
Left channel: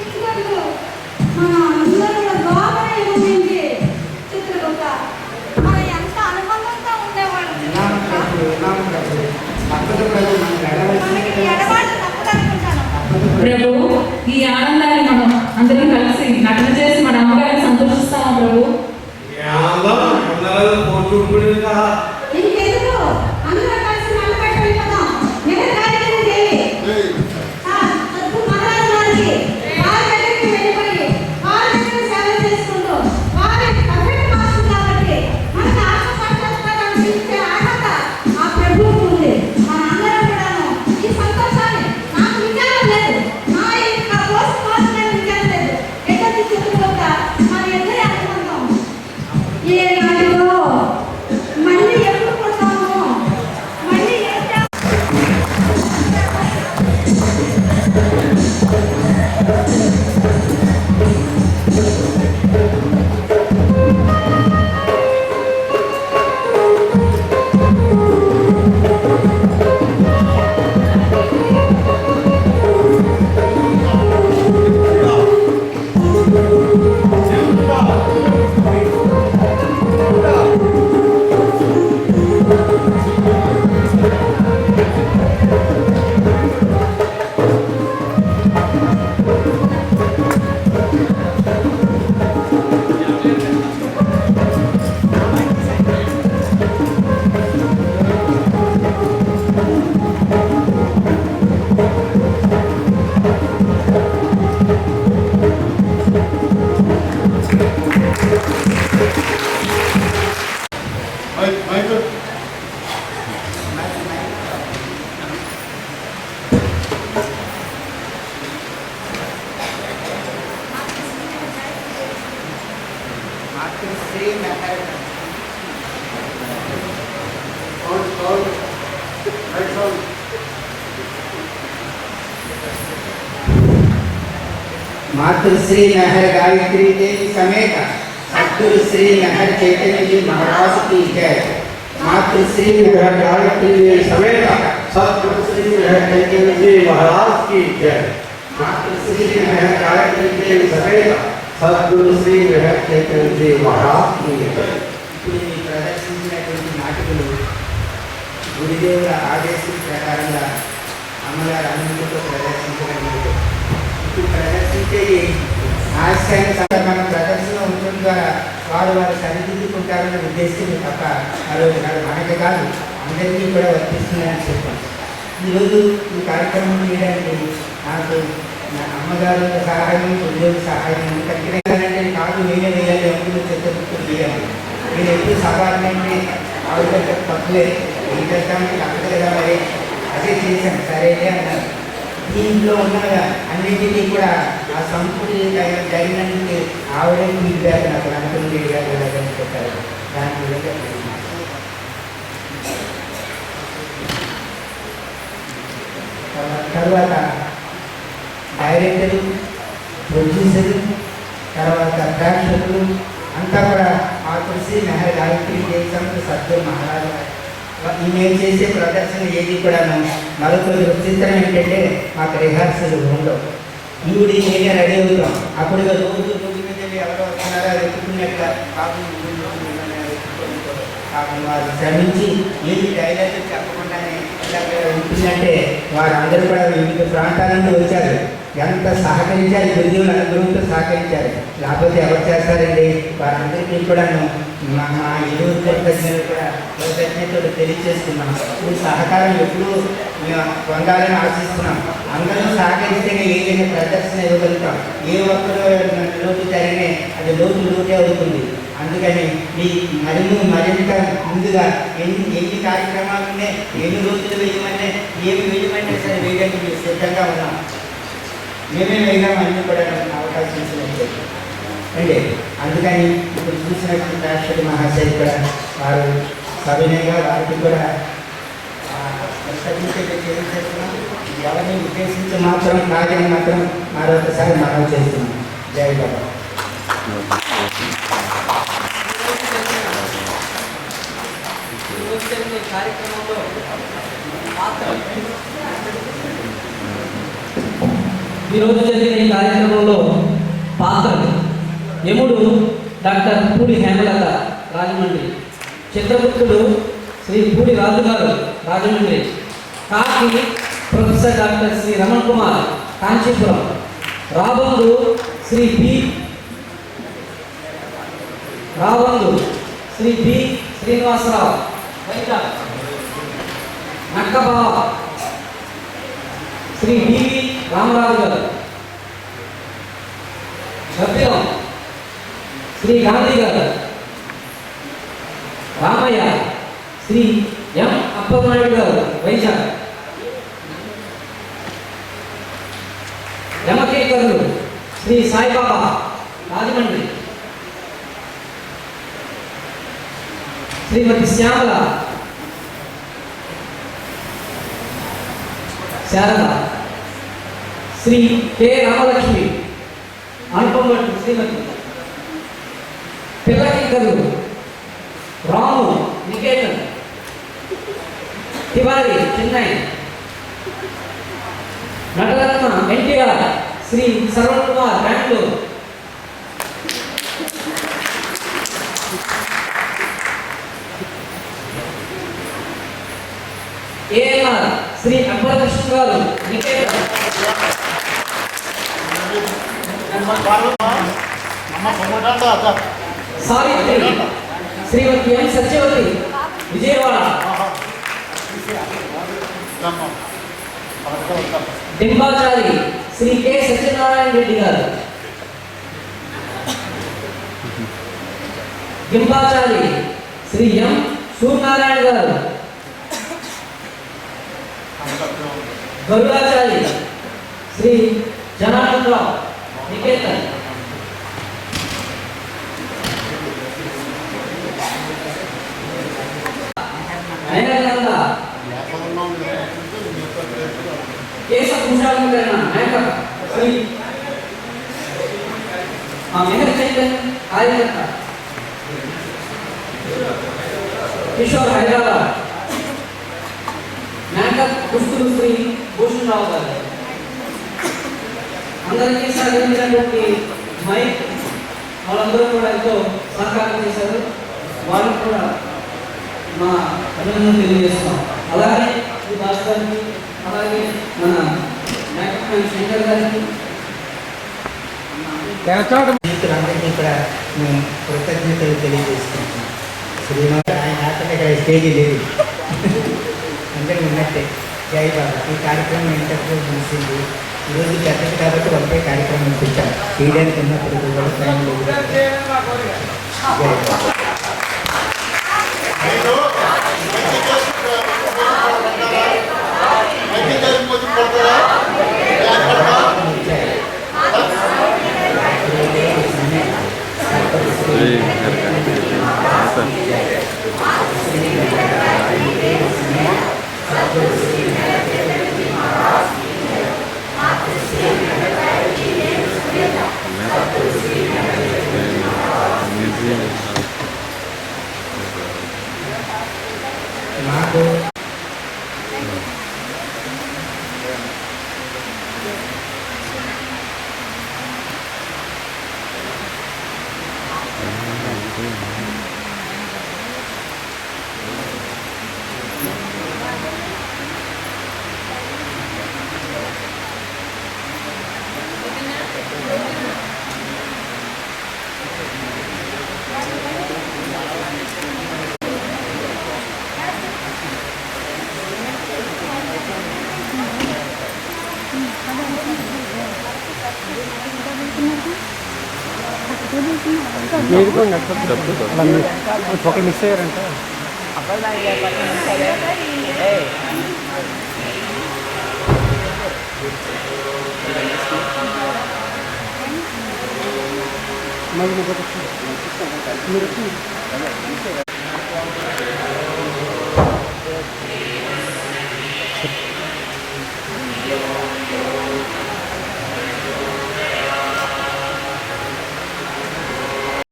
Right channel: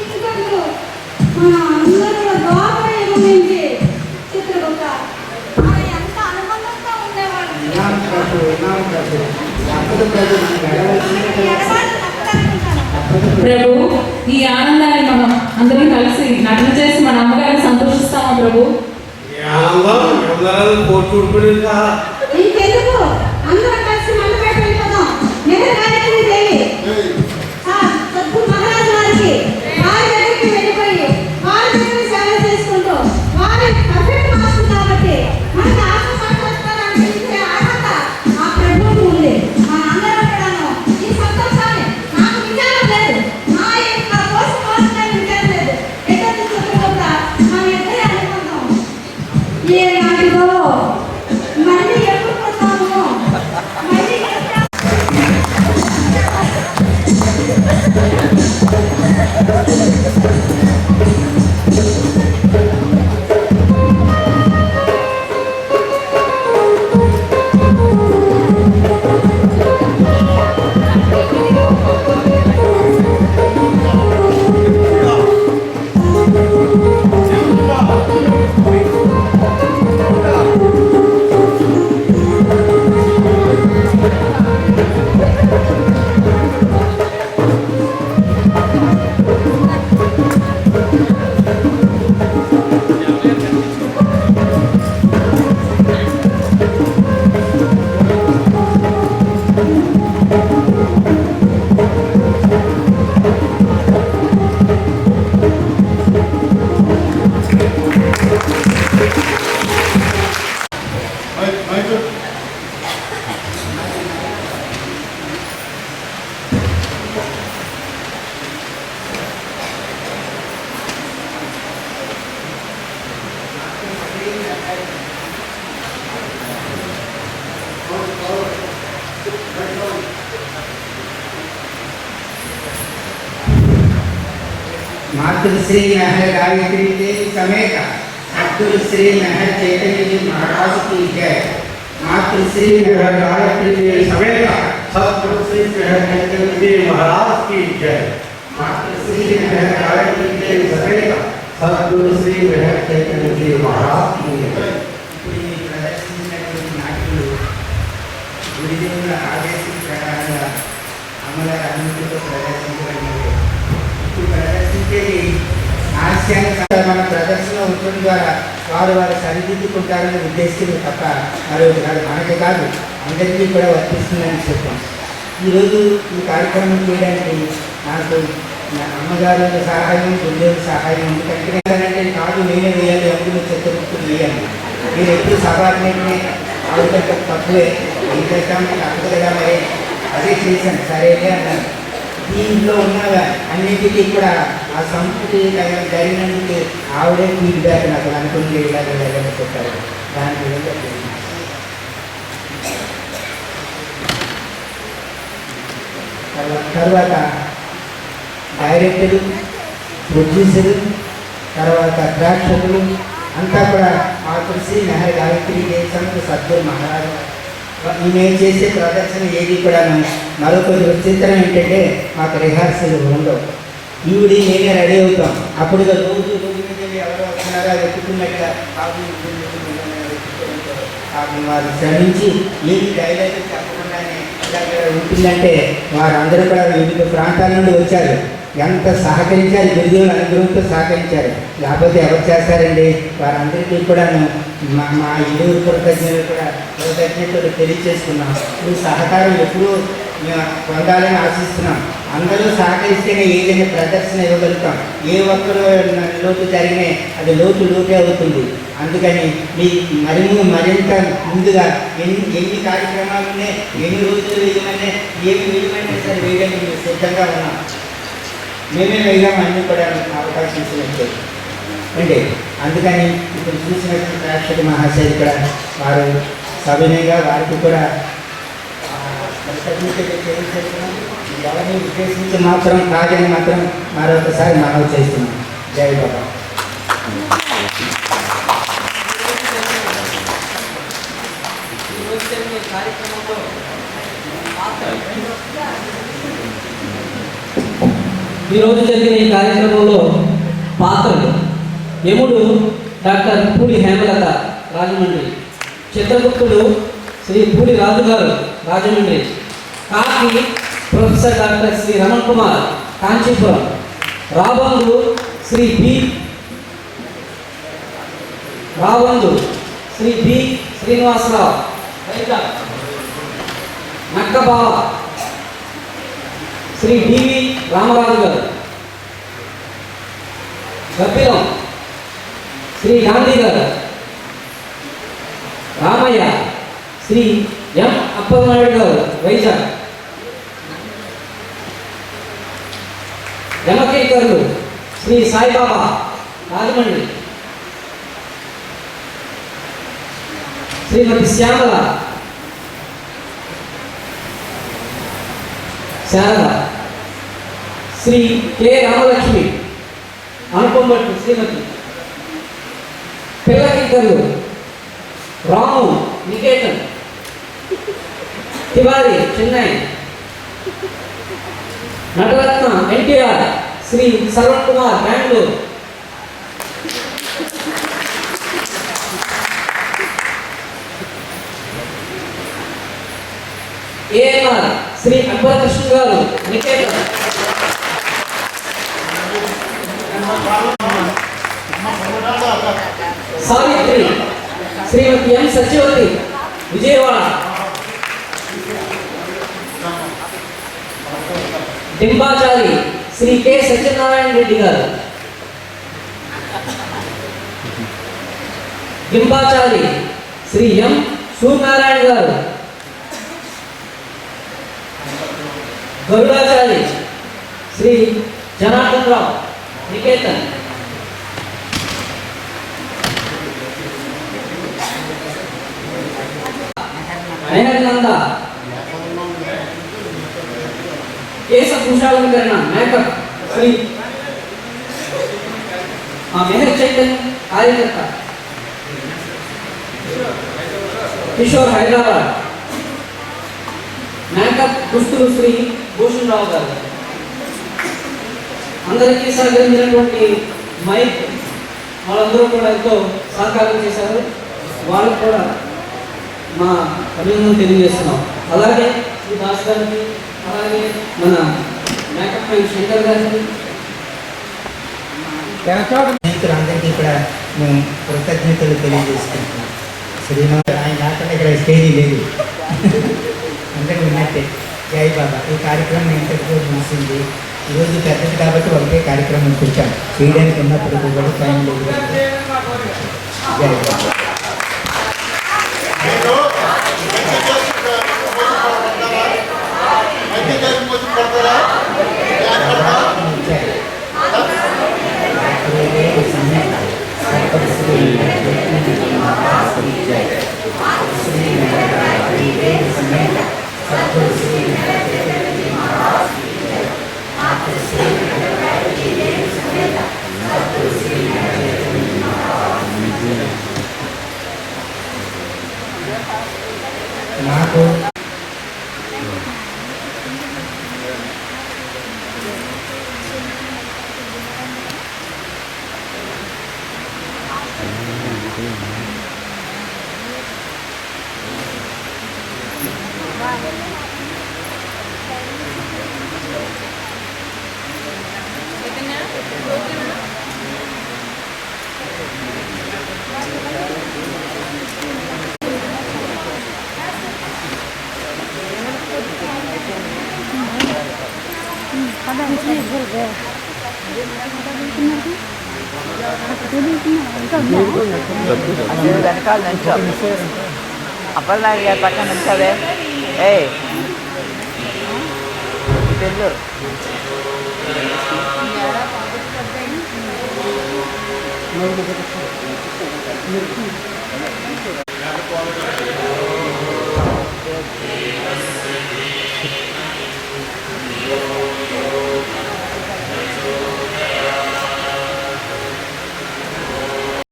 ఇంకొకరు మన అందరూ గోపన ఏమిటి చిత్రగుప్త మన ఎంత అనుబంధంగా ఉండేవాడు. ప్రభు, ఈ ఆనందాన్ని మనం అందరం కలిసి నటన చేసి మన అమ్మగారిని సంతోషిస్తామా ప్రభు? ఇంకెందుకు అందరూ కలిసి మండపేట వెళ్ళిపోదాం. మెహర్గారికి దేవి సద్గురు మహారాజు వారికి వారి దగ్గరికి వెళ్ళిపోయి వారి దగ్గర సేవ చేసుకుంటూ వారి పర్ఫెక్ట్ మాస్టర్ కాబట్టి మనకి ఆత్మసాక్షాత్కారాన్ని ఇచ్చే అర్హత ఆ ప్రభువుకు ఉంది. మన అందరం కూడాను ఈ సంతోషాన్ని నాకు విచారం లేదు, నా యొక్క కోసం నేను విచారం లేదు. ఎక్కడి చిత్రగుప్త మన ఇద్దరి అనుబంధం ఏ నాటిదో మళ్ళీ ఎప్పుడు मातृश्री महर गायत्री देवी समेत सद्गुरु श्री महर चैतन्य जी महाराज की जय। मातृश्री महर गायत्री देवी समेत सद्गुरु श्री महर चैतन्य जी महाराज की जय। मातृश्री महर गायत्री देवी समेत सद्गुरु श्री महर चैतन्य जी महाराज की जय। ప్రదర్శించినటువంటి నాటికలు గురుదేవుల ఆదేశం ప్రకారంగా అమ్మగారు అన్నింటిలో ప్రదర్శించడం ఇప్పుడు ప్రదర్శించేది హాస్యాన్ని మన ప్రదర్శన ఉండడం ద్వారా వారు సరిదిద్దుకుంటారనే ఉద్దేశం తప్ప మరొకటి కాదు, మనకి కాదు అందరికీ కూడా వర్తిస్తుందని చెప్పాం. ఈరోజు ఈ కార్యక్రమం చేయడానికి నాకు అమ్మగారి సహాయం, గురుదేవుల సహాయం ఎందుకంటే కాదు నేనే వేయాలి, ఎప్పుడు చెత్తబుక్కులు వేయాలి, మీరు ఎప్పుడు సాధారణంగా ఆవిడ తక్కువే ఏం చేస్తాం తప్పదు కదా, మరి అదే చేశాను సరేనే అన్నారు. దీంట్లో ఉన్న అన్నింటినీ కూడా ఆ సంస్కృతి జరిగినందుకు ఆవిడే ఫీడ్బ్యాక్ నాకు అనుకుంటే చెప్పారు. దాని విధంగా తర్వాత డైరెక్టరు, ప్రొడ్యూసరు, తర్వాత ప్రేక్షకులు అంతా కూడా మాతృశ్రీ మెహర్ గాయత్రి దేశంతో సద్గురు మహారాజు మేము చేసే ప్రదర్శన ఏది కూడా మరొక విచిత్రం ఏంటంటే మాకు రిహార్సల్ ఉండవు. ఈవిడి నేనే రెడీ అవుతాం, అప్పుడు రోజు మీద ఎవరో వస్తున్నారో వెతుకున్నట్టుగా పాపం వారు శ్రమించి ఏది డైలాగ్ చెప్పకుండానే ఇలాగ ఉంటుందంటే వారందరూ కూడా వివిధ ప్రాంతాల నుండి వచ్చారు. ఎంత సహకరించారు, గురుదేవుల అనుగ్రహంతో సహకరించారు, లేకపోతే ఎవరు చేస్తారండి. వారందరికీ కూడా మా ఇరువురు కృతజ్ఞతలు తెలియజేసుకున్నాం. ఈ సహకారం ఎప్పుడూ మేము పొందాలని ఆశిస్తున్నాం. అందరూ సహకరిస్తేనే ఏదైనా ప్రదర్శన ఇవ్వగలుగుతాం. ఏ ఒక్కరు లోటు జరిగినా అది లోటే అవుతుంది. అందుకని మీ మరింత ముందుగా ఎన్ని కార్యక్రమాలు ఉన్నాయి, ఎన్ని రోజులు వేయమన్నా, ఏమి వేయమన్నా సరే వేయడానికి మేము సిద్ధంగా ఉన్నాం. మేమే వేయడం అన్నీ కూడా అవకాశం ఇచ్చినట్టు అండి. అందుకని ఇప్పుడు చూసినటువంటి ప్రేక్షక మహాశయులు కూడా వారు సవినయంగా వారికి కూడా చేస్తున్నాం. ఎవరిని ఉద్దేశించి మాత్రం కాదని మాత్రం మరొకసారి మనవి చేస్తున్నాం. జై బాబా. ఈరోజు జరిగిన ఈ కార్యక్రమంలో పాత్రలు యముడు డాక్టర్ పూడి హేమలత రాజమండ్రి, చిత్రగుప్తుడు శ్రీ పూడి రాజుగారు రాజమండ్రి, కాకి ప్రొఫెసర్ డాక్టర్ శ్రీ రమణ్ కుమార్ కాంచీపురం, రాబందు శ్రీ బి శ్రీనివాసరావు వైజాగ్, నక్కబావ శ్రీ డివి రామరాజు గారు, గబ్బిలం శ్రీ గాంధీ గారు, రామయ్య శ్రీ ఎం అప్పలనాయుడు గారు వైజాగ్, యమకేకర్లు శ్రీ సాయిబాబా రాజమండ్రి, శ్రీమతి శ్యామల శారద, శ్రీ కె రామలక్ష్మి అనుపంబట్టు, శ్రీమతి పిల్లకింకర్లు రాము నికేతన్, తివారి చెన్నై, నటరత్న ఎన్టీఆర్ శ్రీ సర్వణ్ కుమార్ బెంగళూరు, ఏఎన్ఆర్ శ్రీ అక్బర్ కృష్ణ గారు నికేతన్, సావిత్రి శ్రీమతి ఎం సత్యవతి విజయవాడ, డింబాచారి శ్రీ కె సత్యనారాయణ రెడ్డి గారు, డింబాచారి శ్రీ ఎం సూర్యనారాయణ గారు, గరుడాచారి శ్రీ జనార్దన్ రావు నికేతన్, నయనంద కేశ కుశాలంకరణ మేకప్ శ్రీ మా మెహర్ చైతన్య కార్యకర్త కిషోర్ హైదరాబాద్, మేకప్ దుస్తులు శ్రీ భూషణ్ రావు గారు. అందరికీ సహకరించినటువంటి మైక్ వాళ్ళందరూ కూడా ఎంతో సహకారం చేశారు. వాళ్ళకు కూడా మా అభినందనలు తెలియజేస్తున్నాం. అలాగే ఈ దాస్ గారికి, అలాగే మన మేకప్ మ్యాన్ శంకర్ గారికి, స్నేహితులందరికీ కూడా మేము కృతజ్ఞతలు తెలియజేసుకుంటున్నాం. శ్రీమాన్ ఆయన రాకుండా ఇక్కడ స్టేజీ లేదు, అందరూ ఉన్నట్టే. జై బాబా. ఈ కార్యక్రమం ఇంతకు ముగిసింది. ఈరోజు పెద్దది కాబట్టి ఒకటే కార్యక్రమం కూర్చాం చేయడానికి ఉన్నప్పటికీ కూడా టైం లేదు. జై బాబా. నాకు అప్పటిదాకా పక్కన ఉంటుందే ఏ మీరు